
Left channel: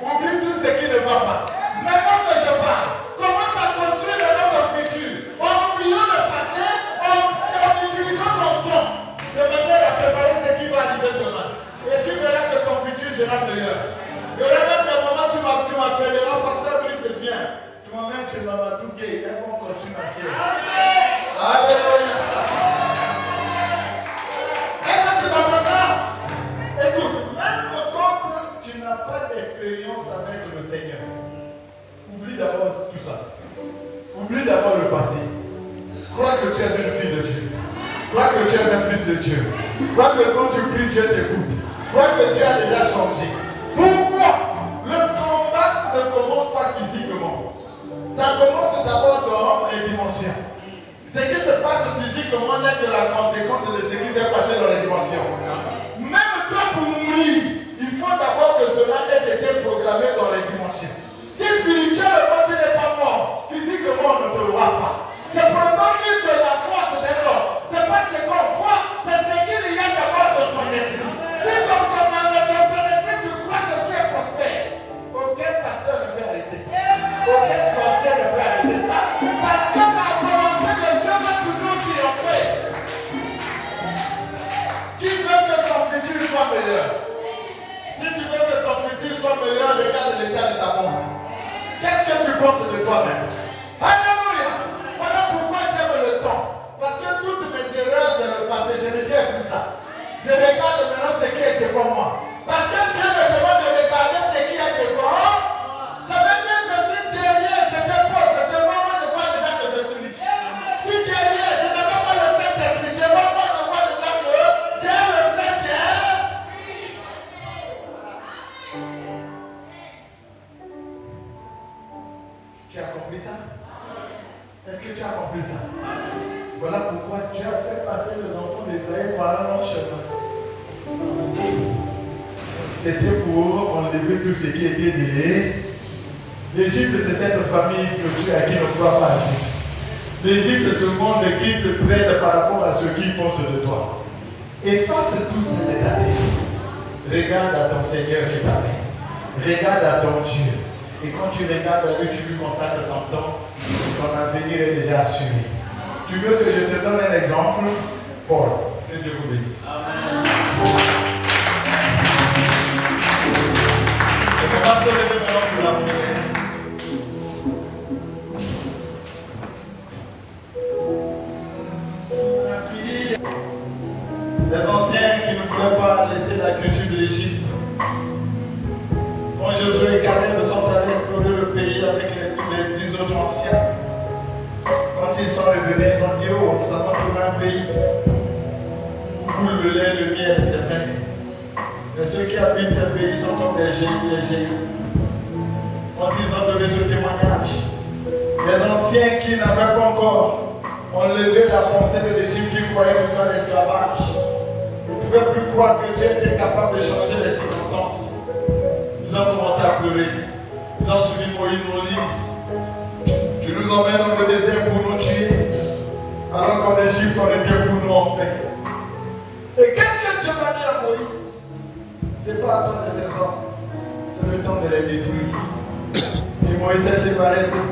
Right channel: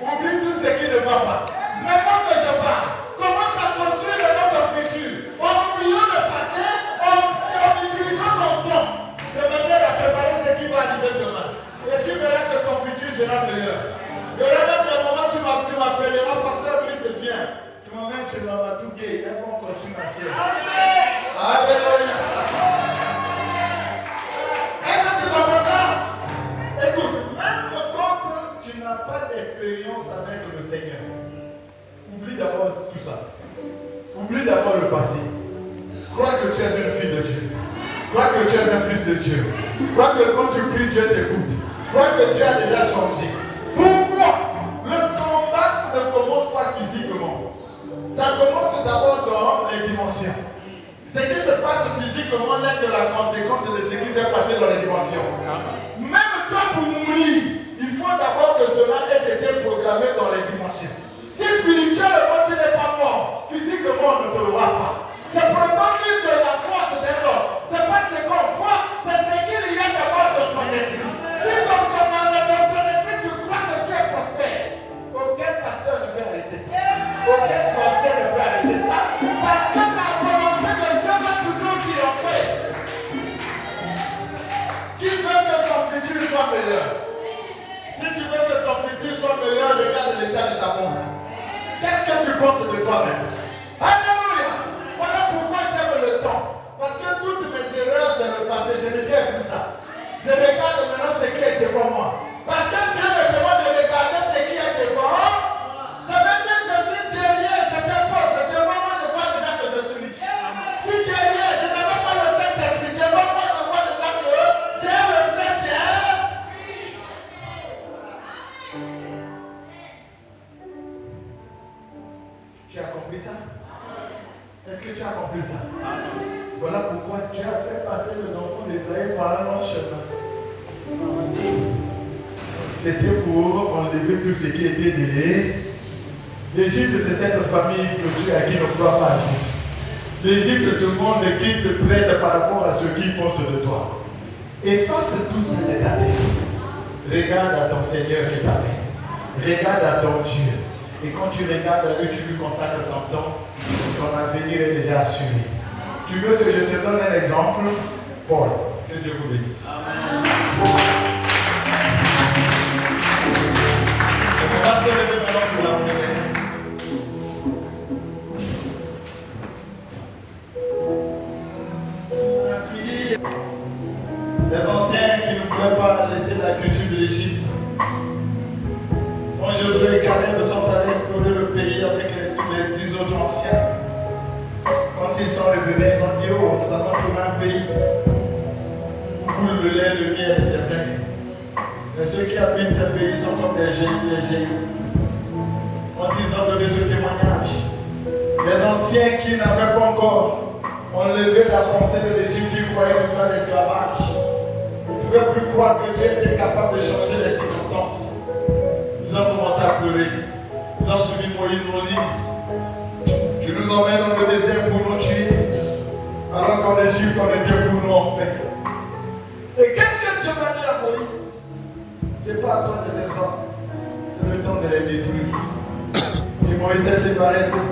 Oublie tout ce qui ne va pas. Maintenant que je parle, commence à construire notre futur. En oubliant le passé, en utilisant ton temps de manière à Crois que tu es un fils de Dieu. Crois que quand tu pries, Dieu t'écoute. Crois que Dieu a déjà changé. Pourquoi? Le combat ne commence pas physiquement. Ça commence d'abord dans les dimensions. Ce qui se passe physiquement n'est que la conséquence de ce qui s'est passé dans les dimensions. Même toi, pour mourir, il faut d'abord que cela ait été programmé dans les dimensions. Si spirituellement tu n'es pas mort, physiquement on ne te voit pas. C'est pour donner de la force de l'homme. C'est pas ce qu'on voit, c'est ce qu'il y a d'abord dans son esprit. C'est comme ça, dans ton esprit, tu crois que tu es prospère. Aucun pasteur ne peut arrêter ça. Aucun sorcier ne peut arrêter ça. Parce que la volonté de Dieu va toujours triompher. Qui veut que son futur soit meilleur? Si tu veux que ton futur soit meilleur, regarde l'état de ta pensée. Qu'est-ce que tu penses de toi-même? Alléluia! Voilà pourquoi j'aime le temps. Parce que toutes mes erreurs, c'est le passé. Je ne sais plus ça. Je regarde maintenant ce qui est devant moi. Parce que Dieu me demande de regarder ce qui est devant. Ça veut dire que si derrière j'étais pauvre, devant moi je vois déjà que je suis riche. Si derrière je ne vois pas le Saint-Esprit, devant moi je vois déjà que j'ai le Saint-Esprit. Tu as compris ça? Est-ce que tu as compris ça? Voilà pourquoi Dieu a fait passer les enfants d'Israël par un long chemin. C'était pour enlever tout ce qui était de l'Égypte, c'est cette famille de Dieu à qui ne croit pas à Jésus. L'Égypte, ce monde qui te traite par rapport à ce qu'ils pensent de toi. Efface tout ça de ta vie. Regarde à ton Seigneur qui t'appelle. Regarde à ton Dieu. Et quand tu regardes à lui, tu lui consacres ton temps, ton avenir est déjà assuré. Tu veux que je te donne un exemple? Paul, que Dieu vous bénisse. Je commence à lever maintenant pour la monnaie. Les anciens qui ne voulaient pas laisser la culture de l'Égypte. Quand Josué et Caleb sont allés explorer le pays avec les 10 autres anciens, quand ils sont revenus, ils ont dit: oh, nous avons trouvé un pays où coule le lait, le miel et ses vins. Mais ceux qui habitent ce pays sont comme des génies et génies. Quand ils ont donné ce témoignage, les anciens qui n'avaient pas encore enlevé la pensée de l'Égypte, qui croyaient toujours à l'esclavage, ne pouvaient plus croire que Dieu était capable de changer les circonstances. Ils ont commencé à pleurer. Ils ont suivi Moïse. Tu nous emmènes dans le désert pour nous tuer, alors qu'en Égypte, on était pour nous en paix. Et qu'est-ce que Dieu va dire à Moïse? C'est pas à ton nécessaire, c'est le temps de les détruire. Et Moïse s'est séparé d'eux.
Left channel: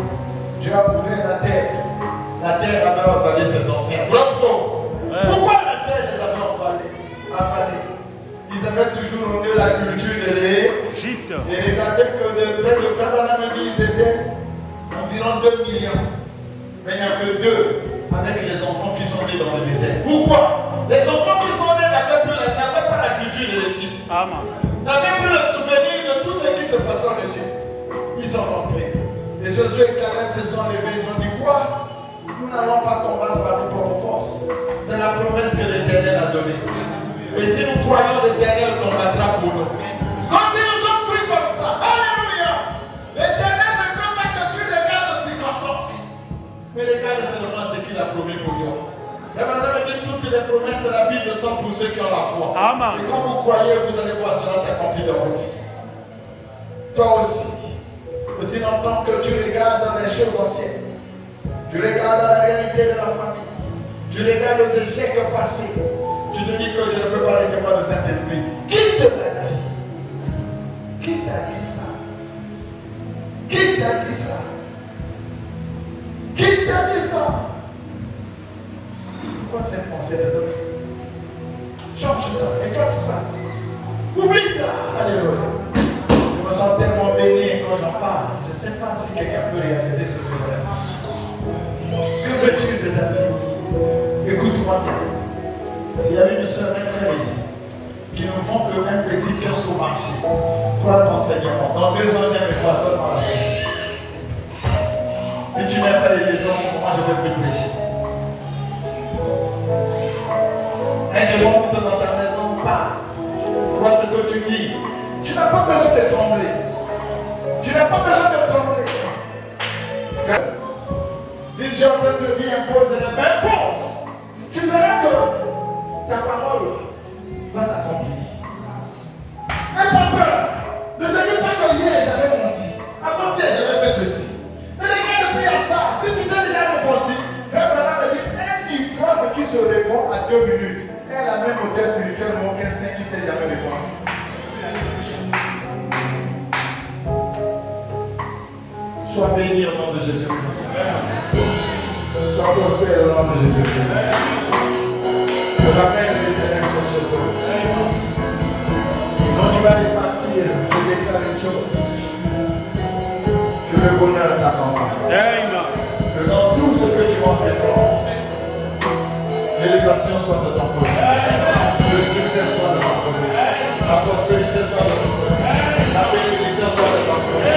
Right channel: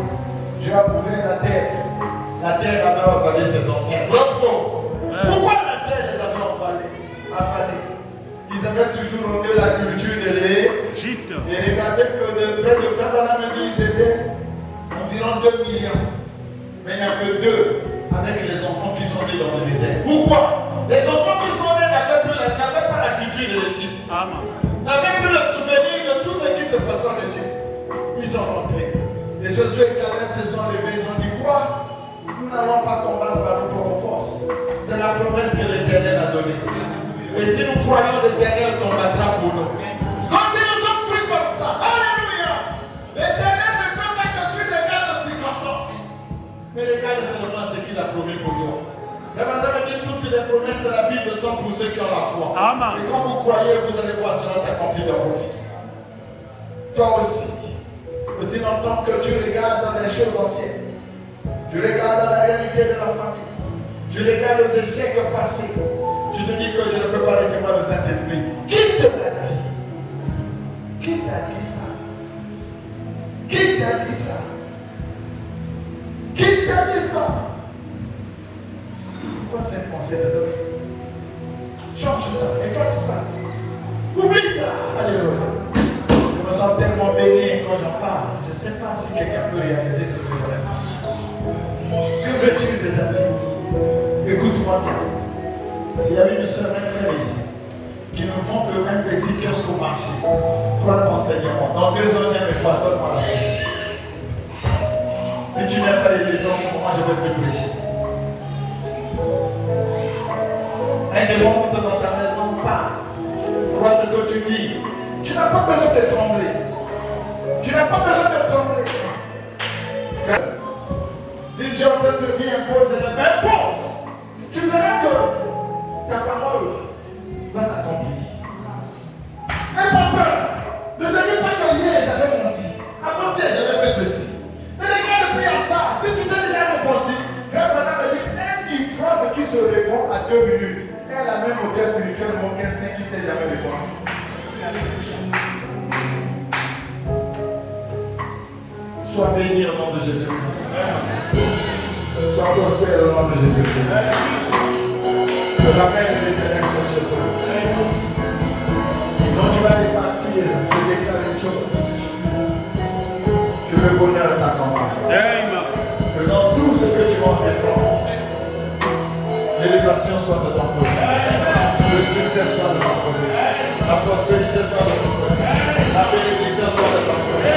Dieu a ouvert la terre. La terre a alors avalé ses anciens. Pourquoi la terre les avait avalés? Ils avaient toujours nommé la culture de l'Égypte. Et regardez que le peuple de Pharaon, ils étaient environ 2 millions. Mais il n'y a que 2 avec les enfants qui sont nés dans le désert. Pourquoi? Les enfants qui sont nés n'avaient pas la culture de l'Égypte. N'avaient plus le souvenir de tout ce qui se passait en Égypte. Ils sont rentrés. Et Josué et Caleb se sont levés. Ils ont dit: quoi? Nous n'allons pas combattre par nos propres forces. C'est la promesse que l'Éternel a donnée. Et si nous croyons, l'Éternel combattra pour nous. Quand ils nous ont pris comme ça, alléluia, l'Éternel ne peut pas que tu regardes aux circonstances, mais regarde seulement ce qu'il a promis pour toi. Et maintenant, toutes les promesses de la Bible sont pour ceux qui ont la foi. Amen. Et quand vous croyez, vous allez voir cela s'accomplir dans vos vies. Toi aussi longtemps que tu regardes dans les choses anciennes, tu regardes dans la réalité de la famille, tu regardes aux échecs passés, tu te dis que je ne peux pas recevoir le Saint-Esprit. Qui te l'a dit? Qui t'a dit ça? Qui t'a dit ça? Qui t'a dit ça? Pourquoi cette pensée est donnée? Change ça, efface ça. Oublie ça. Alléluia. Je me sens tellement béni quand j'en parle. Je ne sais pas si quelqu'un peut réaliser ce que je reste. Que veux-tu de ta vie? Écoute-moi bien. S'il y a une sœur, un frère ici, qui ne font que un petit kiosque au marché, toi ton Seigneur, dans 2 ans, viens me faire dans la chose. Si tu n'aimes pas les étoiles, en ce moment, je vais te prêcher. Elle monte dans ta maison, pas. Vois ce que tu dis. Tu n'as pas besoin de trembler. Tu n'as pas besoin de trembler. Si Dieu est en train de dire impose la main, pose. Tu verras que ta parole va s'accomplir. N'aie pas peur. Ne te dis pas que hier j'avais menti. Avant-hier j'avais fait ceci. Mais les gars, depuis à ça, si tu t'es déjà repenti, frère Branham me dit un ivrogne qui se répond à 2 minutes. Elle a même auteur spirituel, mon 15 qui ne s'est jamais répondu. Sois béni au nom de Jésus-Christ. Sois prospère au nom de Jésus-Christ. Que la main de l'Éternel soit sur toi. Quand tu vas départir, je déclare une chose. Que le bonheur t'accompagne. Que dans tout ce que tu vas entreprendre, l'élévation soit de ton côté. Le succès soit de ton côté. La prospérité soit de ton côté. La bénédiction soit de ton côté.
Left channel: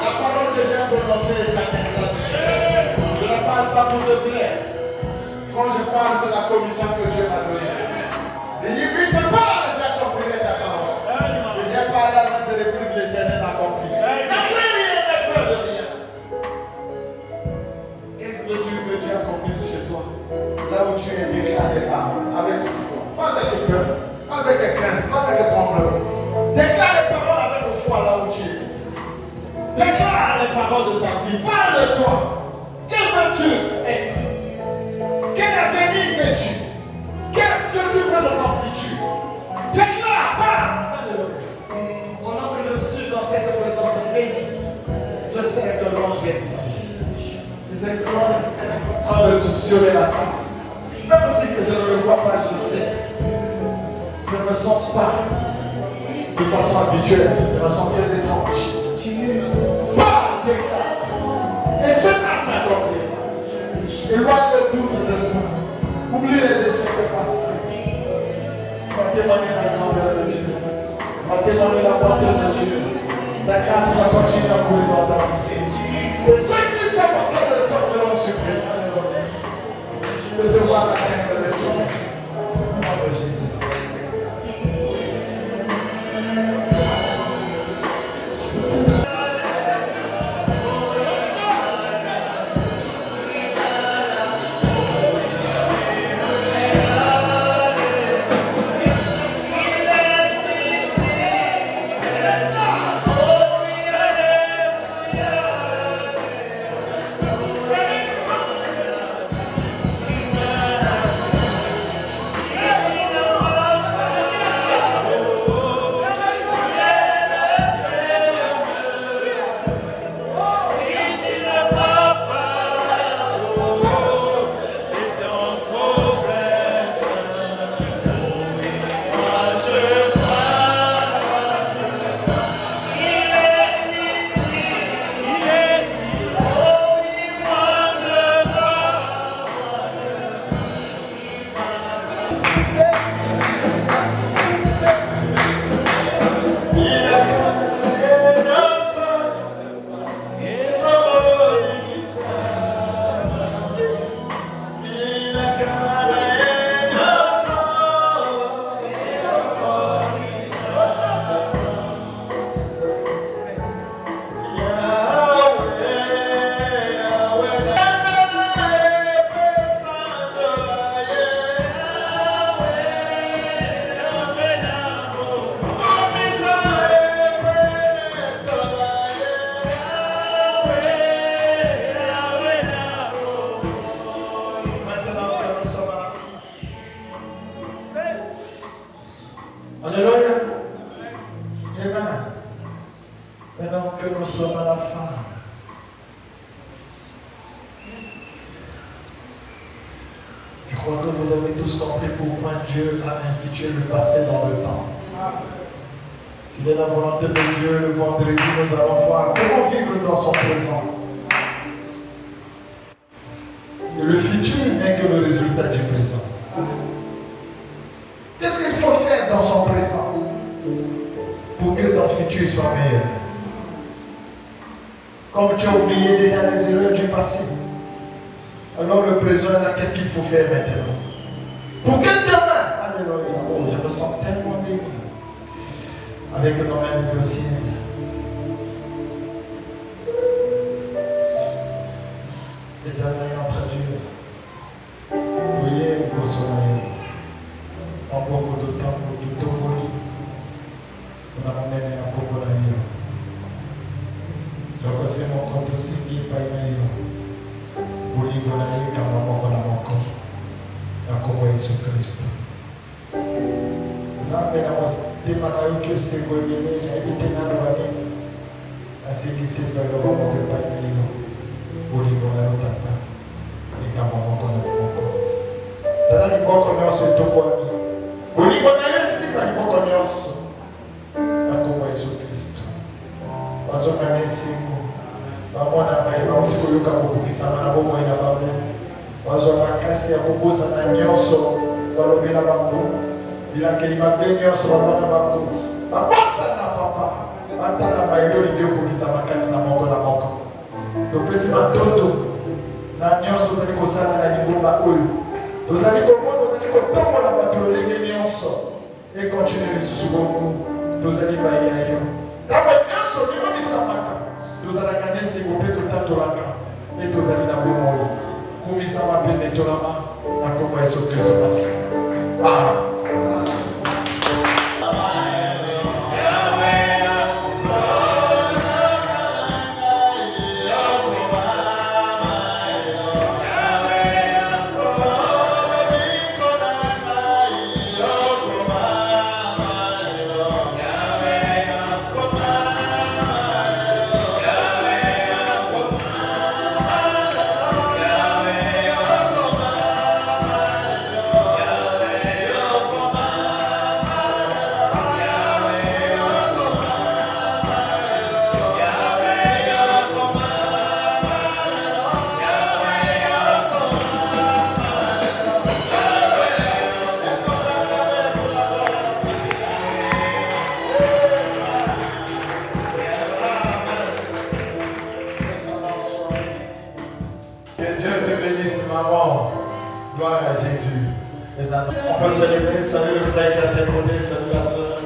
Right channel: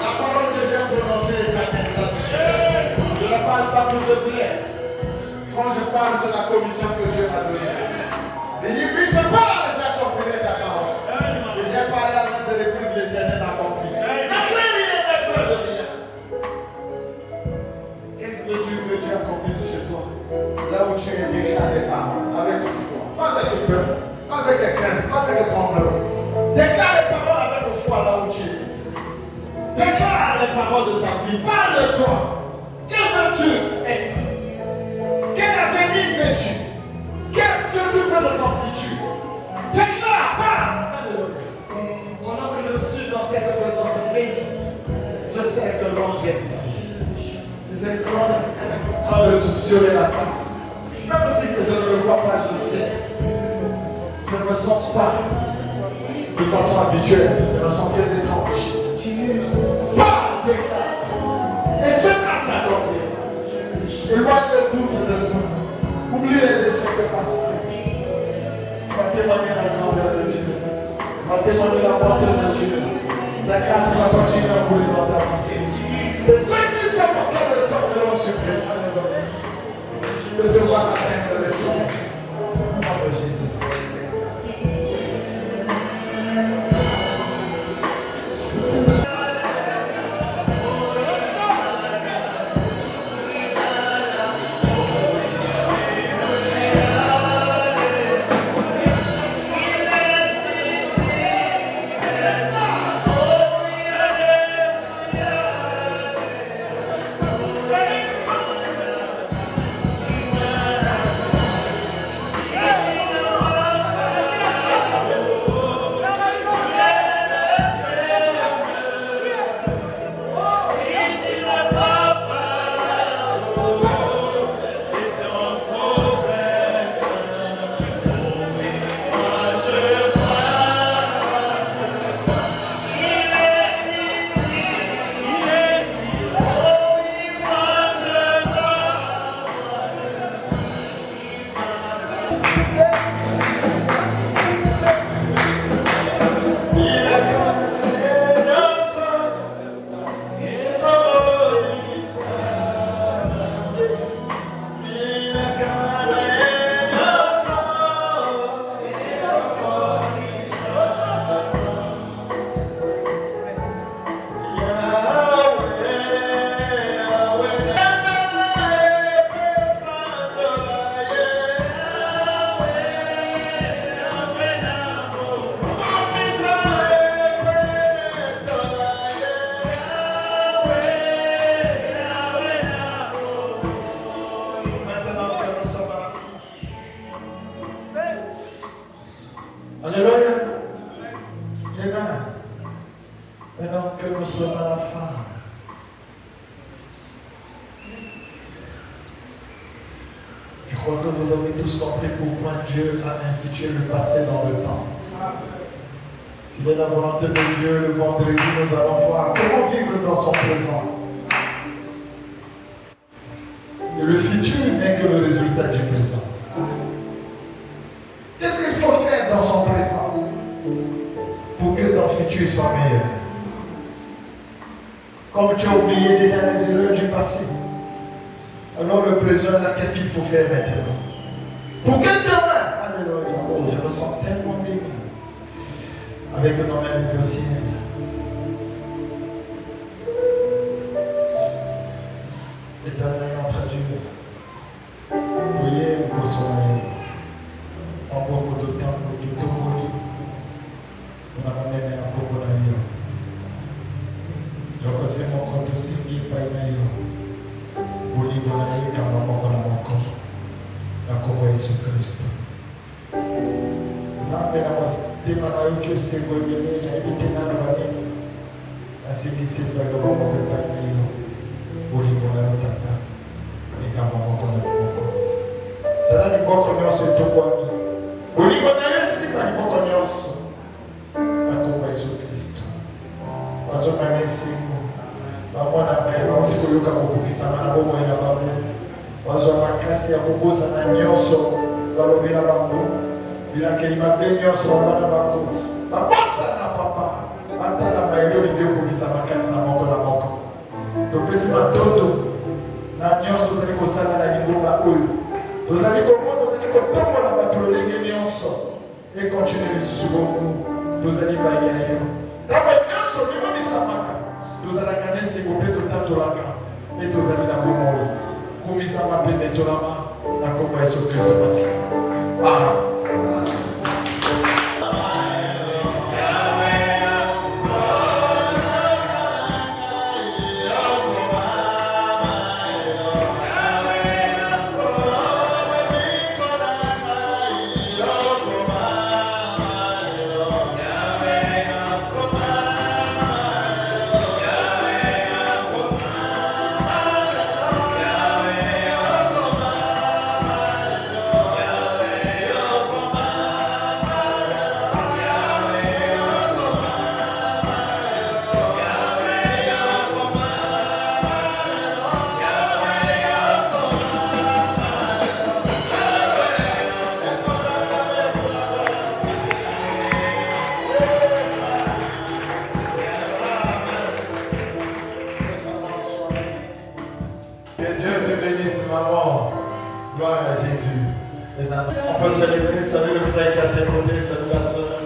La parole que j'ai prononcée est ta tête. Je ne parle pas pour te plaire. Quand je parle, c'est la commission que Dieu m'a donnée. Il dit, oui, c'est pas là que j'ai accompli ta parole. Et j'ai parlé à la reprise, l'Éternel m'a accompli. Mais tu n'as rien peur de rien. Qu'est-ce que Dieu accomplisse chez toi? Là où tu es béni à tes parents, avec foi, pas avec tes peurs, pas avec tes craintes, pas avec tes tremblements. Déclare les paroles avec foi là où tu es. Déclare les paroles de ta vie. Parle de toi. Quel veux-tu être? Quel avenir veux-tu? Qu'est-ce que tu veux de ton futur? Déclare, parle. Pendant que je suis dans cette présence bénie, je sais que l'ange est ici. Je sais que l'ange est en train de tout sur la salle. Même si que je ne le vois pas, je sais. Je ne me sens pas de façon habituelle, je me sens très étrange. Parle, déclare. Et je passe à l'homme. Éloigne le doute de tout. Oublie les échecs passés. Va témoigner la grandeur de Dieu. Va témoigner la bonté de Dieu. Sa grâce va continuer à couler dans ta vie. Et ceux qui sont passés de toi seront surpris. De te voir atteindre le sommet. Au nom de Jésus. Dieu a institué le passé dans le temps. S'il est la volonté de Dieu, le vendredi, nous allons voir comment vivre dans son présent. Et le futur n'est que le résultat du présent. Qu'est-ce qu'il faut faire dans son présent pour que ton futur soit meilleur? Comme tu as oublié déjà les erreurs du passé, Alors le trésor est là, qu'est-ce qu'il faut faire maintenant? Pour que demain, alléluia, oh, je me sens tellement béni avec nos mains au ciel. Éternel notre Dieu, priez pour son aide. Encore beaucoup de temps, beaucoup de temps, on a amené un peu de l'aïe. Je reçois mon compte aussi qui est pas l'aïe. Pour lui de l'aïe, car on va encore. Encore Jésus-Christ. Zambe na wasema na yuke sego yele na bite na bade. Asibisi kwa roho kwa bani. Uli kwa tata. Nikama kwa moko. Tara ni boko nyoso tokwa mi. Uli kwa Yesu na boko nyoso. Kwa Yesu-Kristo. Wazo na Yesu. Bamwana bayo msiko yuka kukubisa na bomo ya babu. Wazo makasi ya kugusa na nyoso walobela bangu bila kelima beni nyoso wana bangu babasa na papa hata na maelo ndio kugusa makasi na moko topesi matoto na nyoso ziko sana na ngoma huyu tozali kotomba na batoleni nyonso et continuer lisusu bongo tozali bayayo kama nyoso bimabisamaka tozalaka nesi kopeto tatolaka et tozali na bomoi kumisa mapende tolama na kombo ya Yesu Kristo. Amen. Gloire à Jésus. On peut célébrer, salut le frère qui a témoigné, salut la soeur.